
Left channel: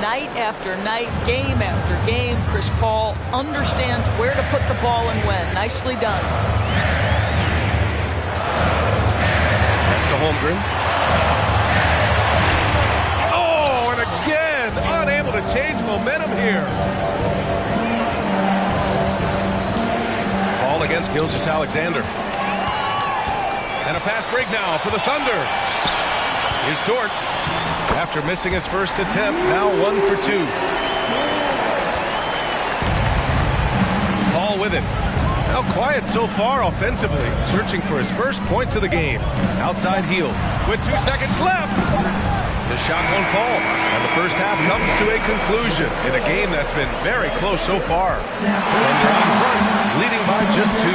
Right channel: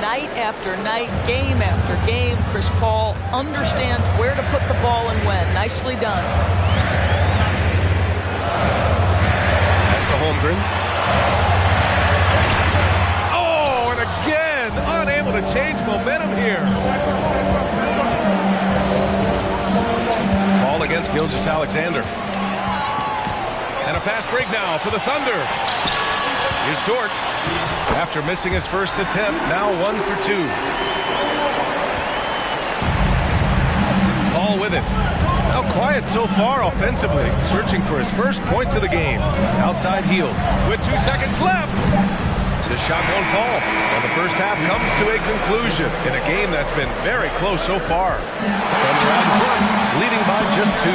Night after night, game after game, Chris Paul understands where to put the ball and when. Nicely done. Pass to Holmgren. Oh, and again, unable to change momentum here. Paul against Gilgeous-Alexander. And a fast break now for the Thunder. Here's Dort. After missing his first attempt, now 1 for 2. Paul with it. Now quiet so far offensively, searching for his first points of the game. Outside Hield with 2 seconds left. The shot won't fall, and the first half comes to a conclusion in a game that's been very close so far. Thunder out in front, leading by just 2.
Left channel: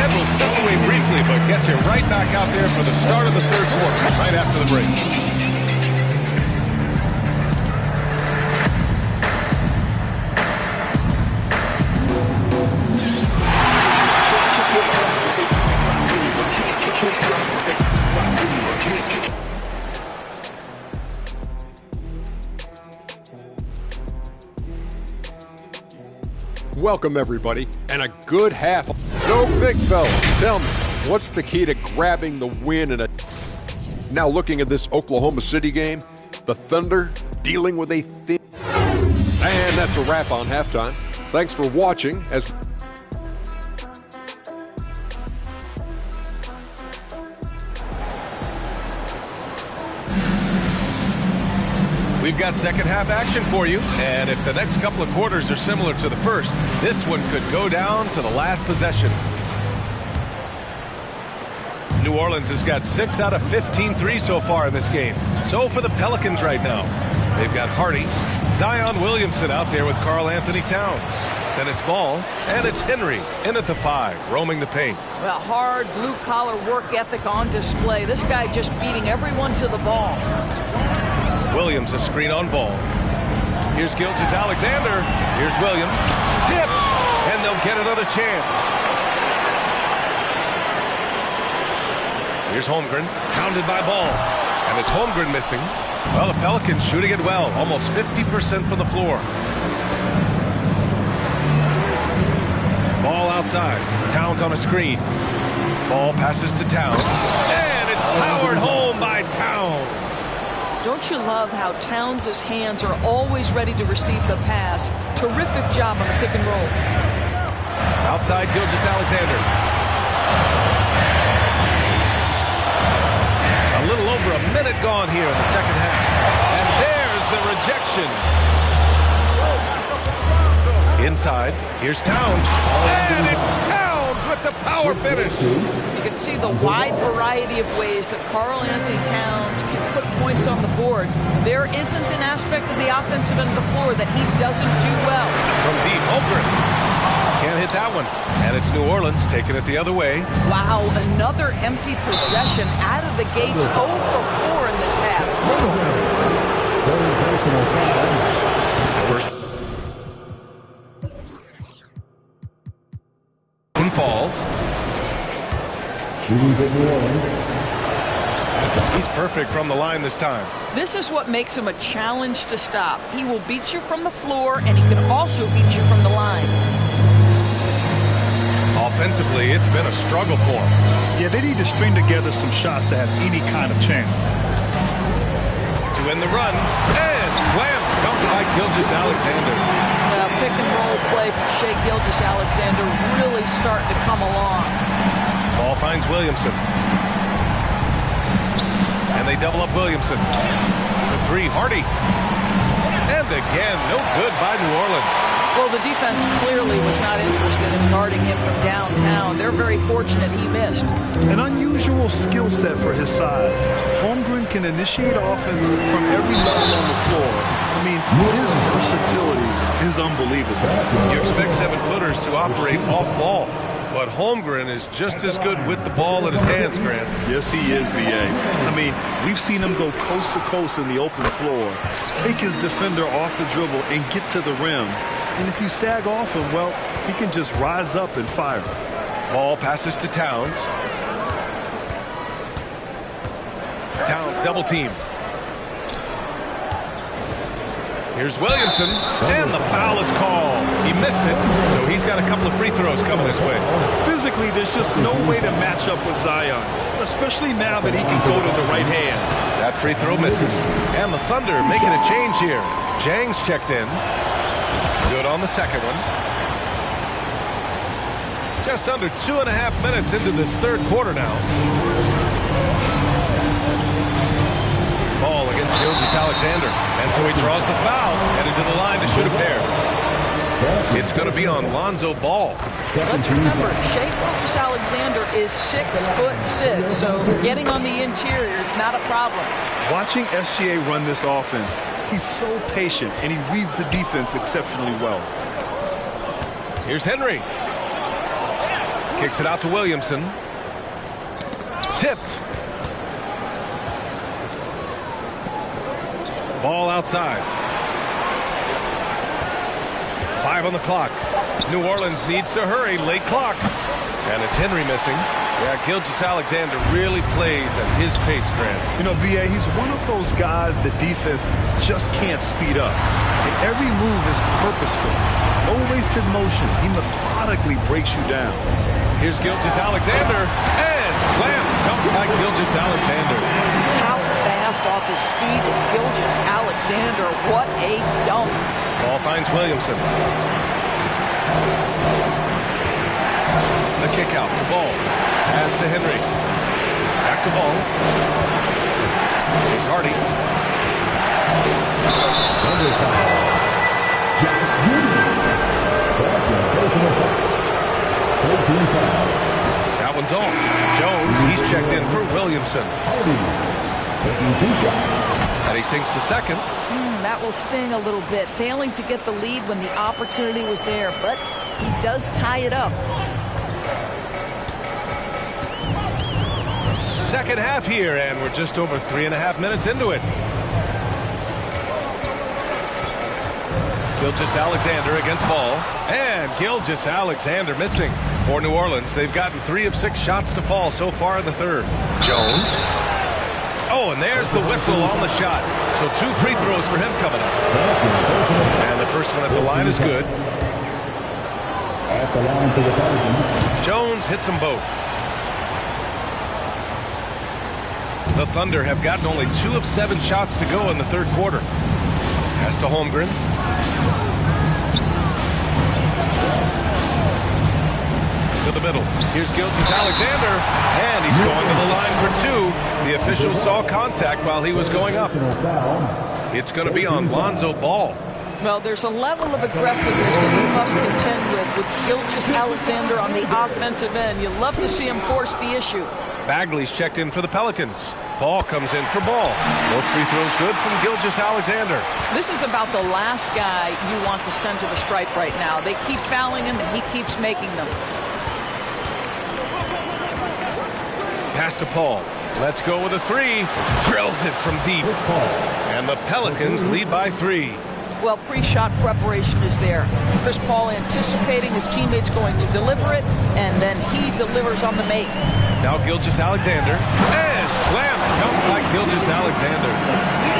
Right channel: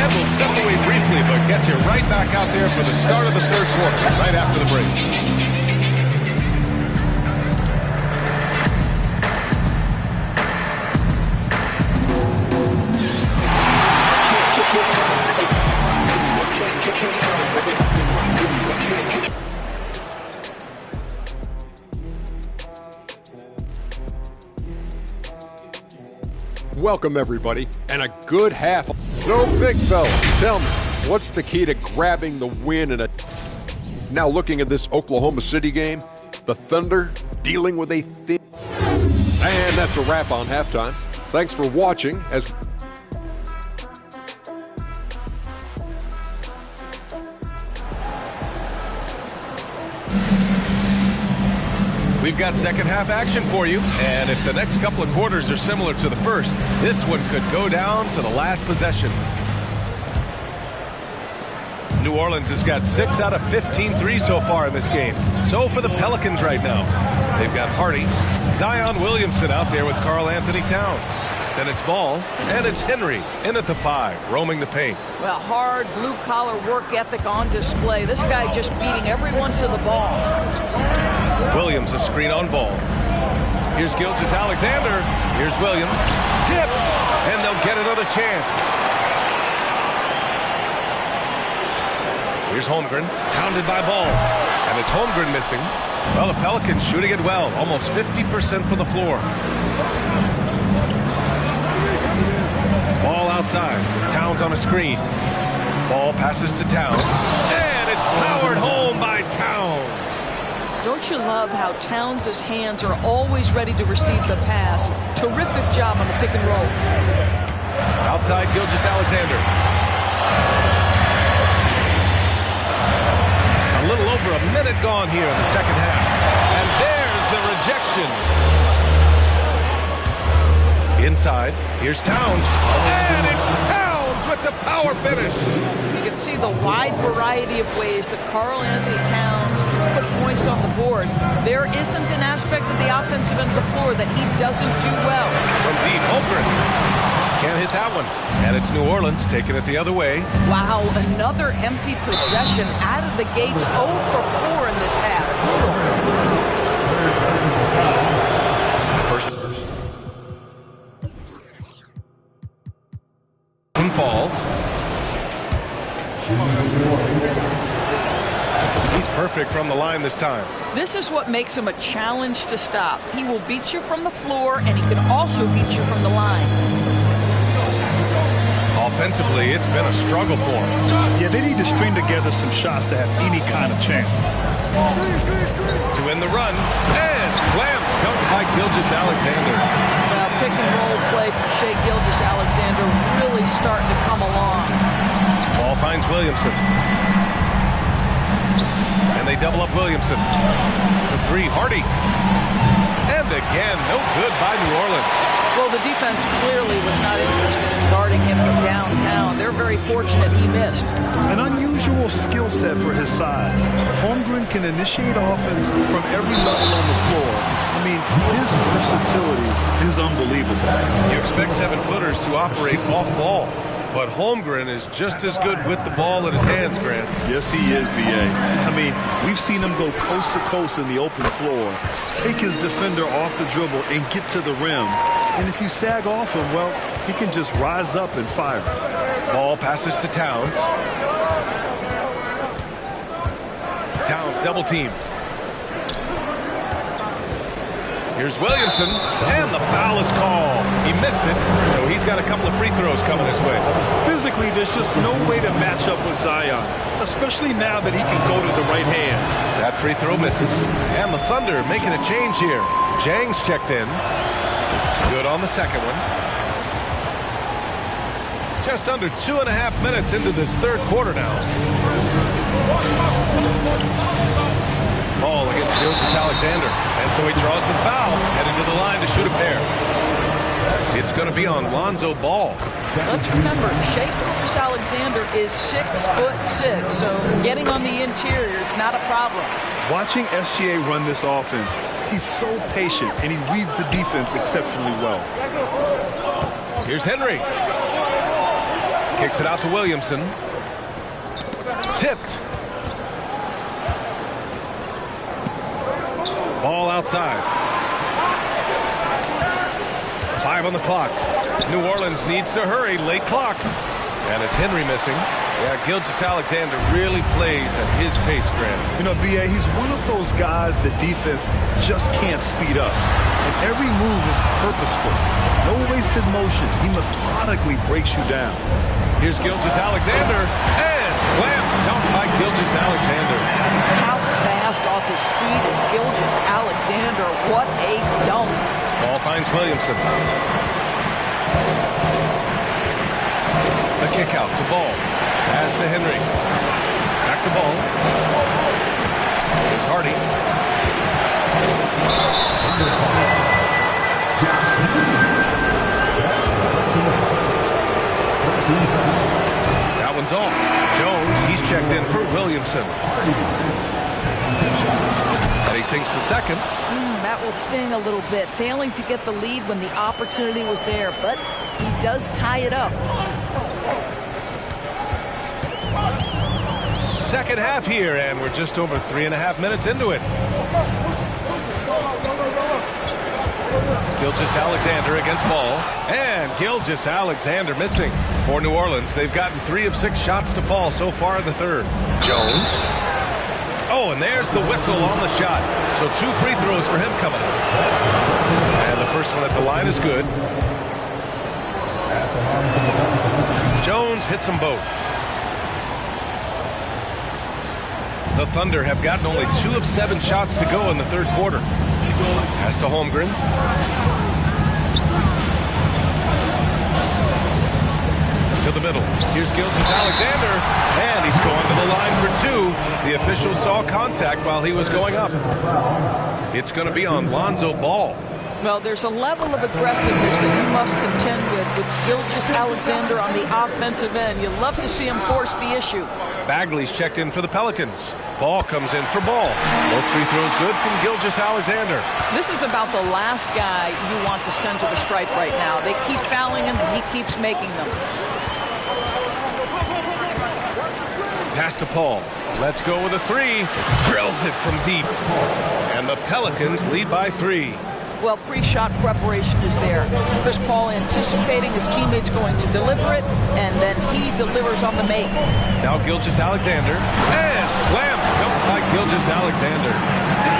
And we'll step away briefly, but get you right back out there for the start of the third quarter, right after the break. Welcome, everybody, and a good half. So, big fella, tell me, what's the key to grabbing the win in a... Now looking at this Oklahoma City game, the Thunder dealing with a thin... And that's a wrap on halftime. Thanks for watching as... We've got second half action for you, and if the next couple of quarters are similar to the first, this one could go down to the last possession. New Orleans has got 6 out of 15 threes so far in this game. So for the Pelicans right now, they've got Hardy, Zion Williamson out there with Karl Anthony Towns. Then it's Ball, and it's Henry in at the 5, roaming the paint. Well, hard blue-collar work ethic on display. This guy just beating everyone to the ball. Williams a screen on Ball. Here's Gilgeous-Alexander. Here's Williams. Tipped, and they'll get another chance. Here's Holmgren, pounded by Ball. And it's Holmgren missing. Well, the Pelicans shooting it well, almost 50% from the floor. Ball outside. Towns on a screen. Ball passes to Towns. And it's powered home by Towns. Don't you love how Towns' hands are always ready to receive the pass? Terrific job on the pick and roll. Outside Gilgeous-Alexander. A little over a minute gone here in the second half. And there's the rejection. Inside, here's Towns. And it's Towns with the power finish. You can see the wide variety of ways that Karl-Anthony Towns can put points on the board. There isn't an aspect of the offensive end of the floor that he doesn't do well. From deep, Holmgren. Can't hit that one. And it's New Orleans taking it the other way. Wow, another empty possession out of the gates. 0 for 4 in this half. First one falls. He's perfect from the line this time. This is what makes him a challenge to stop. He will beat you from the floor, and he can also beat you from the line. Offensively, it's been a struggle for him. Yeah, they need to string together some shots to have any kind of chance. To end the run, and slam dunked by Gilgeous-Alexander. Well, pick and roll play from Shai Gilgeous-Alexander really starting to come along. Ball finds Williamson. And they double up Williamson. For 3, Hardy. And again, no good by New Orleans. Well, the defense clearly was not interested in guarding him from downtown. They're very fortunate he missed. An unusual skill set for his size. Holmgren can initiate offense from every level on the floor. I mean, his versatility is unbelievable. You expect 7-footers to operate off ball, but Holmgren is just as good with the ball in his hands, Grant. Yes, he is, B.A. I mean, we've seen him go coast to coast in the open floor, take his defender off the dribble and get to the rim. And if you sag off him, well, he can just rise up and fire. Ball passes to Towns. Towns double team. Here's Williamson, and the foul is called. He missed it, so he's got a couple of free throws coming his way. Physically, there's just no way to match up with Zion, especially now that he can go to the right hand. That free throw misses, and the Thunder making a change here. Jang's checked in. Good on the second one. Just under 2.5 minutes into this third quarter now. Ball against Gilgeous-Alexander. And so he draws the foul, headed to the line to shoot a pair. It's going to be on Lonzo Ball. Let's remember, Shai Gilgeous-Alexander is 6'6", so getting on the interior is not a problem. Watching SGA run this offense, he's so patient, and he reads the defense exceptionally well. Here's Henry. Kicks it out to Williamson. Tipped. Ball outside. 5 on the clock. New Orleans needs to hurry. Late clock. And it's Henry missing. Yeah, Gilgeous-Alexander really plays at his pace, Grant. You know, B.A., he's one of those guys the defense just can't speed up. And every move is purposeful. No wasted motion. He methodically breaks you down. Here's Gilgeous-Alexander. And slam dunk by Gilgeous-Alexander. How fast off his feet is Gilgeous-Alexander. What a dunk. Ball finds Williamson. The kick out to Ball. Pass to Henry. Back to Ball. Here's Hardy. That one's off. Jones, he's checked in for Williamson. And he sinks the second. That will sting a little bit. Failing to get the lead when the opportunity was there, but he does tie it up. Second half here, and we're just over 3.5 minutes into it. Gilgeous-Alexander against Ball, and Gilgeous-Alexander missing. For New Orleans, they've gotten 3 of 6 shots to fall so far in the third. Jones. Oh, and there's the whistle on the shot. So 2 free throws for him coming up. And the first one at the line is good. At the line for the Pelicans. Jones hits them both. The Thunder have gotten only 2 of 7 shots to go in the third quarter. Pass to Holmgren. To the middle. Here's Gilgeous-Alexander, and he's going to the line for 2. The official saw contact while he was going up. It's going to be on Lonzo Ball. Well, there's a level of aggressiveness that you must contend with Gilgeous-Alexander on the offensive end. You love to see him force the issue. Bagley's checked in for the Pelicans. Paul comes in for Ball. Both free throws good from Gilgeous-Alexander. This is about the last guy you want to send to the stripe right now. They keep fouling him, and he keeps making them. Pass to Paul. Let's go with a 3. Drills it from deep. And the Pelicans lead by 3. Well, pre-shot preparation is there. Chris Paul anticipating his teammates going to deliver it, and then he delivers on the make. Now Gilgeous-Alexander. And slam dunk by Gilgeous-Alexander.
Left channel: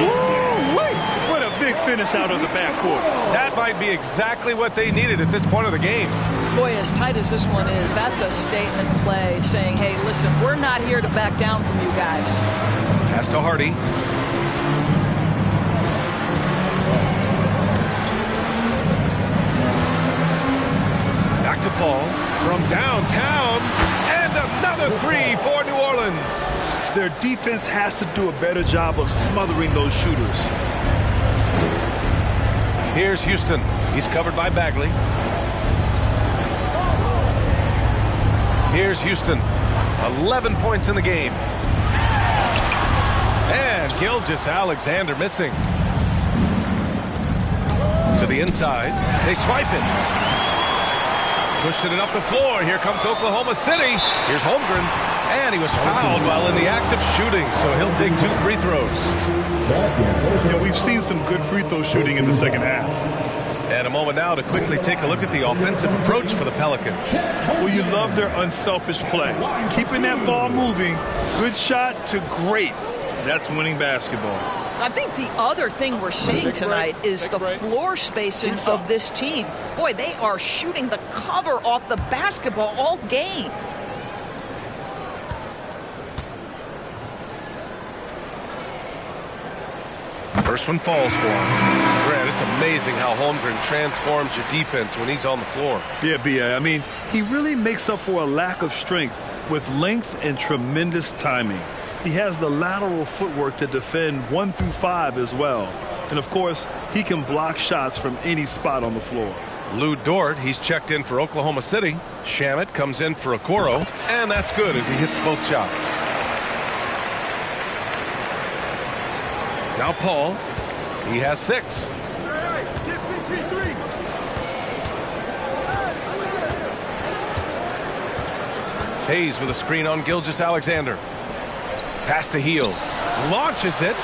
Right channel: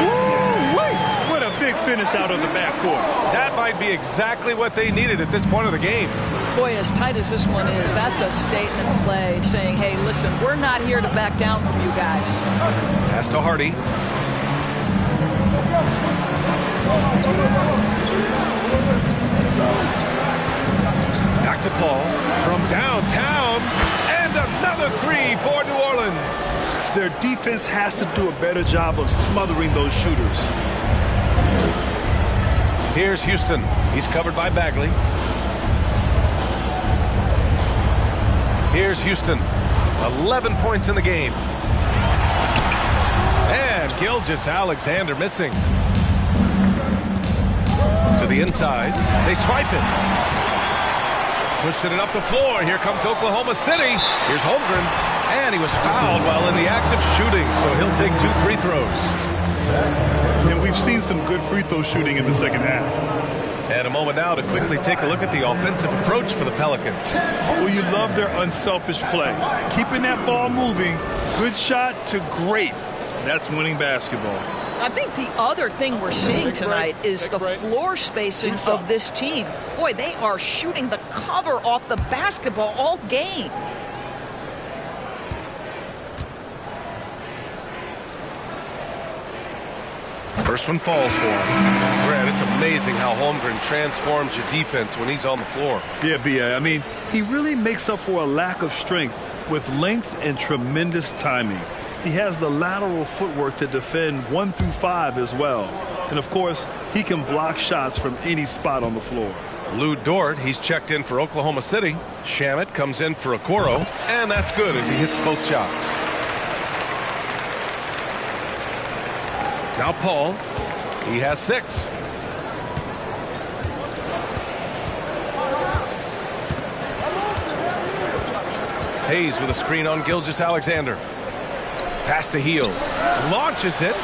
Woo-wee! What a big finish out of the backcourt. That might be exactly what they needed at this point of the game. Boy, as tight as this one is, that's a statement play saying, hey, listen, we're not here to back down from you guys. Pass to Hardy. Back to Paul from downtown, and another 3 for New Orleans. Their defense has to do a better job of smothering those shooters. Here's Houston. He's covered by Bagley. Here's Houston. 11 points in the game. And Gilgeous-Alexander missing. To the inside. They swipe it. Pushing it up the floor. Here comes Oklahoma City. Here's Holmgren. And he was fouled while in the act of shooting, so he'll take 2 free throws. And we've seen some good free throw shooting in the second half. And a moment now to quickly take a look at the offensive approach for the Pelicans. Well, you love their unselfish play. Keeping that ball moving, good shot to great. That's winning basketball. I think the other thing we're seeing tonight is the floor spacing of this team. Boy, they are shooting the cover off the basketball all game. First one falls for him. Grant, it's amazing how Holmgren transforms your defense when he's on the floor. Yeah, B.A. I mean, he really makes up for a lack of strength with length and tremendous timing. He has the lateral footwork to defend 1 through 5 as well. And, of course, he can block shots from any spot on the floor. Lou Dort, he's checked in for Oklahoma City. Shamet comes in for Okoro. And that's good as he hits both shots. Now Paul, he has 6. Hayes with a screen on Gilgeous-Alexander. Pass to Heel. Launches it.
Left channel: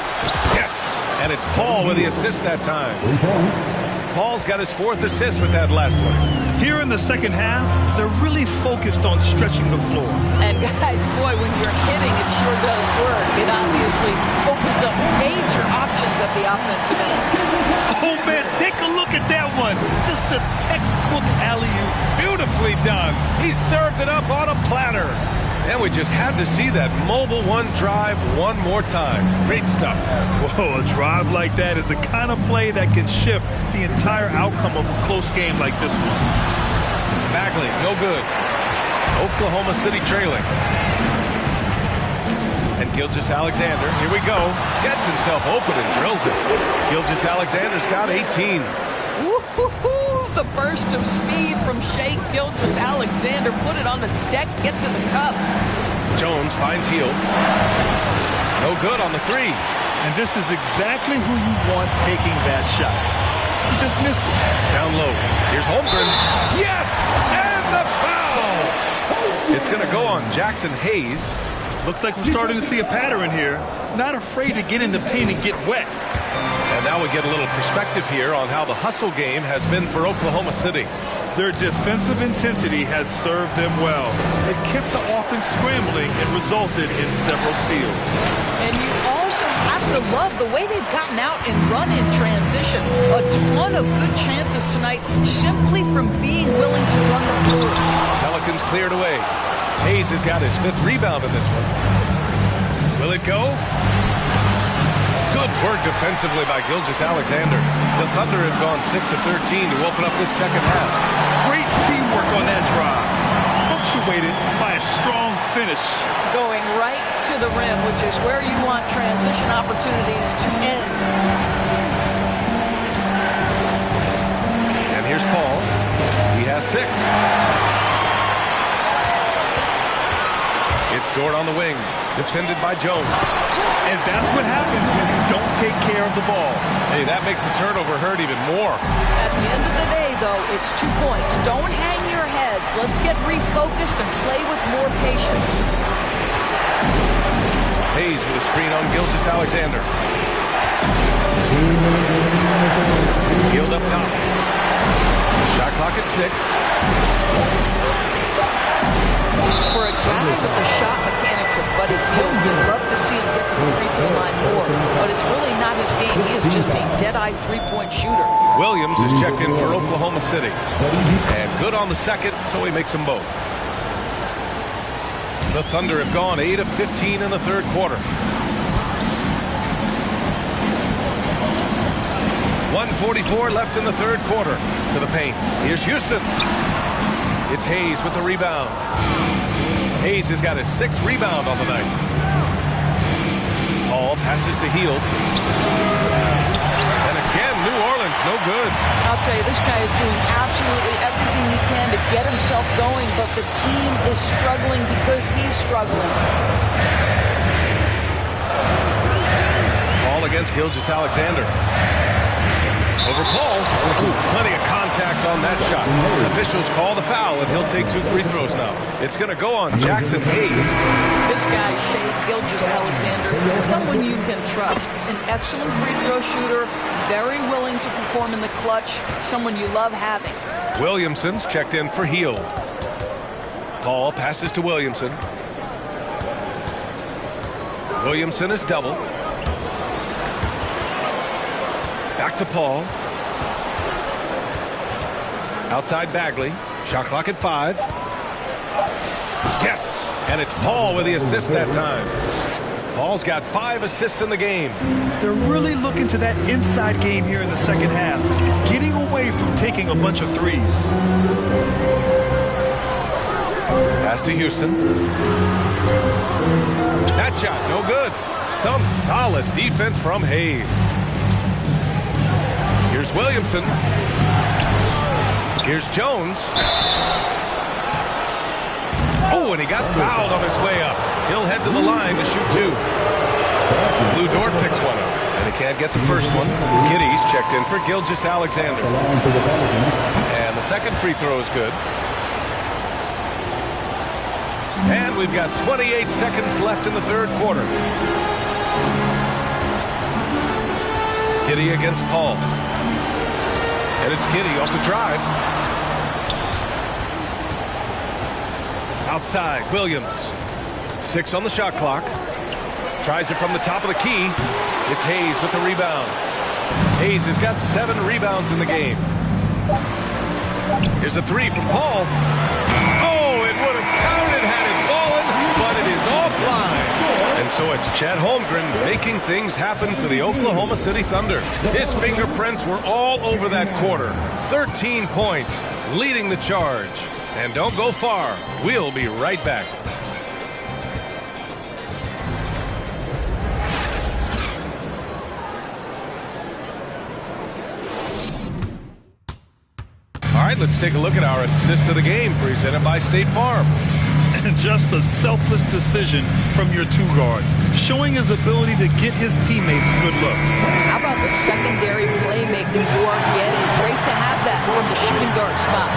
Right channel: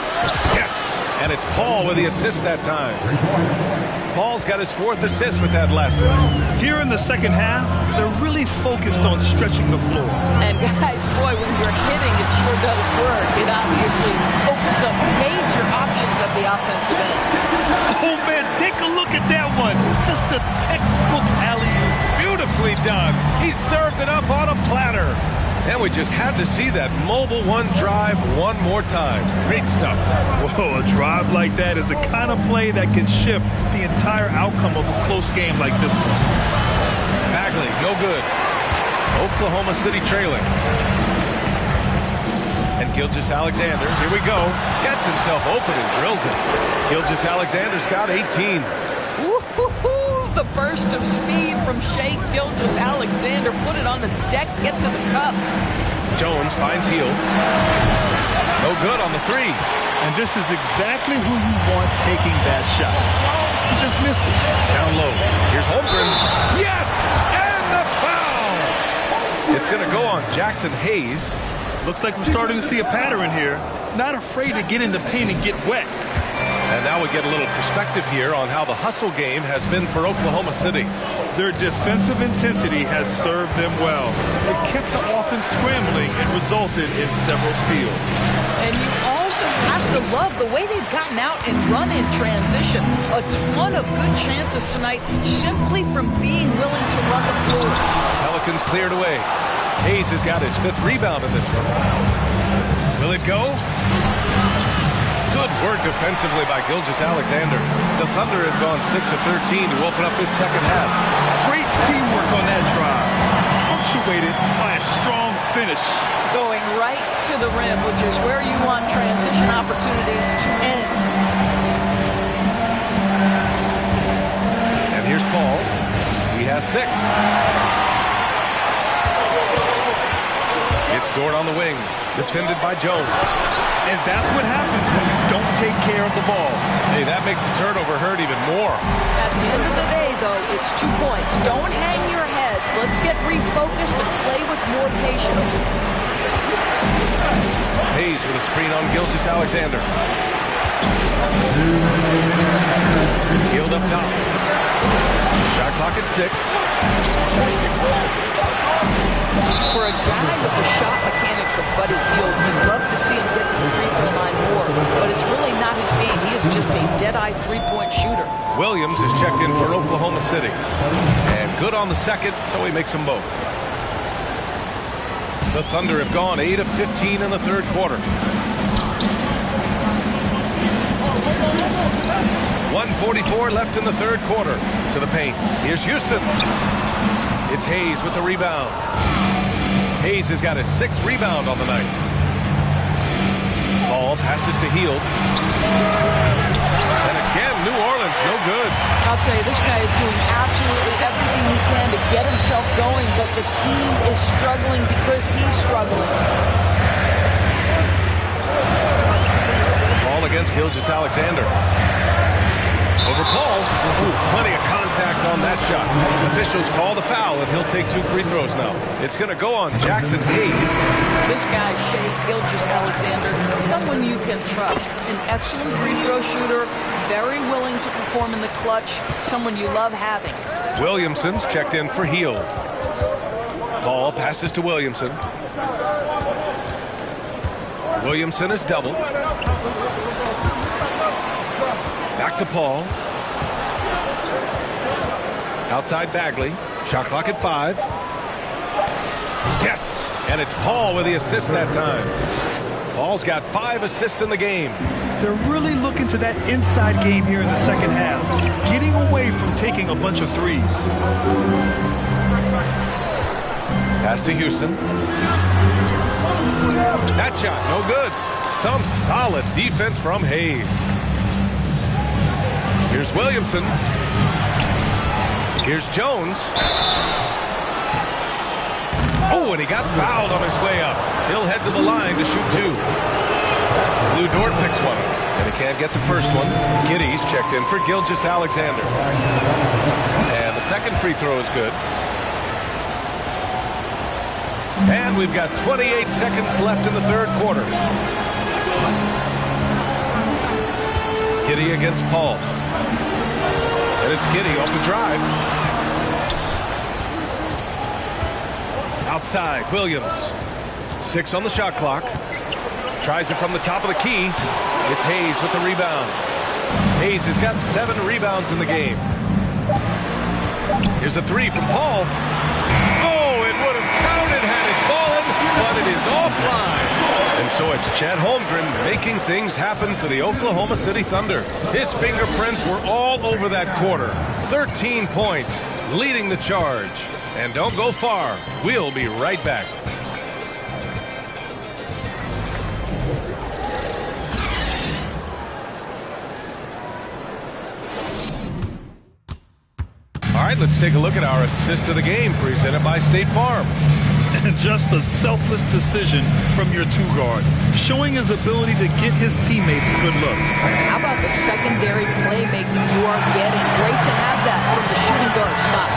Yes! And it's Paul with the assist that time. 3 points. Paul's got his 4th assist with that last one. Here in the second half, they're really focused on stretching the floor. And guys, boy, when you're hitting, it sure does work. It obviously opens up major options at the offensive end. Oh, man, take a look at that one. Just a textbook alley-oop. Beautifully done. He served it up on a platter. And we just had to see that mobile one drive one more time. Great stuff. Whoa, a drive like that is the kind of play that can shift the entire outcome of a close game like this one. Bagley, no good. Oklahoma City trailing. And Gilgeous-Alexander, here we go, gets himself open and drills it. Gilgeous-Alexander's got 18. Woo-hoo-hoo. The burst of speed from Shai Gilgeous-Alexander. Put it on the deck, get to the cup. Jones finds Heel. No good on the 3. And this is exactly who you want taking that shot. He just missed it. Down low. Here's Holmgren. Yes! And the foul! It's going to go on Jackson Hayes. Looks like we're starting to see a pattern here. Not afraid to get in the paint and get wet. And now we get a little perspective here on how the hustle game has been for Oklahoma City. Their defensive intensity has served them well. It kept the offense scrambling and resulted in several steals. And you also have to love the way they've gotten out and run in transition. A ton of good chances tonight simply from being willing to run the floor. Pelicans cleared away. Hayes has got his 5th rebound in this one. Will it go? Good work defensively by Gilgeous-Alexander. The Thunder have gone 6 of 13 to open up this second half. Great teamwork on that drive, punctuated by a strong finish. Going right to the rim, which is where you want transition opportunities to end. And here's Paul. He has 6. It's Dort on the wing, defended by Jones. And that's what happens when you don't take care of the ball. Hey, that makes the turnover hurt even more. At the end of the day, though, it's 2 points. Don't hang your heads. Let's get refocused and play with more patience. Hayes with a screen on Gilgeous-Alexander. Hield up top. Shot clock at 6. For a guy with the shot mechanics of Buddy Hield, you'd love to see him get to the free throw line more, but it's really not his game. He is just a dead-eye three-point shooter. Williams is checked in for Oklahoma City. And good on the second, so he makes them both. The Thunder have gone 8 of 15 in the third quarter. 1:44 left in the third quarter. To the paint. Here's Houston. It's Hayes with the rebound. Hayes has got his 6th rebound on the night. Paul passes to Hield. And again, New Orleans, no good. I'll tell you, this guy is doing absolutely everything he can to get himself going, but the team is struggling because he's struggling. Paul against Gilgeous-Alexander. Over Paul. Ooh, plenty of contact on that shot. Officials call the foul, and he'll take 2 free throws now. It's going to go on Jackson Hayes. This guy, Shai Gilgeous-Alexander, someone you can trust. An excellent free throw shooter, very willing to perform in the clutch, someone you love having. Williamson's checked in for Hield. Paul passes to Williamson. Williamson is double. Back to Paul. Outside Bagley. Shot clock at 5. Yes! And it's Paul with the assist that time. Paul's got 5 assists in the game. They're really looking to that inside game here in the second half, getting away from taking a bunch of threes. Pass to Houston. That shot, no good. Some solid defense from Hayes. Here's Williamson. Here's Jones. Oh, and he got fouled on his way up. He'll head to the line to shoot 2. Lou Dort picks one up, and he can't get the first one. Giddy's checked in for Gilgeous-Alexander. And the second free throw is good. And we've got 28 seconds left in the third quarter. Giddey against Paul. And it's Giddey off the drive. Outside, Williams. 6 on the shot clock. Tries it from the top of the key. It's Hayes with the rebound. Hayes has got 7 rebounds in the game. Here's a 3 from Paul. Oh, it would have counted had it fallen, but it is offline. And so it's Chet Holmgren making things happen for the Oklahoma City Thunder. His fingerprints were all over that quarter. 13 points, leading the charge. And don't go far. We'll be right back. All right, let's take a look at our assist of the game presented by State Farm. And just a selfless decision from your 2-guard, showing his ability to get his teammates good looks. How about the secondary playmaking you are getting? Great to have that from the shooting guard spot.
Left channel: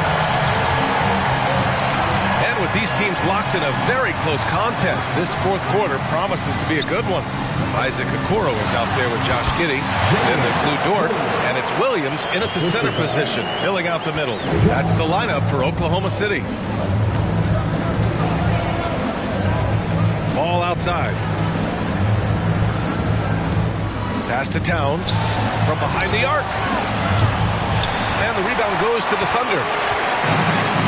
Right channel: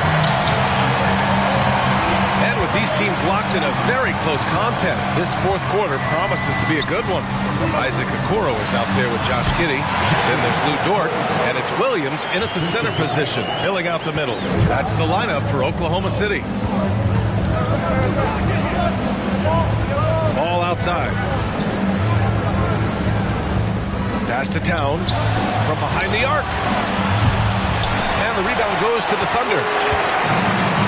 And with these teams locked in a very close contest, this fourth quarter promises to be a good one. Isaac Okoro is out there with Josh Giddey. Then there's Lou Dort, and it's Williams in at the center position, filling out the middle. That's the lineup for Oklahoma City. Ball outside. Pass to Towns from behind the arc. And the rebound goes to the Thunder.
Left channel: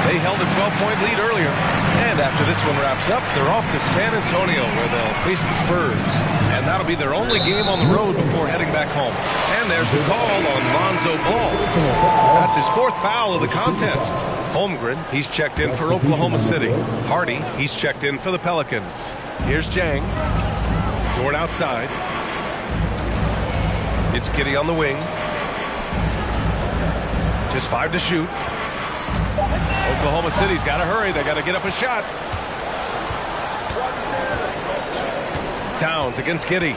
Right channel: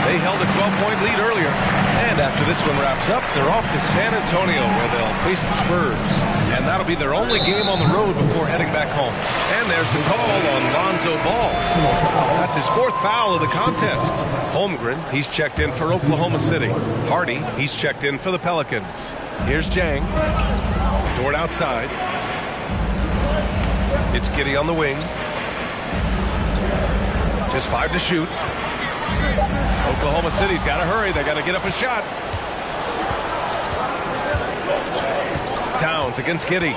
They held a 12-point lead earlier. And after this one wraps up, they're off to San Antonio where they'll face the Spurs. And that'll be their only game on the road before heading back home. And there's the call on Lonzo Ball. That's his 4th foul of the contest. Holmgren, he's checked in for Oklahoma City. Hardy, he's checked in for the Pelicans. Here's Jang. Dort outside. It's Giddey on the wing. Just 5 to shoot. Oklahoma City's got to hurry. They got to get up a shot. Towns against Giddey.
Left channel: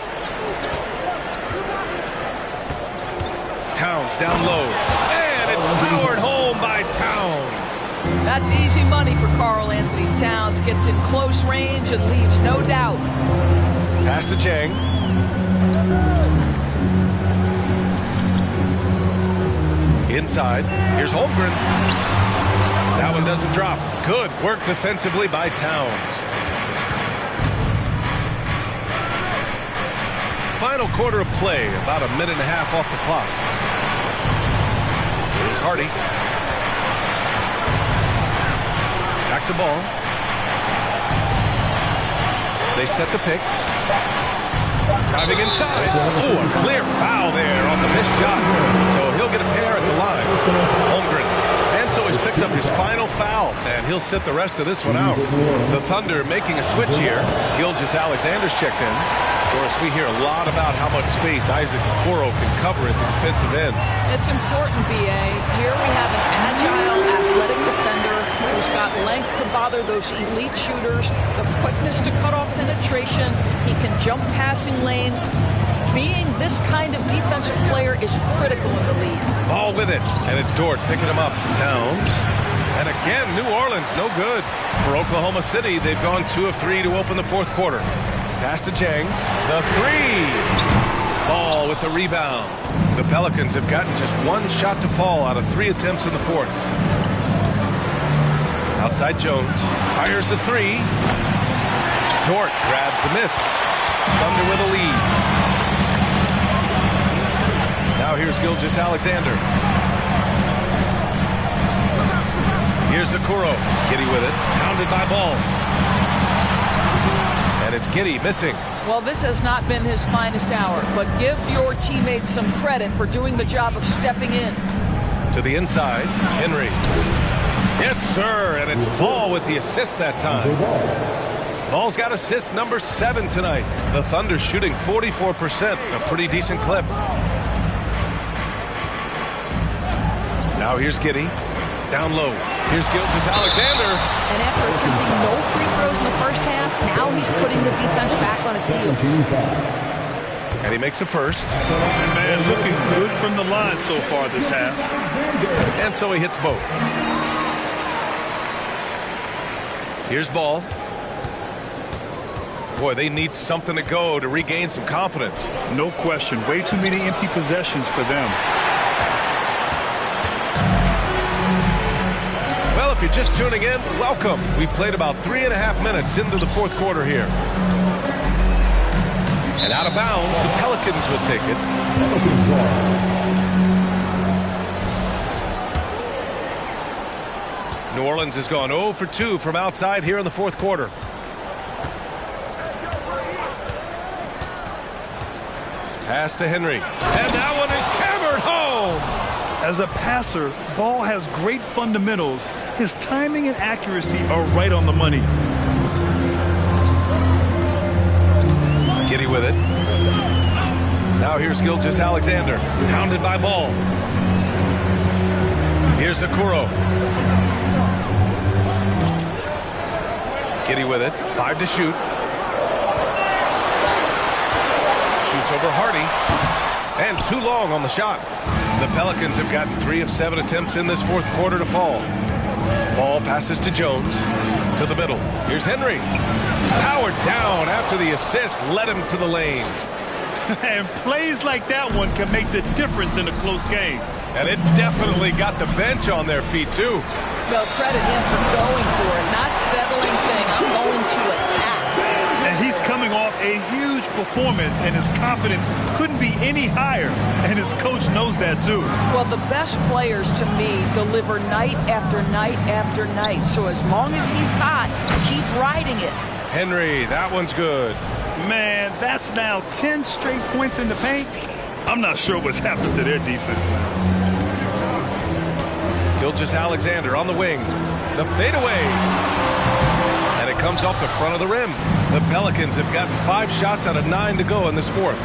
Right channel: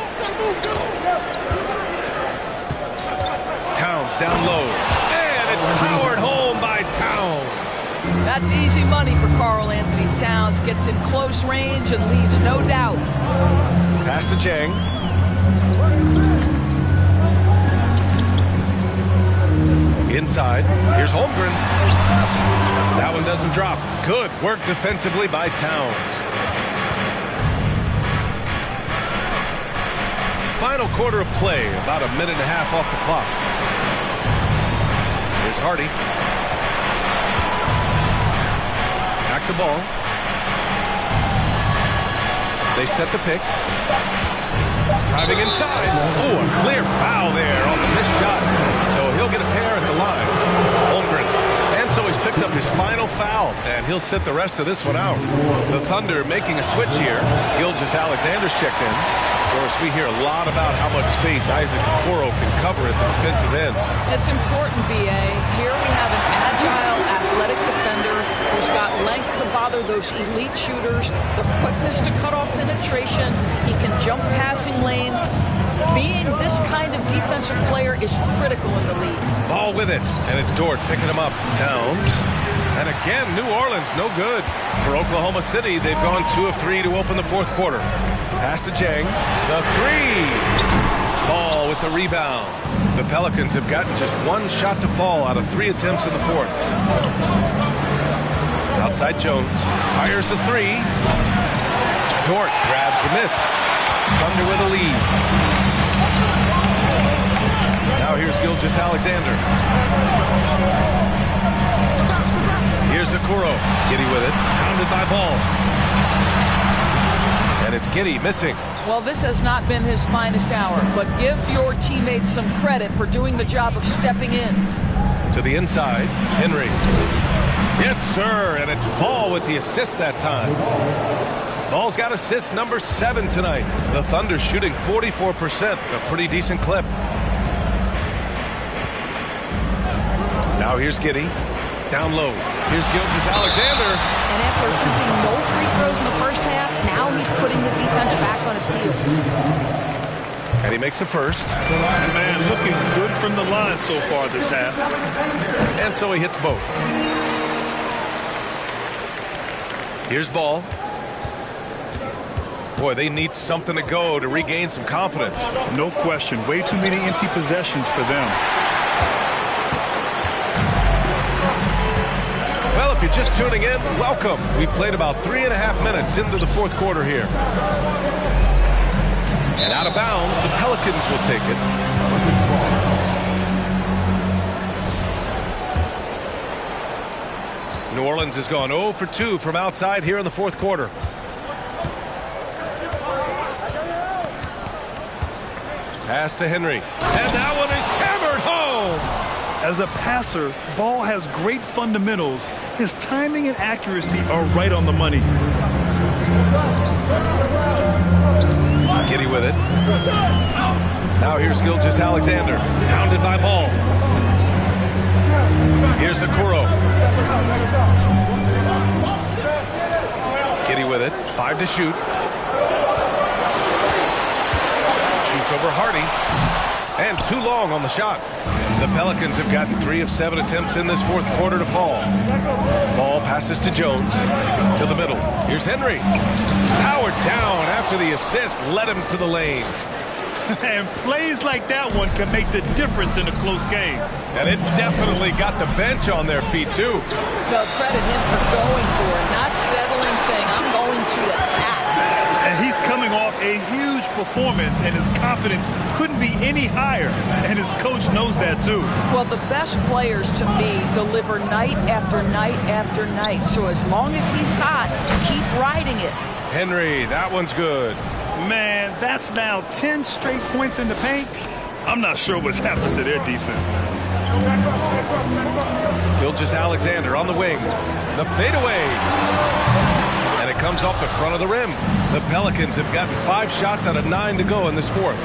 Towns down low. And it's powered home by Towns. That's easy money for Karl Anthony Towns. Gets in close range and leaves no doubt. Pass to Jang. Inside. Here's Holmgren. That one doesn't drop. Good work defensively by Towns. Final quarter of play, about a minute and a half off the clock. Here's Hardy. Back to Ball. They set the pick. Driving inside. Ooh, a clear foul there on the missed shot. So he'll get a pair at the line. Holmgren. And so he's picked up his final foul, and he'll sit the rest of this one out. The Thunder making a switch here. Gilgeous-Alexander's checked in. Of course, we hear a lot about how much space Isaac Okoro can cover at the defensive end. It's important, B.A. Here we have an agile, athletic defender who's got length to bother those elite shooters, the quickness to cut off penetration. He can jump passing lanes. Being this kind of defensive player is critical in the league. Ball with it, and it's Dort picking him up. Towns. And again, New Orleans, no good. For Oklahoma City, they've gone 2 of 3 to open the 4th quarter. Pass to Jang. The 3. Ball with the rebound. The Pelicans have gotten just 1 shot to fall out of 3 attempts in the 4th. Outside Jones. Fires the 3. Dort grabs the miss. Thunder with a lead. Now here's Gilgeous-Alexander. Here's Okoro. Giddey with it. Pounded by Ball. And it's Giddey missing. Well, this has not been his finest hour, but give your teammates some credit for doing the job of stepping in. To the inside, Henry. Yes, sir, and it's Ball with the assist that time. Ball's got assist number 7 tonight. The Thunder shooting 44%, a pretty decent clip. Now here's Giddey. Down low. Here's Gilgeous-Alexander. And after attempting no free throws in the first half, now he's putting the defense back on its heels. And he makes the first. And man, looking good from the line so far this half. And so he hits both. Here's Ball. Boy, they need something to go to regain some confidence. No question. Way too many empty possessions for them. Well, if you're just tuning in, welcome. We played about 3.5 minutes into the 4th quarter here. And out of bounds, the Pelicans will take it. New Orleans has gone 0 for 2 from outside here in the 4th quarter. Pass to Henry. And that one is hammered home. As a passer, Ball has great fundamentals. His timing and accuracy are right on the money. Giddey with it. Now here's Gilgeous-Alexander. Pounded by Ball. Here's Okoro. Giddey with it. 5 to shoot. Shoots over Hardy. And too long on the shot. The Pelicans have gotten 3 of 7 attempts in this 4th quarter to fall. Ball passes to Jones. To the middle. Here's Henry. Powered down after the assist led him to the lane. And plays like that one can make the difference in a close game. And it definitely got the bench on their feet, too. Well, credit him for going for it, not settling, saying, I'm going to attack. And he's coming off a huge performance, and his confidence couldn't be any higher. And his coach knows that, too. Well, the best players, to me, deliver night after night after night. So as long as he's hot, keep riding it. Henry, that one's good. Man, that's now 10 straight points in the paint. I'm not sure what's happened to their defense, man. Gilgeous-Alexander on the wing. The fadeaway. And it comes off the front of the rim. The Pelicans have gotten 5 shots out of 9 to go in this fourth.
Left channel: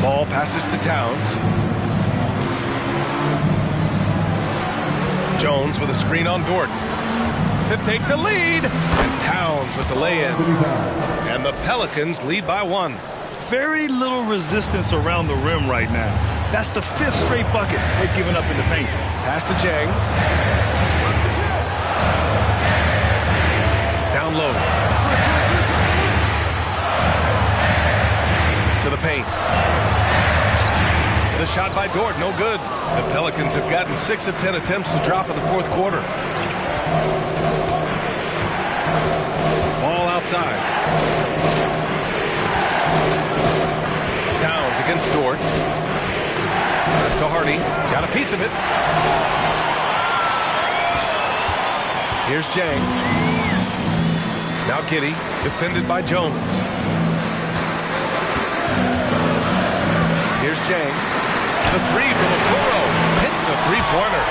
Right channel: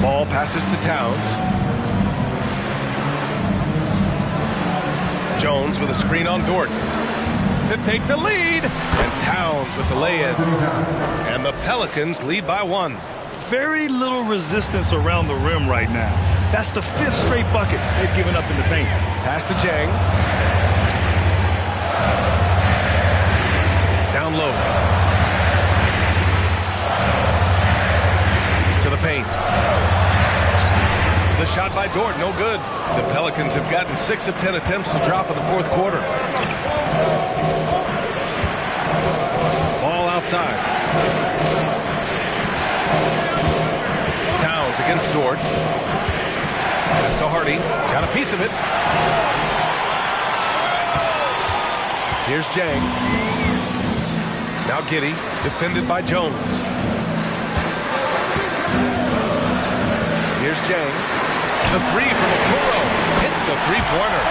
Ball passes to Towns. Jones with a screen on Dort to take the lead. And Towns with the lay-in. And the Pelicans lead by 1. Very little resistance around the rim right now. That's the 5th straight bucket they've given up in the paint. Pass to Jang. Down low. To the paint. The shot by Dort, no good. The Pelicans have gotten 6 of 10 attempts to drop in the fourth quarter. Ball outside. Towns against Dort. Pass to Hardy. Got a piece of it. Here's Jang. Now Giddey, defended by Jones. Here's Jang. The 3 from Okoro. Hits a 3-pointer.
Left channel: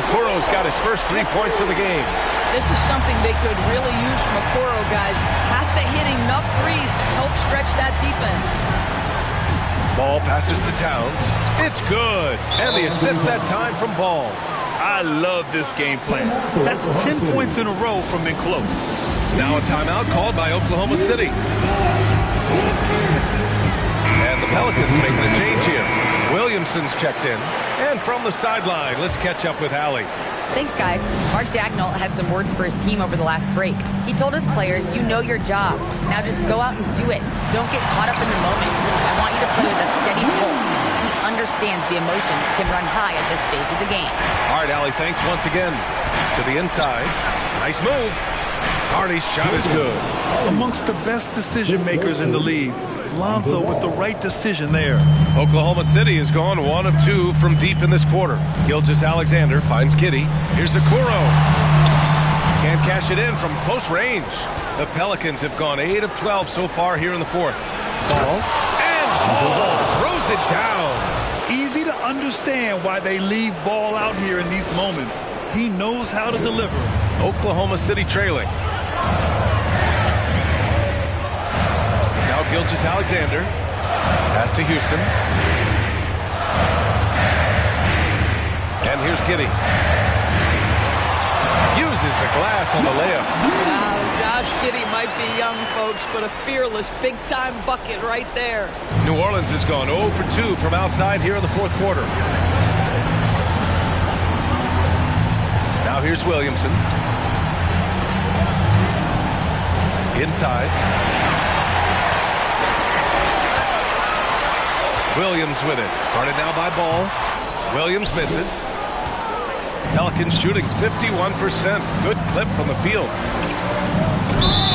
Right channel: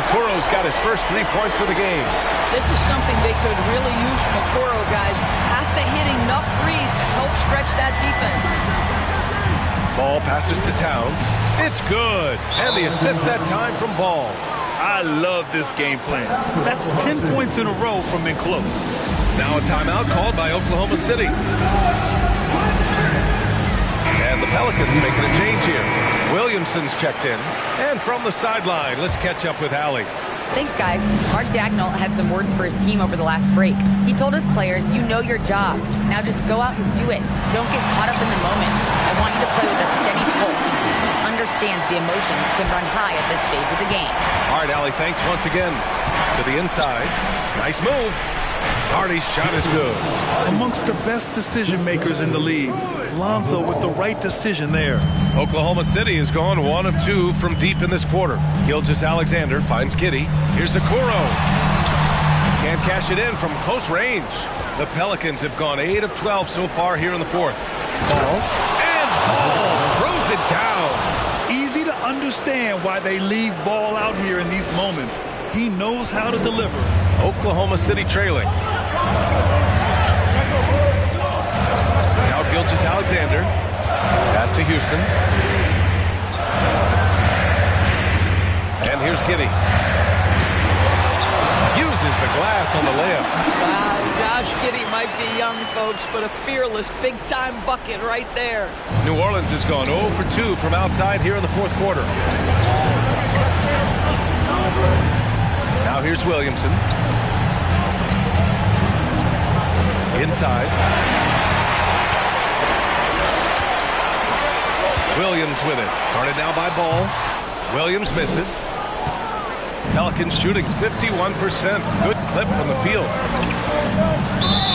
Okoro's got his first 3 points of the game. This is something they could really use from Okoro, guys. Has to hit enough threes to help stretch that defense. Ball passes to Towns. It's good. And the assist that time from Ball. I love this game plan. That's 10 points in a row from in close. Now a timeout called by Oklahoma City. And the Pelicans making a change here. Williamson's checked in. And from the sideline, let's catch up with Allie. Thanks, guys. Mark Dagnall had some words for his team over the last break. He told his players, you know your job. Now just go out and do it. Don't get caught up in the moment. I want you to play with a steady pulse. He understands the emotions can run high at this stage of the game. All right, Allie, thanks once again. To the inside. Nice move. Hardy's shot is good. Amongst the best decision makers in the league. Lonzo with the right decision there. Oklahoma City has gone 1 of 2 from deep in this quarter. Gilgeous-Alexander finds Giddey. Here's Okoro. Can't cash it in from close range. The Pelicans have gone 8 of 12 so far here in the fourth. Ball. And Ball throws it down. Easy to understand why they leave Ball out here in these moments. He knows how to deliver. Oklahoma City trailing. Now Gilgeous-Alexander. Pass to Houston. And here's Giddey. Uses the glass on the layup. Wow, Josh Giddey might be young, folks, but a fearless, big-time bucket right there. New Orleans has gone 0 for 2 from outside here in the fourth quarter. Now here's Williamson. Inside. Williams with it. Guarded now by Ball. Williams misses. Pelicans shooting 51%. Good clip from the field.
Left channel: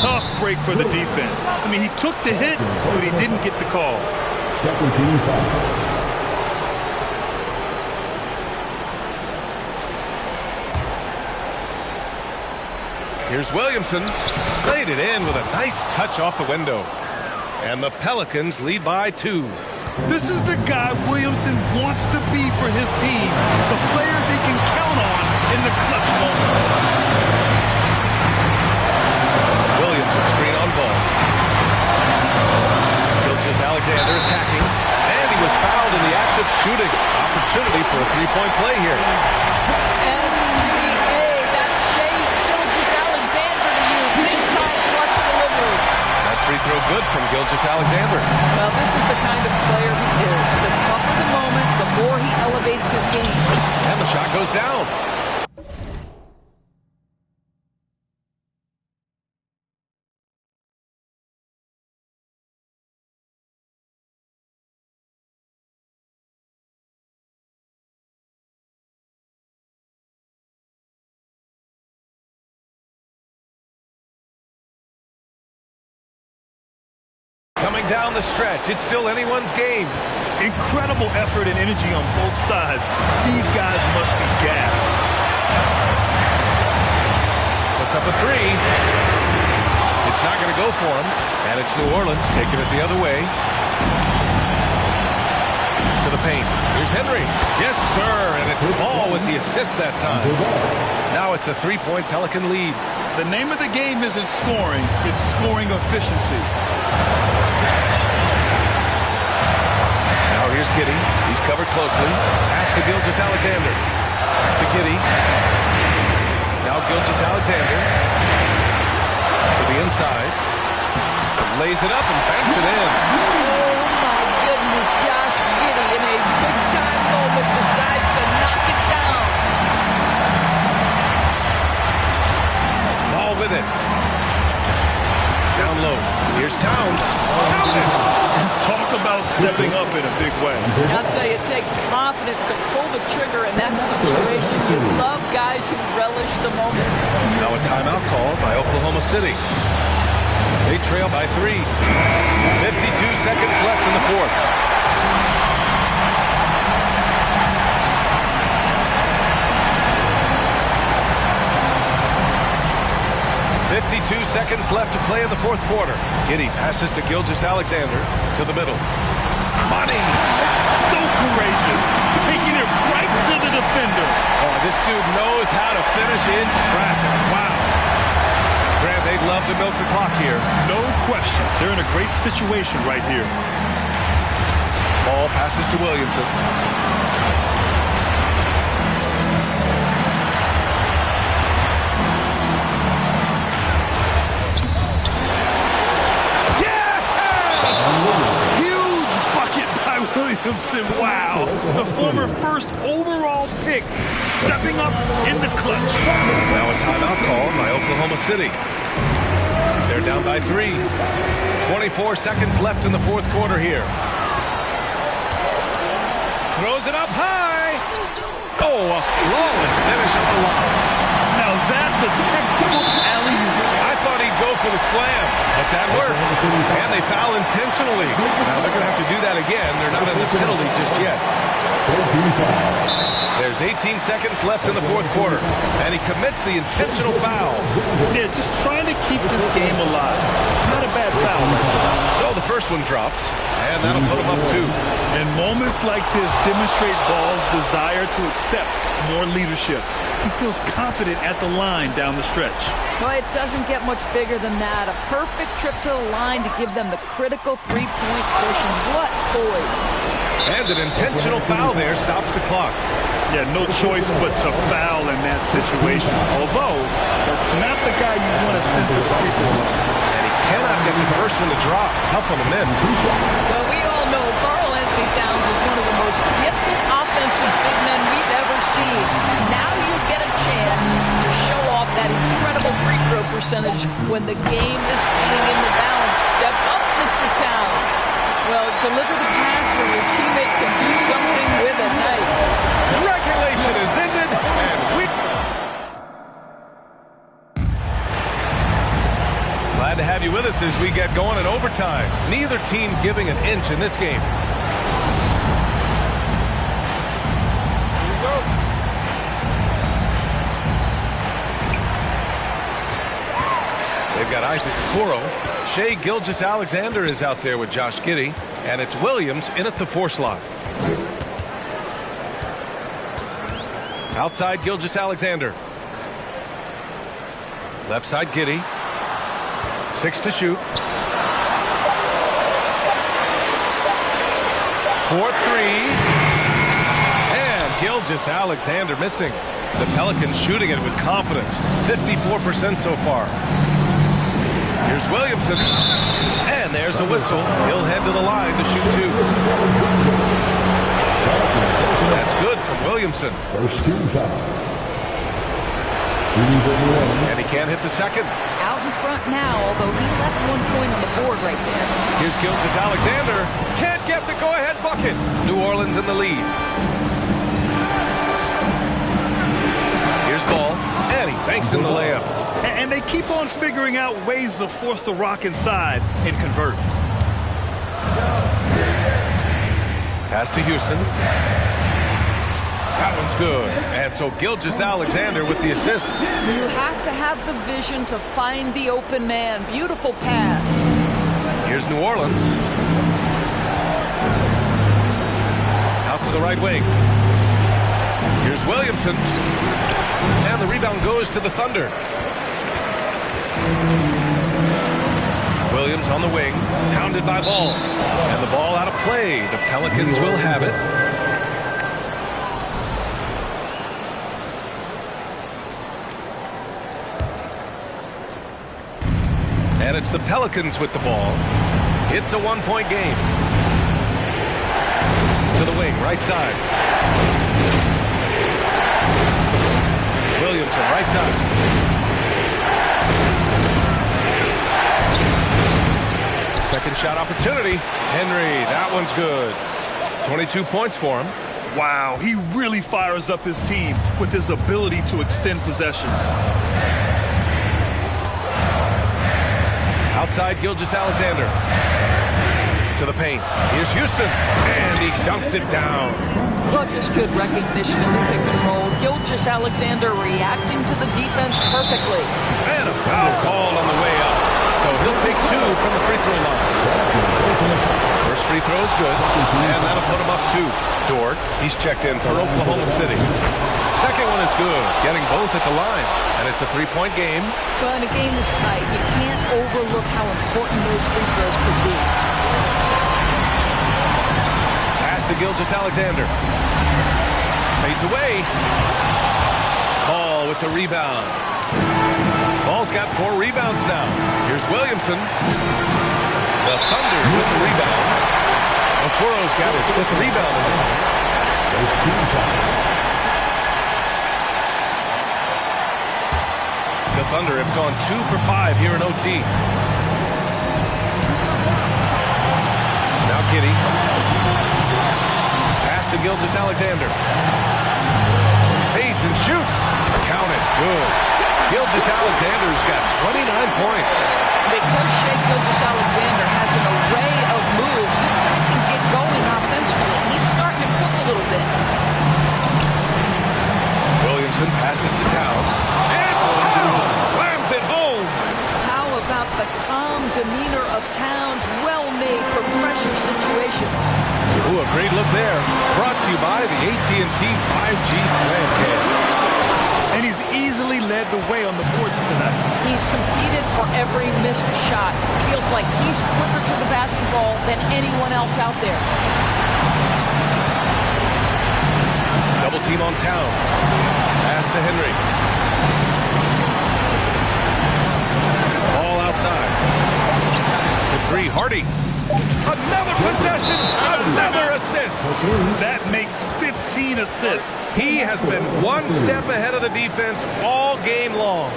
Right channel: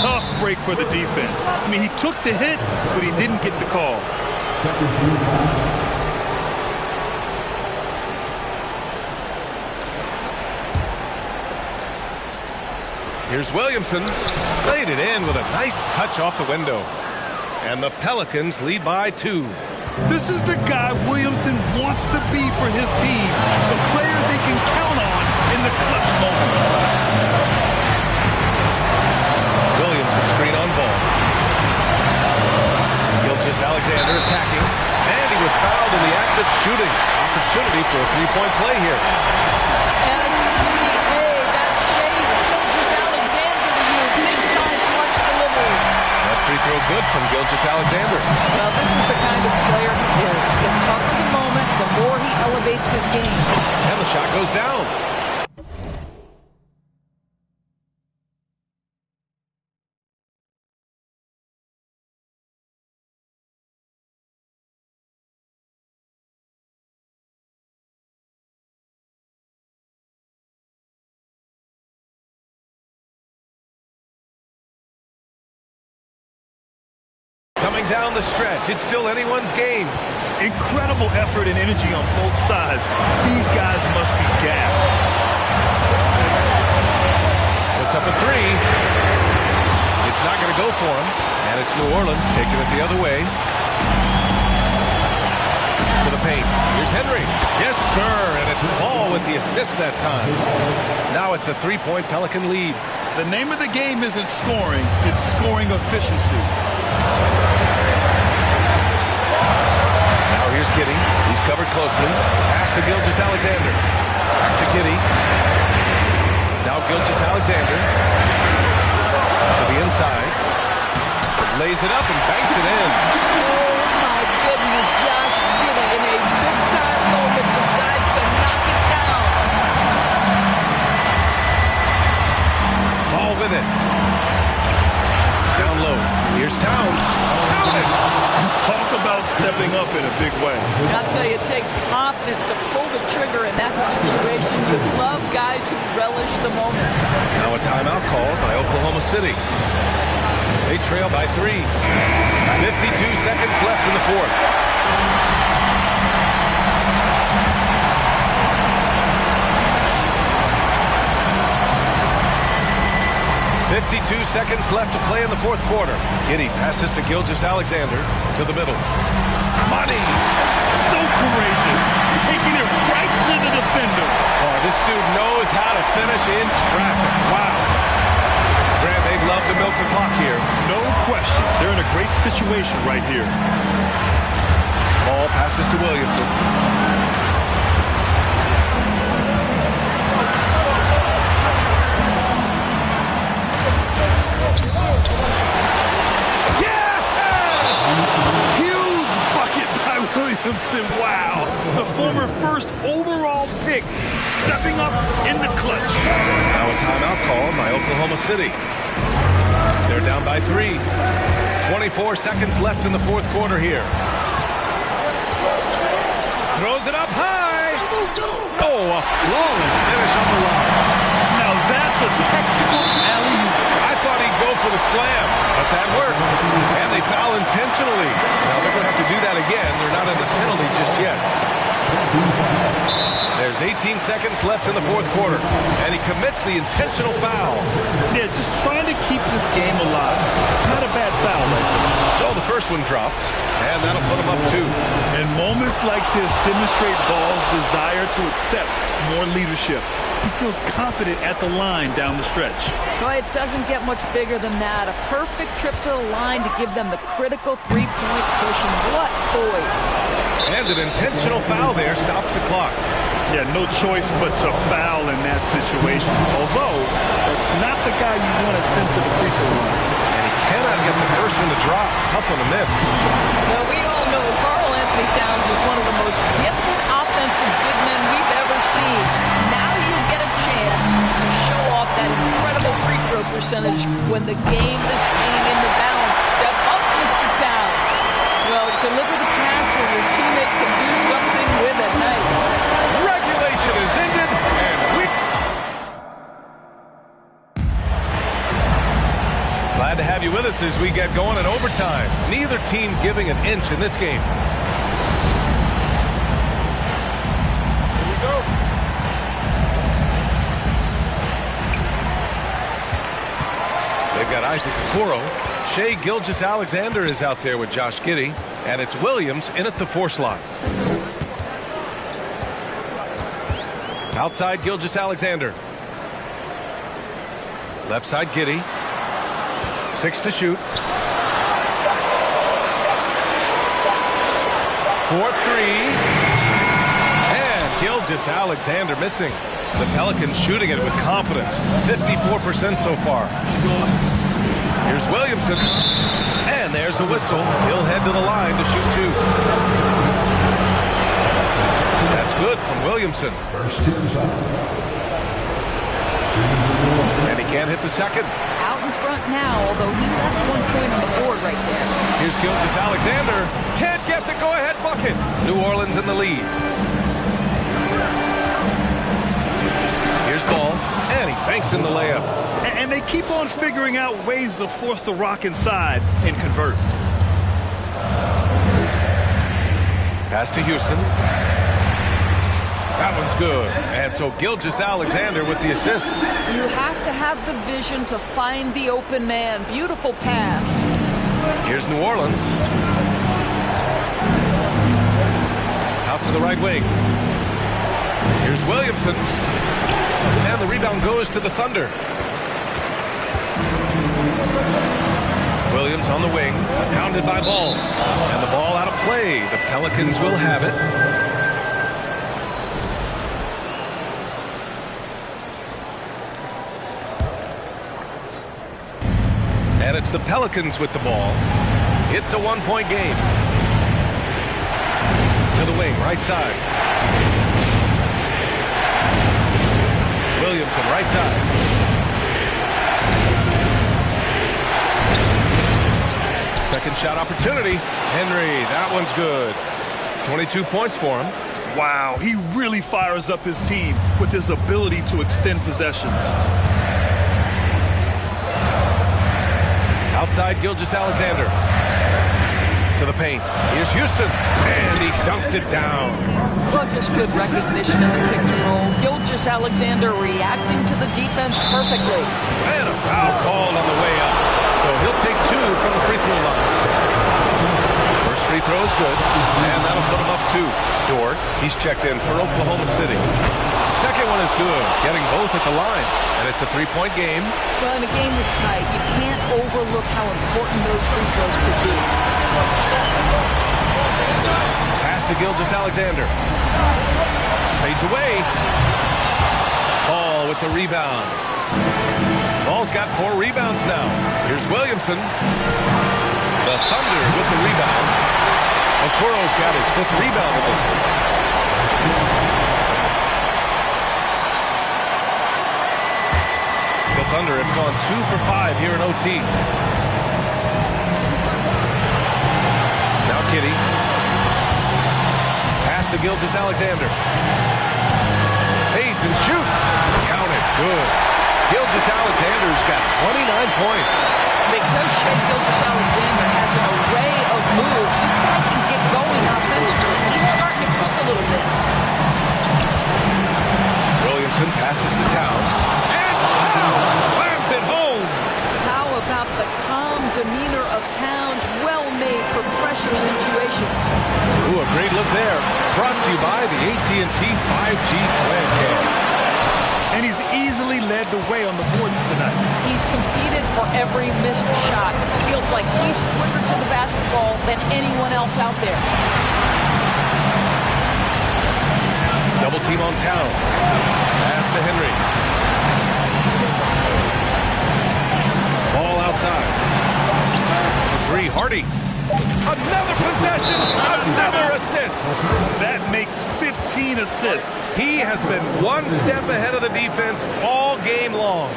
Tough break for the defense. I mean, he took the hit, but he didn't get the call. Second team foul. Here's Williamson. Laid it in with a nice touch off the window. And the Pelicans lead by 2. This is the guy Williamson wants to be for his team. The player they can count on in the clutch moments. Williams a screen on Ball. Gilgeous-Alexander attacking. And he was fouled in the act of shooting. Opportunity for a three-point play here. SGA, that's Shai Gilgeous-Alexander to you. Big-time clutch delivery. That free throw good from Gilgeous-Alexander. Well, this is the kind of player he is. The tougher the moment, the more he elevates his game. And the shot goes down. Coming down the stretch, it's still anyone's game. Incredible effort and energy on both sides. These guys must be gassed. Puts up a three. It's not going to go for him. And it's New Orleans taking it the other way. To the paint. Here's Henry. Yes, sir. And it's Ball with the assist that time. Now it's a three-point Pelican lead. The name of the game isn't scoring, it's scoring efficiency. Now here's Giddey. He's covered closely. Pass to Gilgeous-Alexander. Back to Giddey. Now Gilgeous-Alexander. To the inside. Lays it up and banks it in. Oh, my goodness. Josh Giddey, in a big-time moment, decides to knock it down. Ball with it. Down low. Here's Towns. Counted. Talk about stepping up in a big way. I'll tell you, it takes confidence to pull the trigger in that situation. You love guys who relish the moment. Now a timeout called by Oklahoma City. They trail by 3. 52 seconds left in the fourth. .52 seconds left to play in the fourth quarter. Giddey passes to Gilgeous-Alexander to the middle. Money! So courageous, taking it right to the defender. Boy, this dude knows how to finish in traffic. Wow. Grant, they'd love to milk the clock here. No question. They're in a great situation right here. Ball passes to Williamson. Williamson, wow. The former first overall pick stepping up in the clutch. Now a timeout called by Oklahoma City. They're down by 3. 24 seconds left in the fourth quarter here. Throws it up high. Oh, a flawless finish on the line. Now that's a textbook alley-oop. I thought he'd go for the slam, but that worked. And they foul intentionally. Now they're going to have to do that again. They're not in the penalty just yet. There's 18 seconds left in the fourth quarter, and he commits the intentional foul. Yeah, just trying to keep this game alive. Not a bad foul right there. So the first one drops, and that'll put him up 2. And moments like this demonstrate Ball's desire to accept more leadership. He feels confident at the line down the stretch. Well, it doesn't get much bigger than that. A perfect trip to the line to give them the critical three-point push, and what poise. And an intentional foul there stops the clock. Yeah, no choice but to foul in that situation. Although, that's not the guy you want to send to the free throw line. And he cannot get the first one to drop. Tough one to miss. Well, we all know Karl-Anthony Towns is one of the most gifted offensive big men we've ever seen. Now you'll get a chance to show off that incredible free throw percentage when the game is hanging in the balance. Step up, Mr. Towns. Well, deliver the pass where your teammate can do something with it. Nice. Regulation is ended, and we... Glad to have you with us as we get going in overtime. Neither team giving an inch in this game. Here we go. They've got Isaac Okoro. Shai Gilgeous-Alexander is out there with Josh Giddey. And it's Williams in at the 4 slot. Outside Gilgeous-Alexander. Left side Giddey. 6 to shoot. 4-3. And Gilgeous-Alexander missing. The Pelicans shooting it with confidence. 54% so far. Here's Williamson. And there's a whistle. He'll head to the line to shoot 2. That's good from Williamson. First team foul. And he can't hit the second. Out in front now, although he left 1 point on the board right there. Here's Gilgeous-Alexander. Can't get the go-ahead bucket. New Orleans in the lead. Here's Ball. And he banks in the layup. And they keep on figuring out ways to force the rock inside and convert. Pass to Houston. That one's good. And so Gilgeous-Alexander with the assist. You have to have the vision to find the open man. Beautiful pass. Here's New Orleans. Out to the right wing. Here's Williamson. And the rebound goes to the Thunder. Williams on the wing, pounded by Ball. And the ball out of play. The Pelicans will have it. And it's the Pelicans with the ball. It's a one-point game. To the wing, right side. Williamson, right side. Second shot opportunity. Henry, that one's good. 22 points for him. Wow, he really fires up his team with his ability to extend possessions. Outside Gilgeous-Alexander. To the paint. Here's Houston. And he dunks it down. Well, just good recognition in the pick and roll. Gilgeous-Alexander reacting to the defense perfectly. And a foul called on the way up. So he'll take 2 from the free throw line. First free throw is good. And that'll put him up 2. Dort, he's checked in for Oklahoma City. Second one is good. Getting both at the line. And it's a 3-point game. Well, in a game this tight, you can't overlook how important those free throws could be. Pass to Gilgeous-Alexander. Fades away. Ball with the rebound. Ball's got 4 rebounds now. Here's Williamson. The Thunder with the rebound. Okoro's got his 5th rebound in this one. The Thunder have gone 2 for 5 here in OT. Now Giddey. Pass to Gilgeous-Alexander. Fades and shoots. Count it. Good. Gilgeous-Alexander's got 29 points. Because Shai Gilgeous-Alexander has an array of moves, this guy can get going offensively. He's starting to cook a little bit. Williamson passes to Towns. And Towns slams it home. How about the calm demeanor of Towns? Well made for pressure situations. Ooh, a great look there. Brought to you by the AT&T 5G Slam Cam. And he's easily led the way on the boards tonight. He's competed for every missed shot. Feels like he's quicker to the basketball than anyone else out there. Double team on Towns. Pass to Henry. Ball outside. For 3, Hardy. Another possession, another assist. That makes 15 assists. He has been one step ahead of the defense all game long.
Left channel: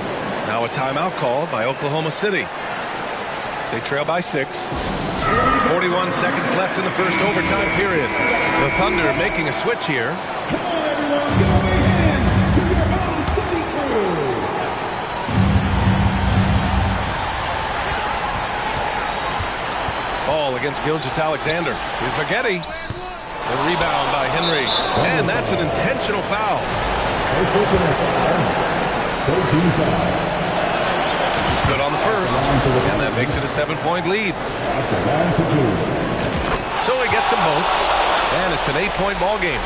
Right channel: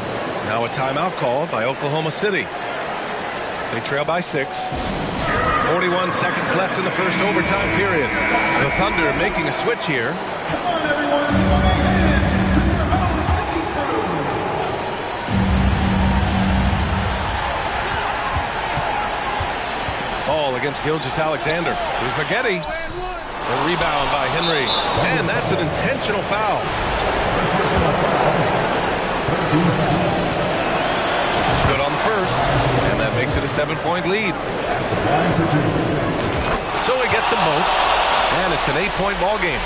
Now a timeout called by Oklahoma City. They trail by 6. 41 seconds left in the first overtime period. The Thunder making a switch here. Come on, everyone. Give a big hand to your own city crew. Ball against Gilgeous-Alexander. Here's Maggette. The rebound by Henry. And that's an intentional foul. Good on the first. And that makes it a 7-point lead. So he gets them both. And it's an 8-point ball game.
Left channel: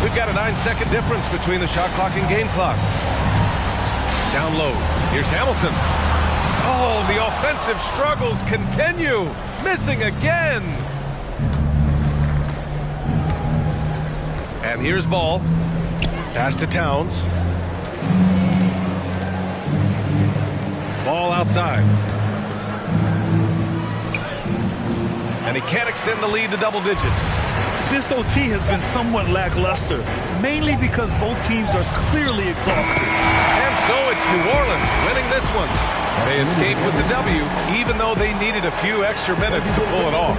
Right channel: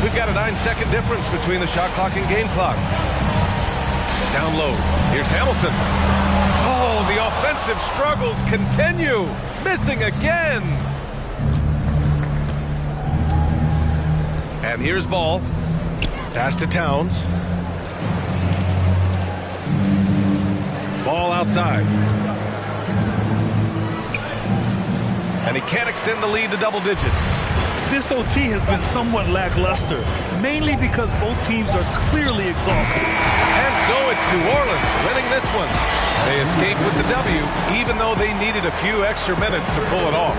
We've got a 9-second difference between the shot clock and game clock. Down low. Here's Hamilton. Oh, the offensive struggles continue. Missing again. And here's Ball. Pass to Towns. Ball outside. And he can't extend the lead to double digits. This OT has been somewhat lackluster, mainly because both teams are clearly exhausted. And so it's New Orleans winning this one. They escape with the W, even though they needed a few extra minutes to pull it off.